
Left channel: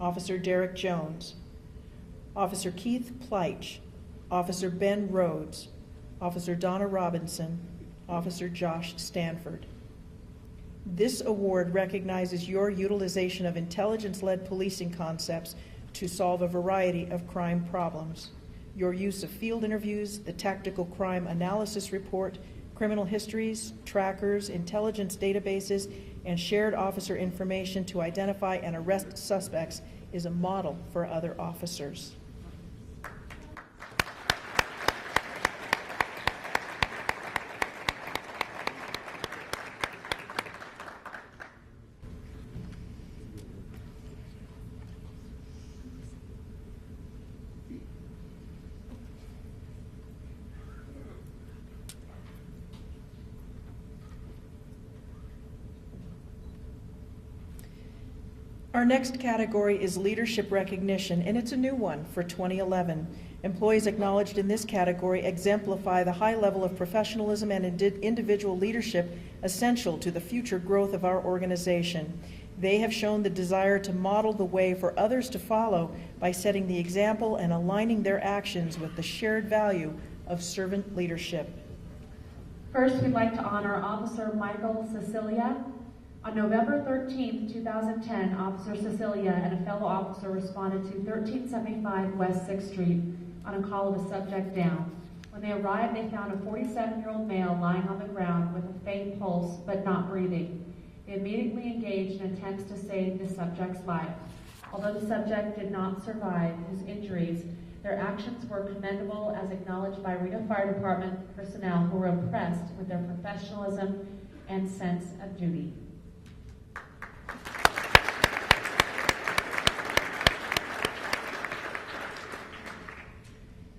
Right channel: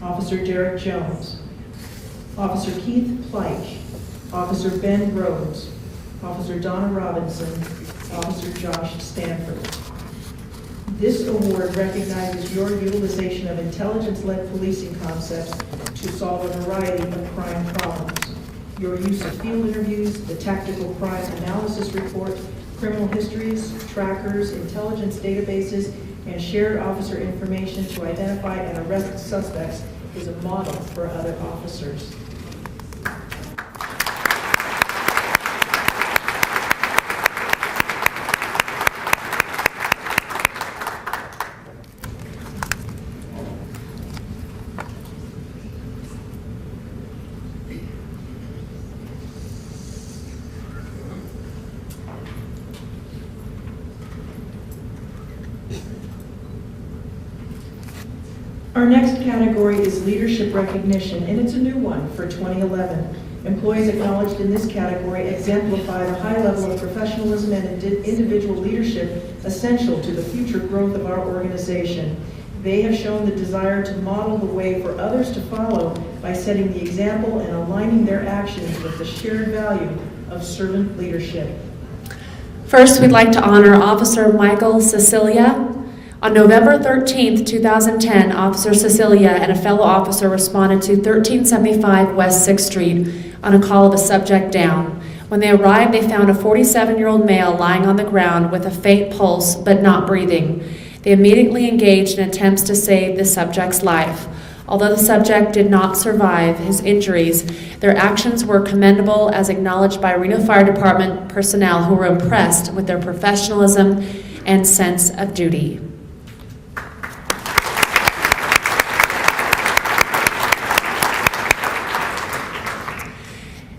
Officer Derek Jones, Officer Keith Pleich, Officer Ben Rhodes, Officer Donna Robinson, Officer Josh Stanford. This award recognizes your utilization of intelligence-led policing concepts to solve a variety of crime problems. Your use of field interviews, the tactical crime analysis report, criminal histories, trackers, intelligence databases, and shared officer information to identify and arrest suspects is a model for other officers. Our next category is leadership recognition, and it's a new one for 2011. Employees acknowledged in this category exemplify the high level of professionalism and individual leadership essential to the future growth of our organization. They have shown the desire to model the way for others to follow by setting the example and aligning their actions with the shared value of servant leadership. First, we'd like to honor Officer Michael Cecilia. On November 13th, 2010, Officer Cecilia and a fellow officer responded to 1375 West 6th Street on a call of a subject down. When they arrived, they found a 47-year-old male lying on the ground with a faint pulse but not breathing. They immediately engaged in attempts to save the subject's life. Although the subject did not survive his injuries, their actions were commendable as acknowledged by Reno Fire Department personnel who were impressed with their professionalism and sense of duty.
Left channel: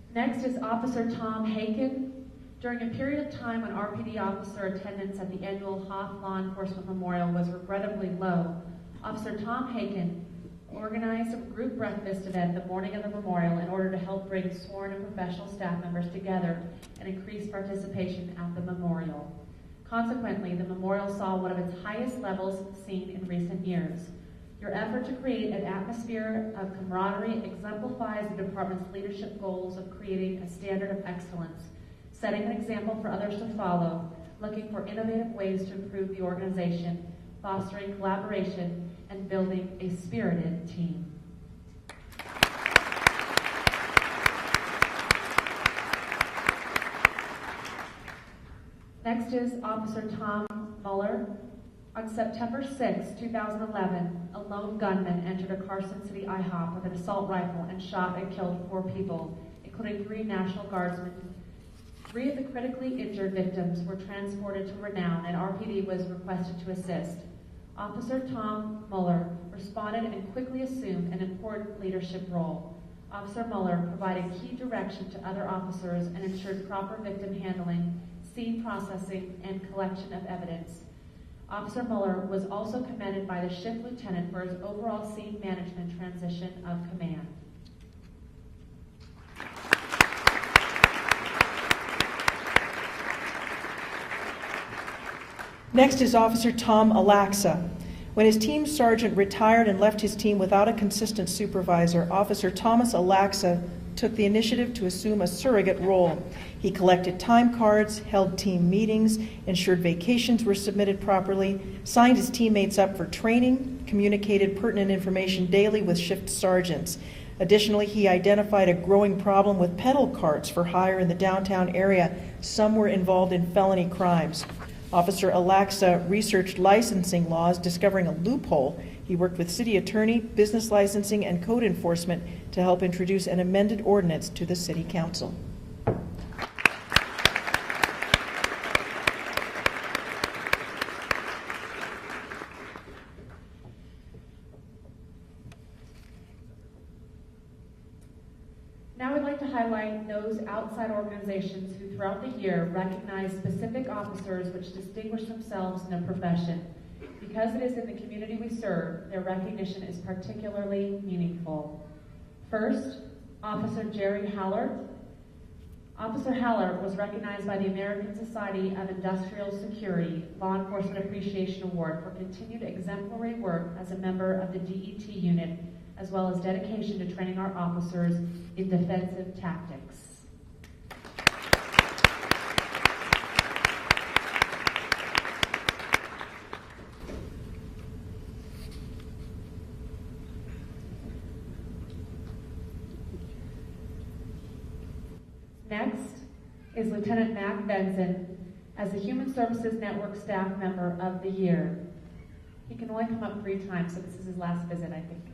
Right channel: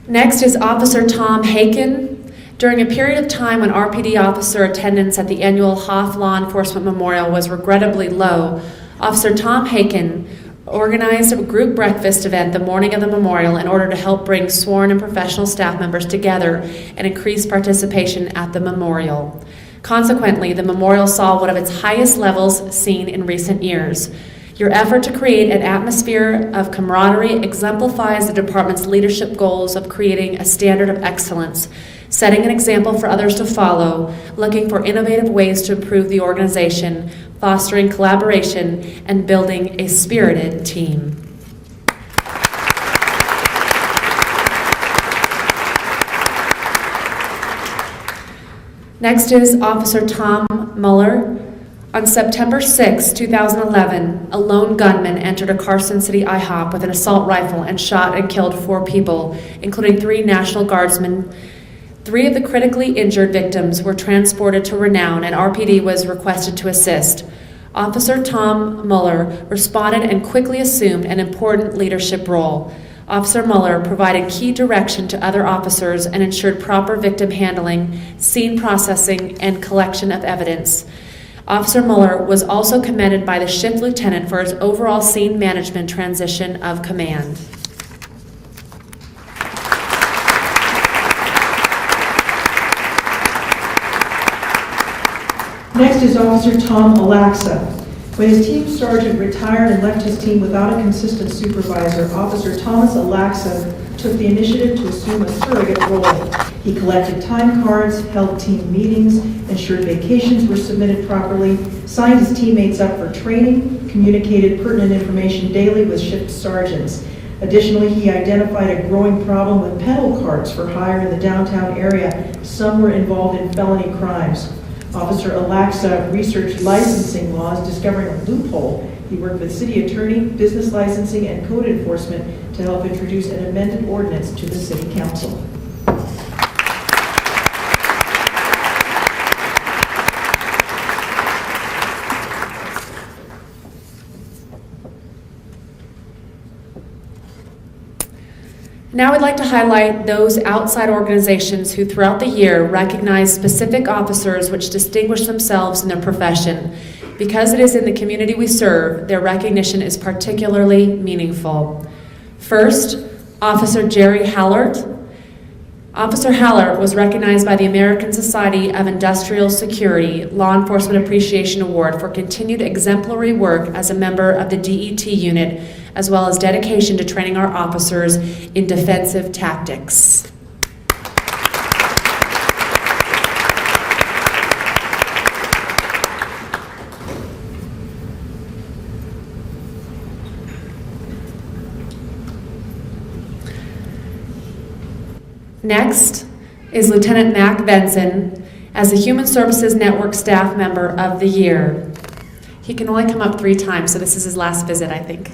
Next is Officer Tom Haken. During a period of time when RPD officer attendance at the annual Hoff Law Enforcement Memorial was regrettably low, Officer Tom Haken organized a group breakfast event the morning of the memorial in order to help bring sworn and professional staff members together and increase participation at the memorial. Consequently, the memorial saw one of its highest levels seen in recent years. Your effort to create an atmosphere of camaraderie exemplifies the department's leadership goals of creating a standard of excellence, setting an example for others to follow, looking for innovative ways to improve the organization, fostering collaboration, and building a spirited team. Next is Officer Tom Muller. On September 6, 2011, a lone gunman entered a Carson City IHOP with an assault rifle and shot and killed 4 people, including 3 National Guardsmen. 3 of the critically injured victims were transported to Reno, and RPD was requested to assist. Officer Tom Muller responded and quickly assumed an important leadership role. Officer Muller provided key direction to other officers and ensured proper victim handling, scene processing, and collection of evidence. Officer Muller was also commended by the shift lieutenant for his overall scene management transition of command. Next is Officer Tom Alaxa. When his team sergeant retired and left his team without a consistent supervisor, Officer Thomas Alaxa took the initiative to assume a surrogate role. He collected time cards, held team meetings, ensured vacations were submitted properly, signed his teammates up for training, communicated pertinent information daily with shift sergeants. Additionally, he identified a growing problem with pedal carts for hire in the downtown area. Some were involved in felony crimes. Officer Alaxa researched licensing laws, discovering a loophole. He worked with city attorney, business licensing, and code enforcement to help introduce an amended ordinance to the city council. Now I'd like to highlight those outside organizations who throughout the year recognize specific officers which distinguish themselves in their profession. Because it is in the community we serve, their recognition is particularly meaningful. First, Officer Jerry Hallert. Officer Hallert was recognized by the American Society of Industrial Security Law Enforcement Appreciation Award for continued exemplary work as a member of the DET unit, as well as dedication to training our officers in defensive tactics. Next is Lieutenant Mac Benson as the Human Services Network Staff Member of the Year. He can only come up 3 times, so this is his last visit, I think.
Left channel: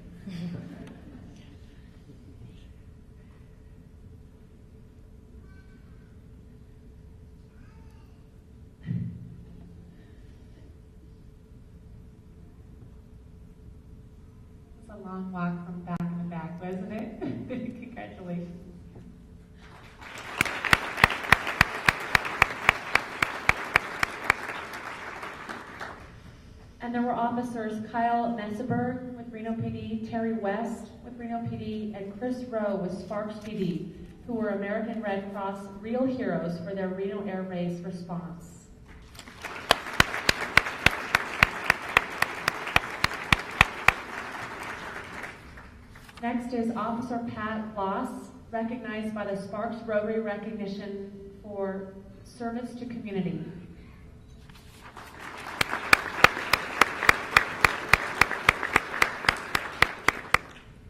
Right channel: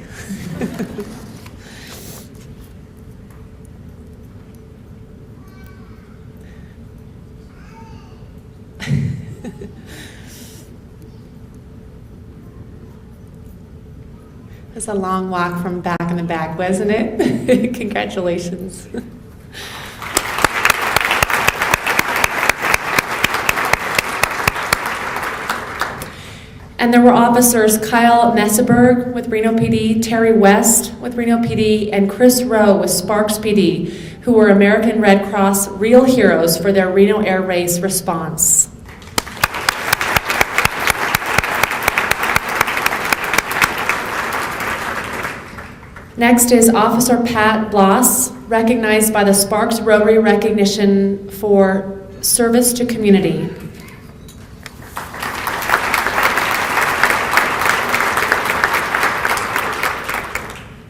It was a long walk from back in the back, wasn't it? Congratulations. And there were officers Kyle Messeberg with Reno PD, Terry West with Reno PD, and Chris Rowe with Sparks PD, who were American Red Cross real heroes for their Reno Air Race response. Next is Officer Pat Bloss, recognized by the Sparks Rotary Recognition for Service to Community.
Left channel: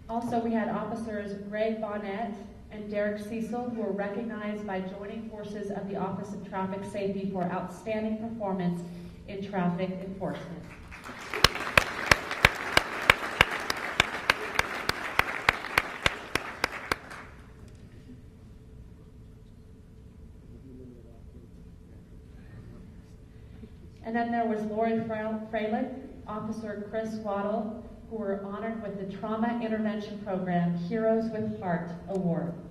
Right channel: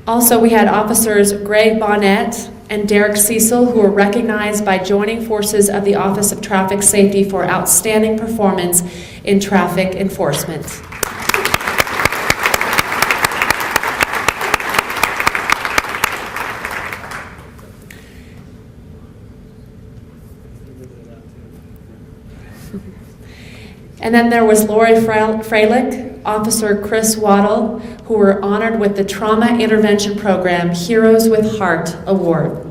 Also, we had officers Greg Bonnet and Derek Cecil, who were recognized by joining forces of the Office of Traffic Safety for outstanding performance in traffic enforcement. And then there was Lori Freilich, Officer Chris Waddle, who were honored with the Trauma Intervention Program Heroes with Heart Award.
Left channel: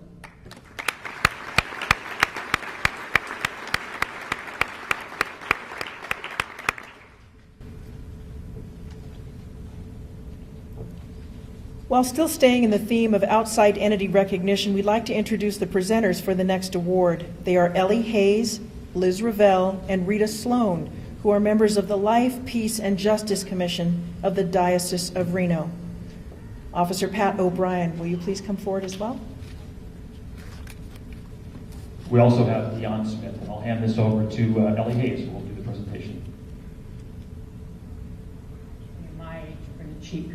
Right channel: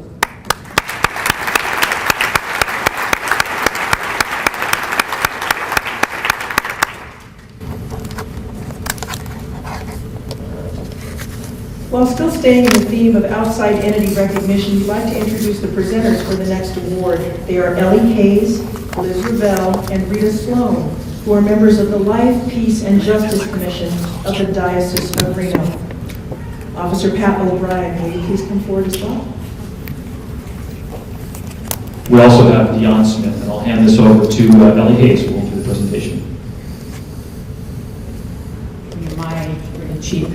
While still staying in the theme of outside entity recognition, we'd like to introduce the presenters for the next award. They are Ellie Hayes, Liz Revelle, and Rita Sloan, who are members of the Life, Peace, and Justice Commission of the Diocese of Reno. Officer Pat O'Brien, will you please come forward as well? We also have Dion Smith, and I'll hand this over to Ellie Hayes, who will do the presentation. The chief.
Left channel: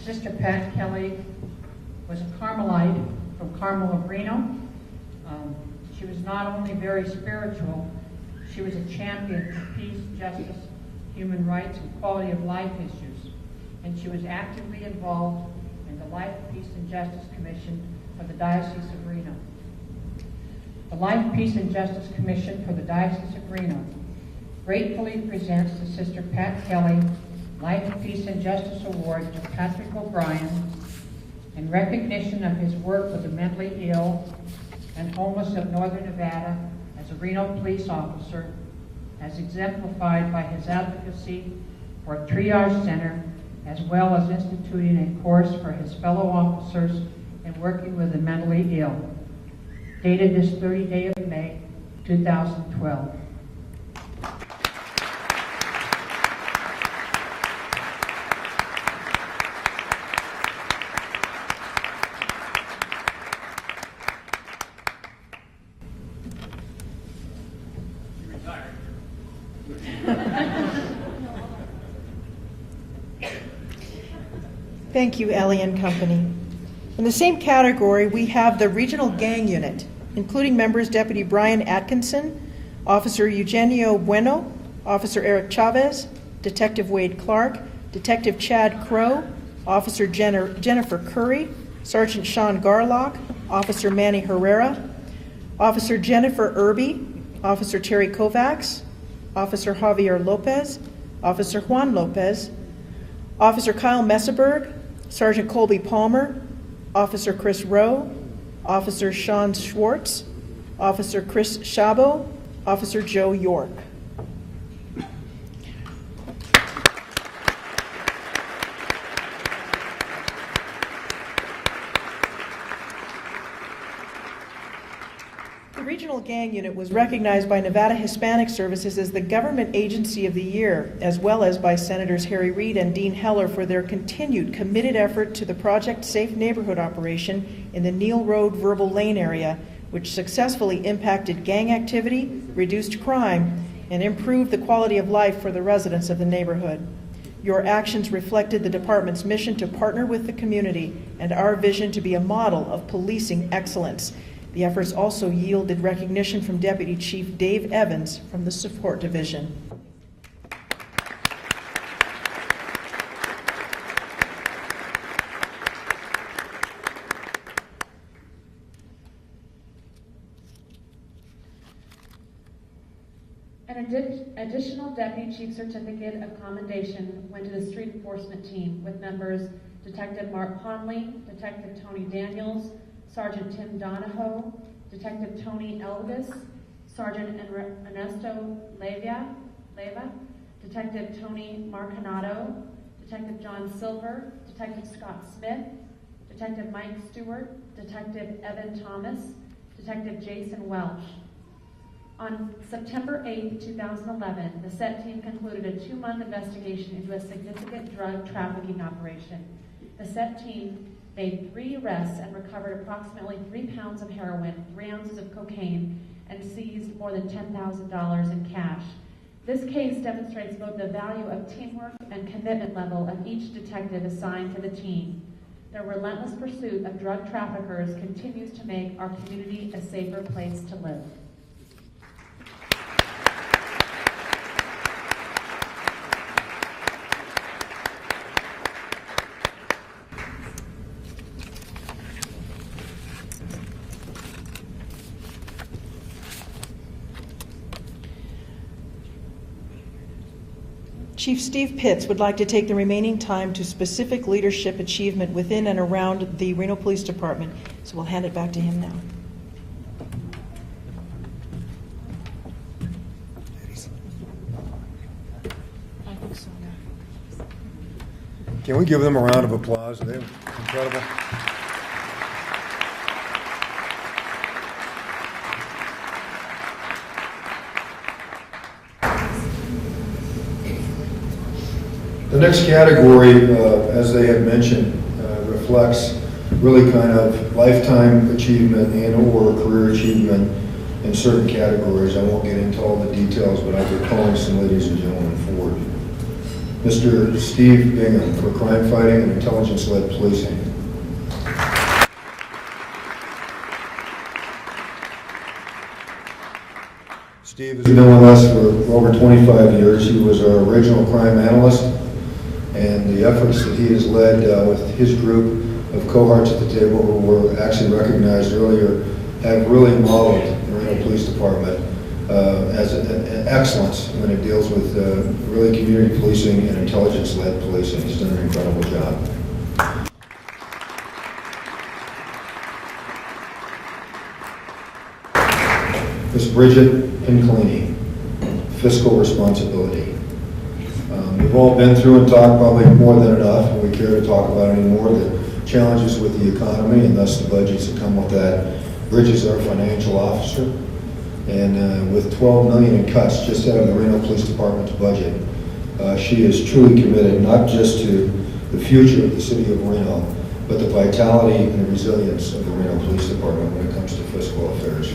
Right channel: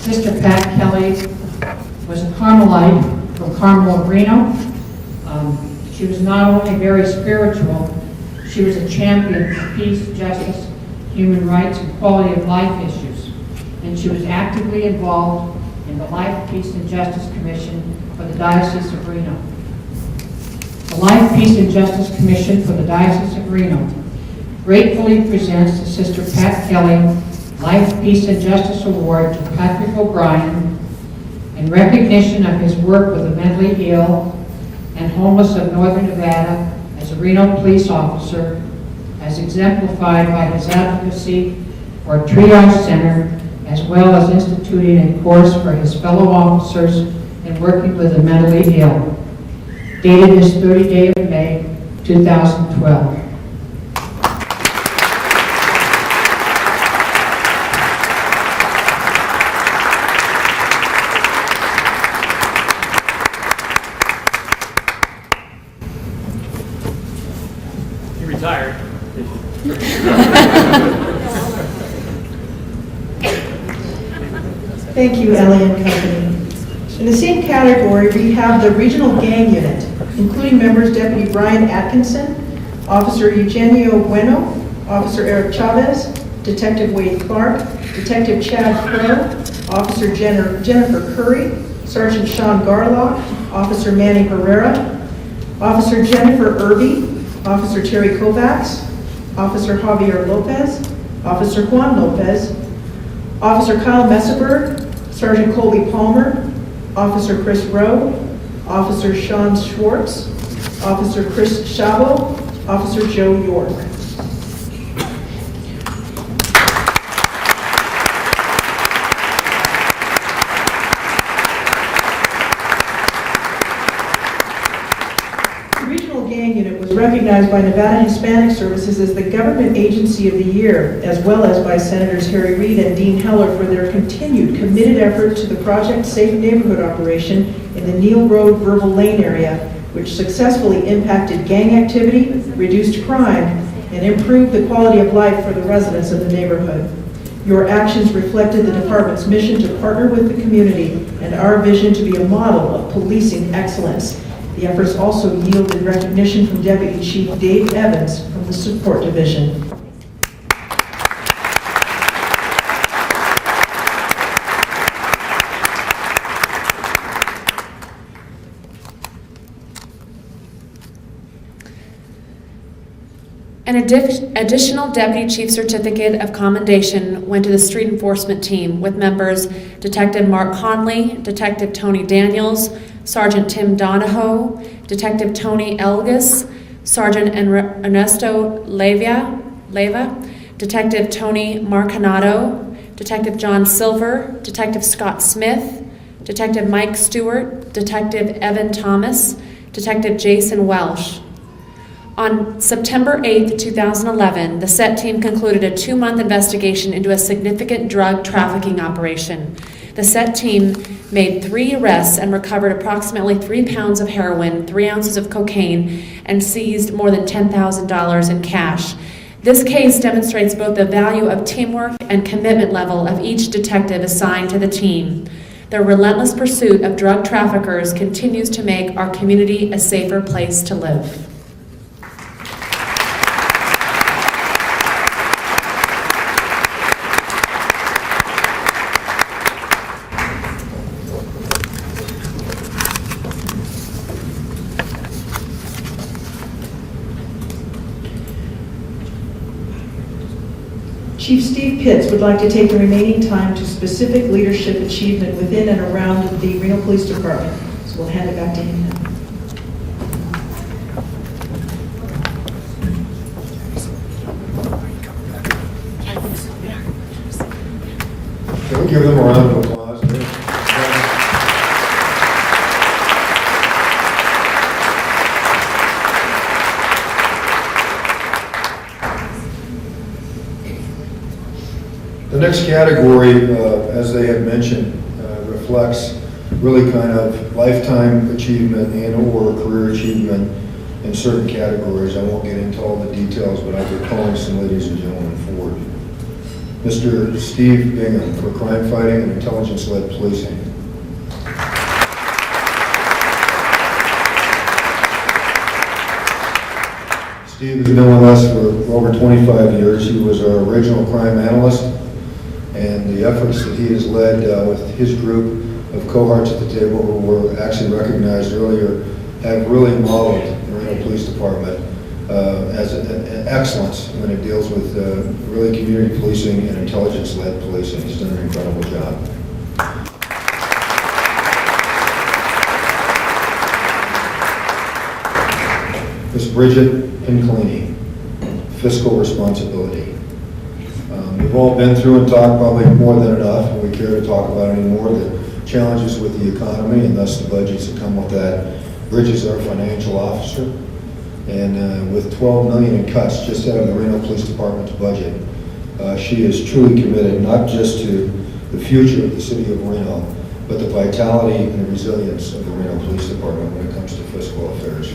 Sister Pat Kelly was a Carmelite from Carmel, Reno. She was not only very spiritual, she was a champion for peace, justice, human rights, and quality of life issues. And she was actively involved in the Life, Peace, and Justice Commission for the Diocese of Reno. The Life, Peace, and Justice Commission for the Diocese of Reno gratefully presents the Sister Pat Kelly Life, Peace, and Justice Award to Patrick O'Brien in recognition of his work with the mentally ill and homeless of Northern Nevada as a Reno police officer, as exemplified by his advocacy for a triage center, as well as instituting a course for his fellow officers in working with the mentally ill. Dated this 30th day of May, 2012. Retired. Thank you, Ellie and company. In the same category, we have the Regional Gang Unit, including members Deputy Brian Atkinson, Officer Eugenio Bueno, Officer Eric Chavez, Detective Wade Clark, Detective Chad Crow, Officer Jennifer Curry, Sergeant Sean Garlock, Officer Manny Herrera, Officer Jennifer Irby, Officer Terry Kovacs, Officer Javier Lopez, Officer Juan Lopez, Officer Kyle Messeberg, Sergeant Colby Palmer, Officer Chris Rowe, Officer Sean Schwartz, Officer Chris Chabot, Officer Joe York. The Regional Gang Unit was recognized by Nevada Hispanic Services as the Government Agency of the Year, as well as by Senators Harry Reid and Dean Heller for their continued committed effort to the Project Safe Neighborhood operation in the Neal Road Verbal Lane area, which successfully impacted gang activity, reduced crime, and improved the quality of life for the residents of the neighborhood. Your actions reflected the department's mission to partner with the community and our vision to be a model of policing excellence. The efforts also yielded recognition from Deputy Chief Dave Evans from the Support Division. An additional Deputy Chief Certificate of Commendation went to the Street Enforcement Team with members Detective Mark Conley, Detective Tony Daniels, Sergeant Tim Donahoe, Detective Tony Elgis, Sergeant Ernesto Leva, Detective Tony Marcanato, Detective John Silver, Detective Scott Smith, Detective Mike Stewart, Detective Evan Thomas, Detective Jason Welsh. On September 8, 2011, the SET team concluded a 2-month investigation into a significant drug trafficking operation. The SET team made 3 arrests and recovered approximately 3 pounds of heroin, 3 ounces of cocaine, and seized more than $10,000 in cash. This case demonstrates both the value of teamwork and commitment level of each detective assigned to the team. Their relentless pursuit of drug traffickers continues to make our community a safer place to live. Chief Steve Pitts would like to take the remaining time to specific leadership achievement within and around the Reno Police Department. So we'll hand it back to him now. Can we give them a round of applause? The next category, as they had mentioned, reflects really kind of lifetime achievement and or career achievement in certain categories. I won't get into all the details, but I'll be calling some ladies and gentlemen forward. Mr. Steve Bingham for crime fighting and intelligence-led policing. Steve has been with us for over 25 years. He was our original crime analyst, and the efforts that he has led with his group of cohorts at the table who were actually recognized earlier have really modeled the Reno Police Department as an excellence when it deals with really community policing and intelligence-led policing. He's done an incredible job. Ms. Bridget Pincolini, fiscal responsibility. We've all been through and talked probably more than enough, and we care to talk about any more, the challenges with the economy and thus the budgets that come with that. Bridget is our financial officer, and with $12 million in cuts just out of the Reno Police Department's budget, she is truly committed not just to the future of the city of Reno, but the vitality and the resilience of the Reno Police Department when it comes to fiscal affairs.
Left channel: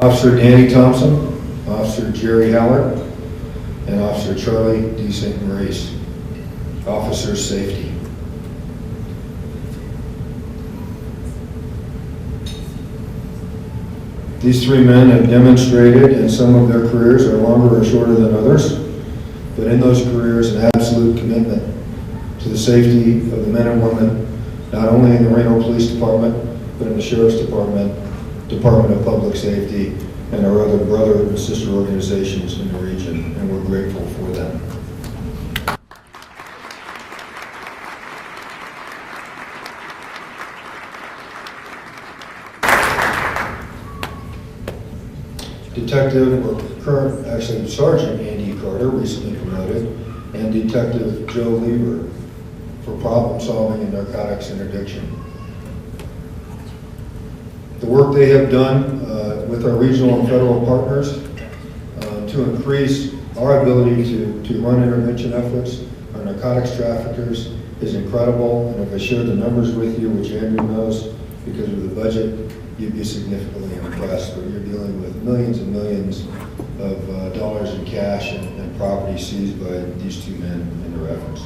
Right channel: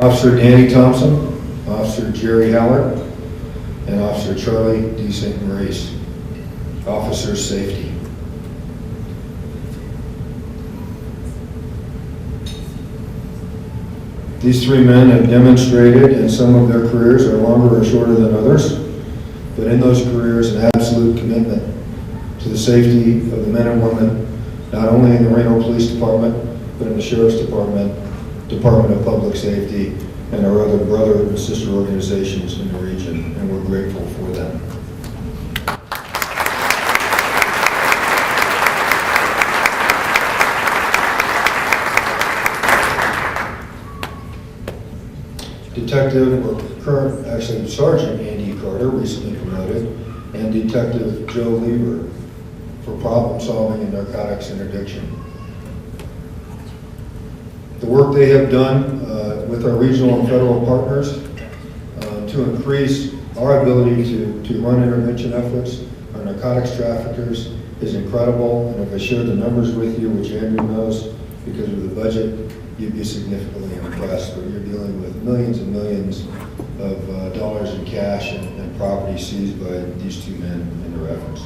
Officer Danny Thompson, Officer Jerry Hallert, and Officer Charlie D. St. Maurice. Officer Safety. These three men have demonstrated in some of their careers are longer or shorter than others, but in those careers an absolute commitment to the safety of the men and women, not only in the Reno Police Department, but in the Sheriff's Department, Department of Public Safety, and our other brother and sister organizations in the region, and we're grateful for them. Detective, or current, actually Sergeant Andy Carter, recently promoted, and Detective Joe Lieber for problem solving in narcotics interdiction. The work they have done with our regional and federal partners to increase our ability to run intervention efforts on narcotics traffickers is incredible. And if I share the numbers with you, which Andrew knows because of the budget, you'd be significantly impressed. But you're dealing with millions and millions of dollars in cash and property seized by these two men in their efforts.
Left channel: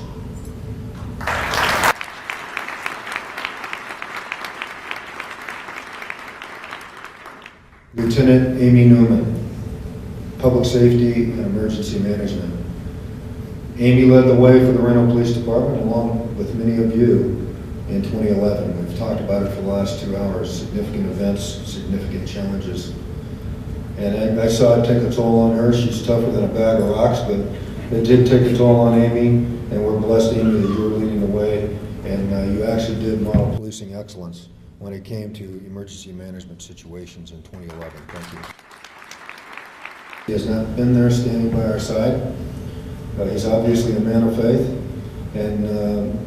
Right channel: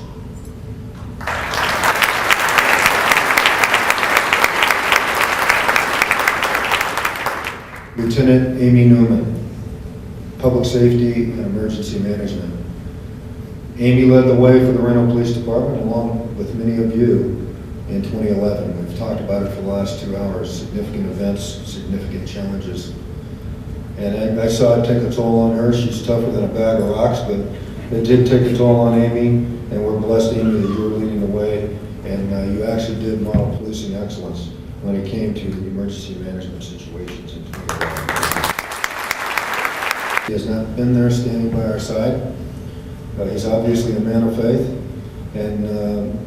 Lieutenant Amy Newman, Public Safety and Emergency Management. Amy led the way for the Reno Police Department along with many of you in 2011. We've talked about it for the last 2 hours, significant events, significant challenges. And I saw it take a toll on her. She's tougher than a bag of rocks, but it did take a toll on Amy, and we're blessed, Amy, that you were leading the way, and you actually did model policing excellence when it came to emergency management situations in 2011. He has not been there standing by our side. He's obviously a man of faith. And,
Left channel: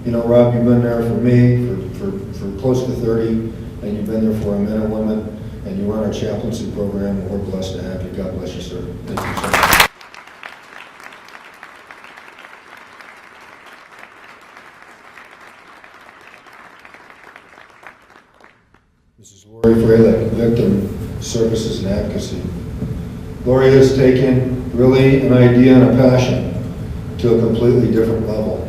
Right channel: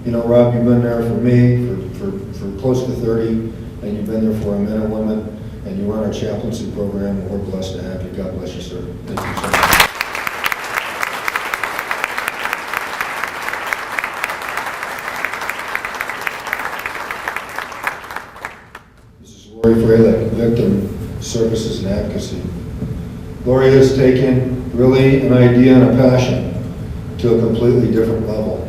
you know, Rob, you've been there for me for close to 30, and you've been there for our men and women, and you run our chaplaincy program, and we're blessed to have you. God bless you, sir. Thank you so much. Lori Fralick, Victim Services and Advocacy. Lori has taken really an idea and a passion to a completely different level.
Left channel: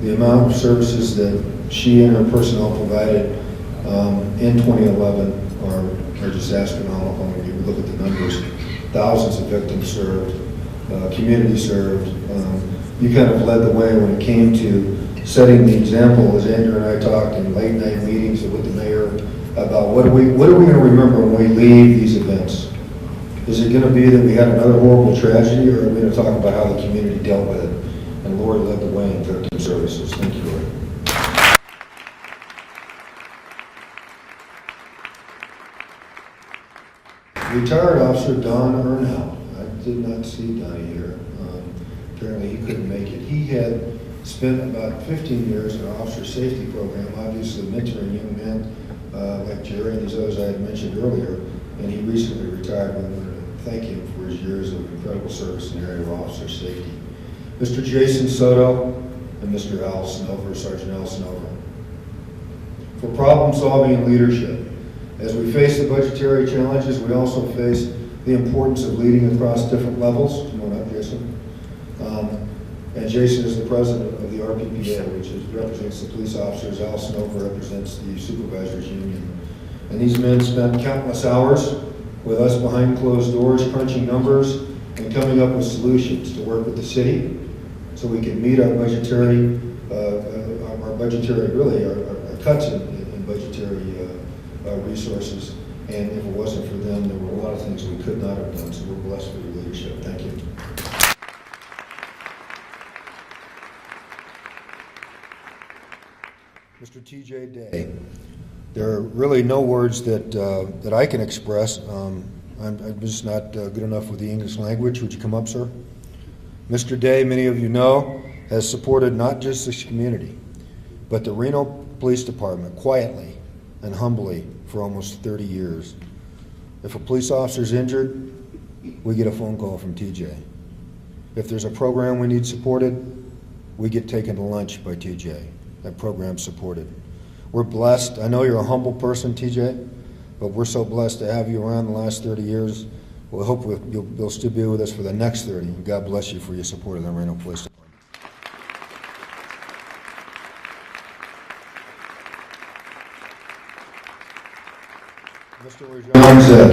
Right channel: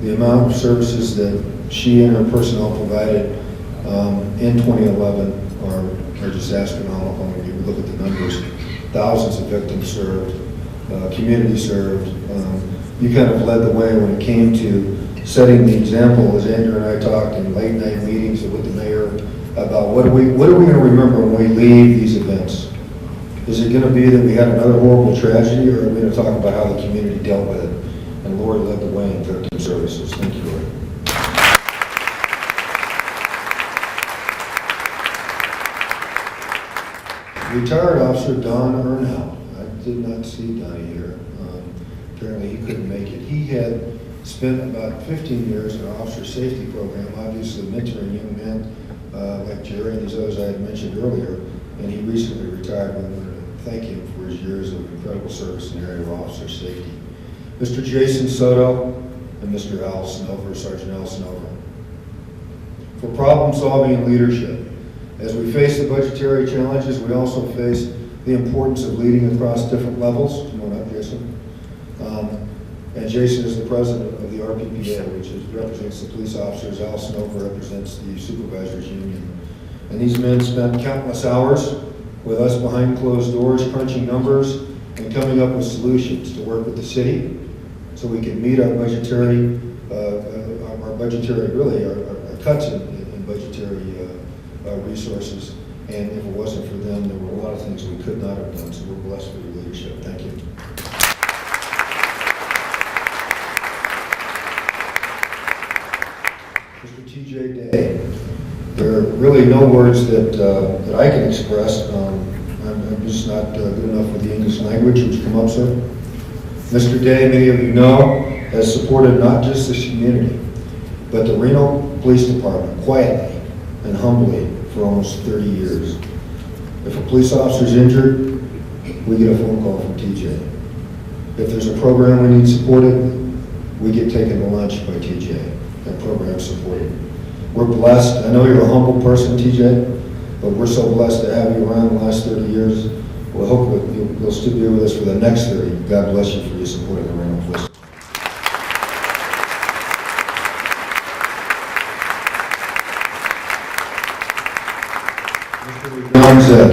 The amount of services that she and her personnel provided in 2011 are just astronomical. When you look at the numbers, thousands of victims served, community served. You kind of led the way when it came to setting the example, as Andrew and I talked in late night meetings with the mayor, about what are we going to remember when we leave these events? Is it going to be that we had another horrible tragedy, or are we going to talk about how the community dealt with it? And Lori led the way in victim services. Thank you, Lori. Retired Officer Don Ernau. I did not see Donnie here. Apparently he couldn't make it. He had spent about 15 years in our officer safety program, obviously mentoring young men like Jerry and these others I had mentioned earlier, and he recently retired. We want to thank him for his years of incredible service in the area of officer safety. Mr. Jason Soto and Mr. Al Snover, Sergeant Al Snover. For problem solving and leadership. As we face the budgetary challenges, we also face the importance of leading across different levels. Come on up, Jason. And Jason is the president of the RPPA, which represents the police officers. Al Snover represents the supervisors union. And these men spent countless hours with us behind closed doors, crunching numbers and coming up with solutions to work with the city so we can meet our budgetary, our cuts in budgetary resources. And if it wasn't for them, there were a lot of things we could not have done. So we're blessed for your leadership. Thank you. Mr. TJ Day. There are really no words that I can express. I'm just not good enough with the English language. Would you come up, sir? Mr. Day, many of you know, has supported not just this community, but the Reno Police Department quietly and humbly for almost 30 years. If a police officer is injured, we get a phone call from TJ. If there's a program we need supported, we get taken to lunch by TJ and program supported. We're blessed. I know you're a humble person, TJ, but we're so blessed to have you around the last 30 years. We hope that you'll still be with us for the next 30. God bless you for your support of the Reno Police. John Zed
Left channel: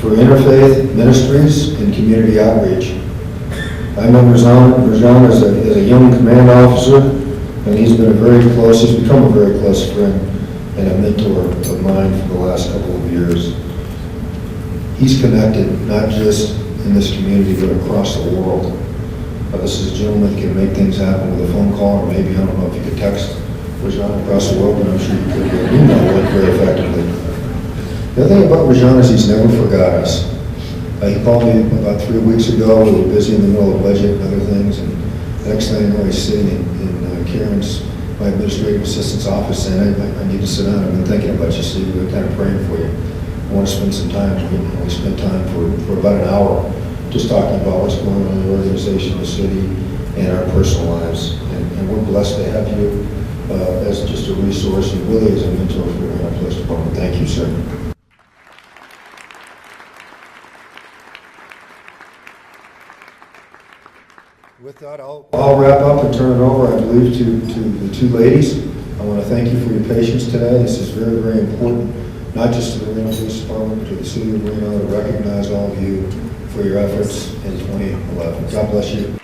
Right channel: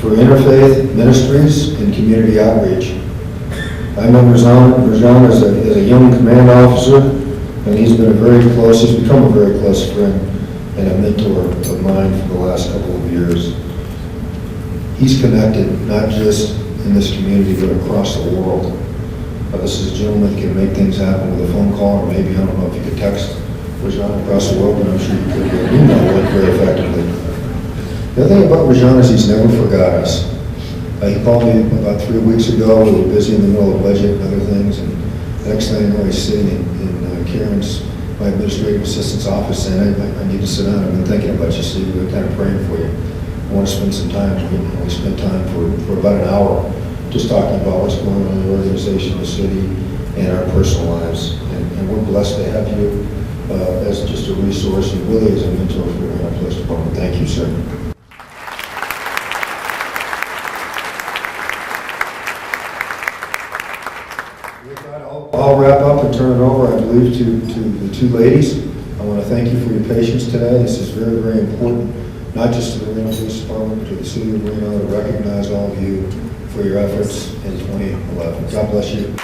for Interfaith Ministries and Community Outreach. I know Rajan as a young command officer, and he's become a very close friend and a mentor of mine for the last couple of years. He's connected not just in this community, but across the world. This is a gentleman that can make things happen with a phone call, or maybe, I don't know if you could text Rajan across the world, but I'm sure you could email it very effectively. The other thing about Rajan is he's never forgot us. He called me about 3 weeks ago. We were busy in the middle of budget and other things, and the next thing I know, he's sitting in Karen's, my administrative assistant's office, saying, I need to sit down. I've been thinking about you, Steve. We're kind of praying for you. I want to spend some time. We spent time for about an hour just talking about what's going on in the organization, the city, and our personal lives. And we're blessed to have you as just a resource and really as a mentor for the Reno Police Department. Thank you, sir. I'll wrap up and turn it over, I believe, to the two ladies. I want to thank you for your patience today. This is very, very important, not just to the Reno Police Department, but to the city of Reno, to recognize all of you for your efforts in 2011. God bless you.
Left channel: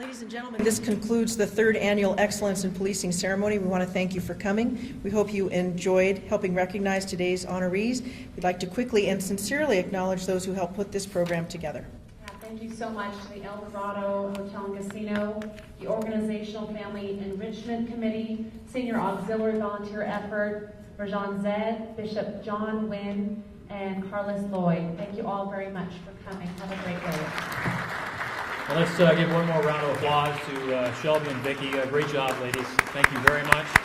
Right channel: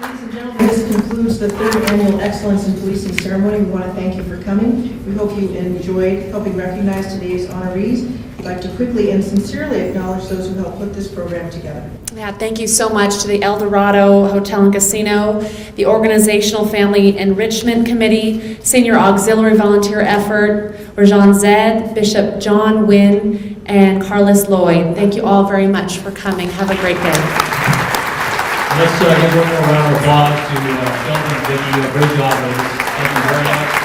Ladies and gentlemen, this concludes the third annual Excellence in Policing ceremony. We want to thank you for coming. We hope you enjoyed helping recognize today's honorees. I'd like to quickly and sincerely acknowledge those who helped put this program together. Yeah, thank you so much to the El Dorado Hotel and Casino, the Organizational Family Enrichment Committee, Senior Auxiliary Volunteer Effort, Rajan Zed, Bishop John Wynn, and Carlos Lloyd. Thank you all very much for coming. Have a great day. Let's give one more round of applause to Shelton and Vicki. Great job, ladies. Thank you very much.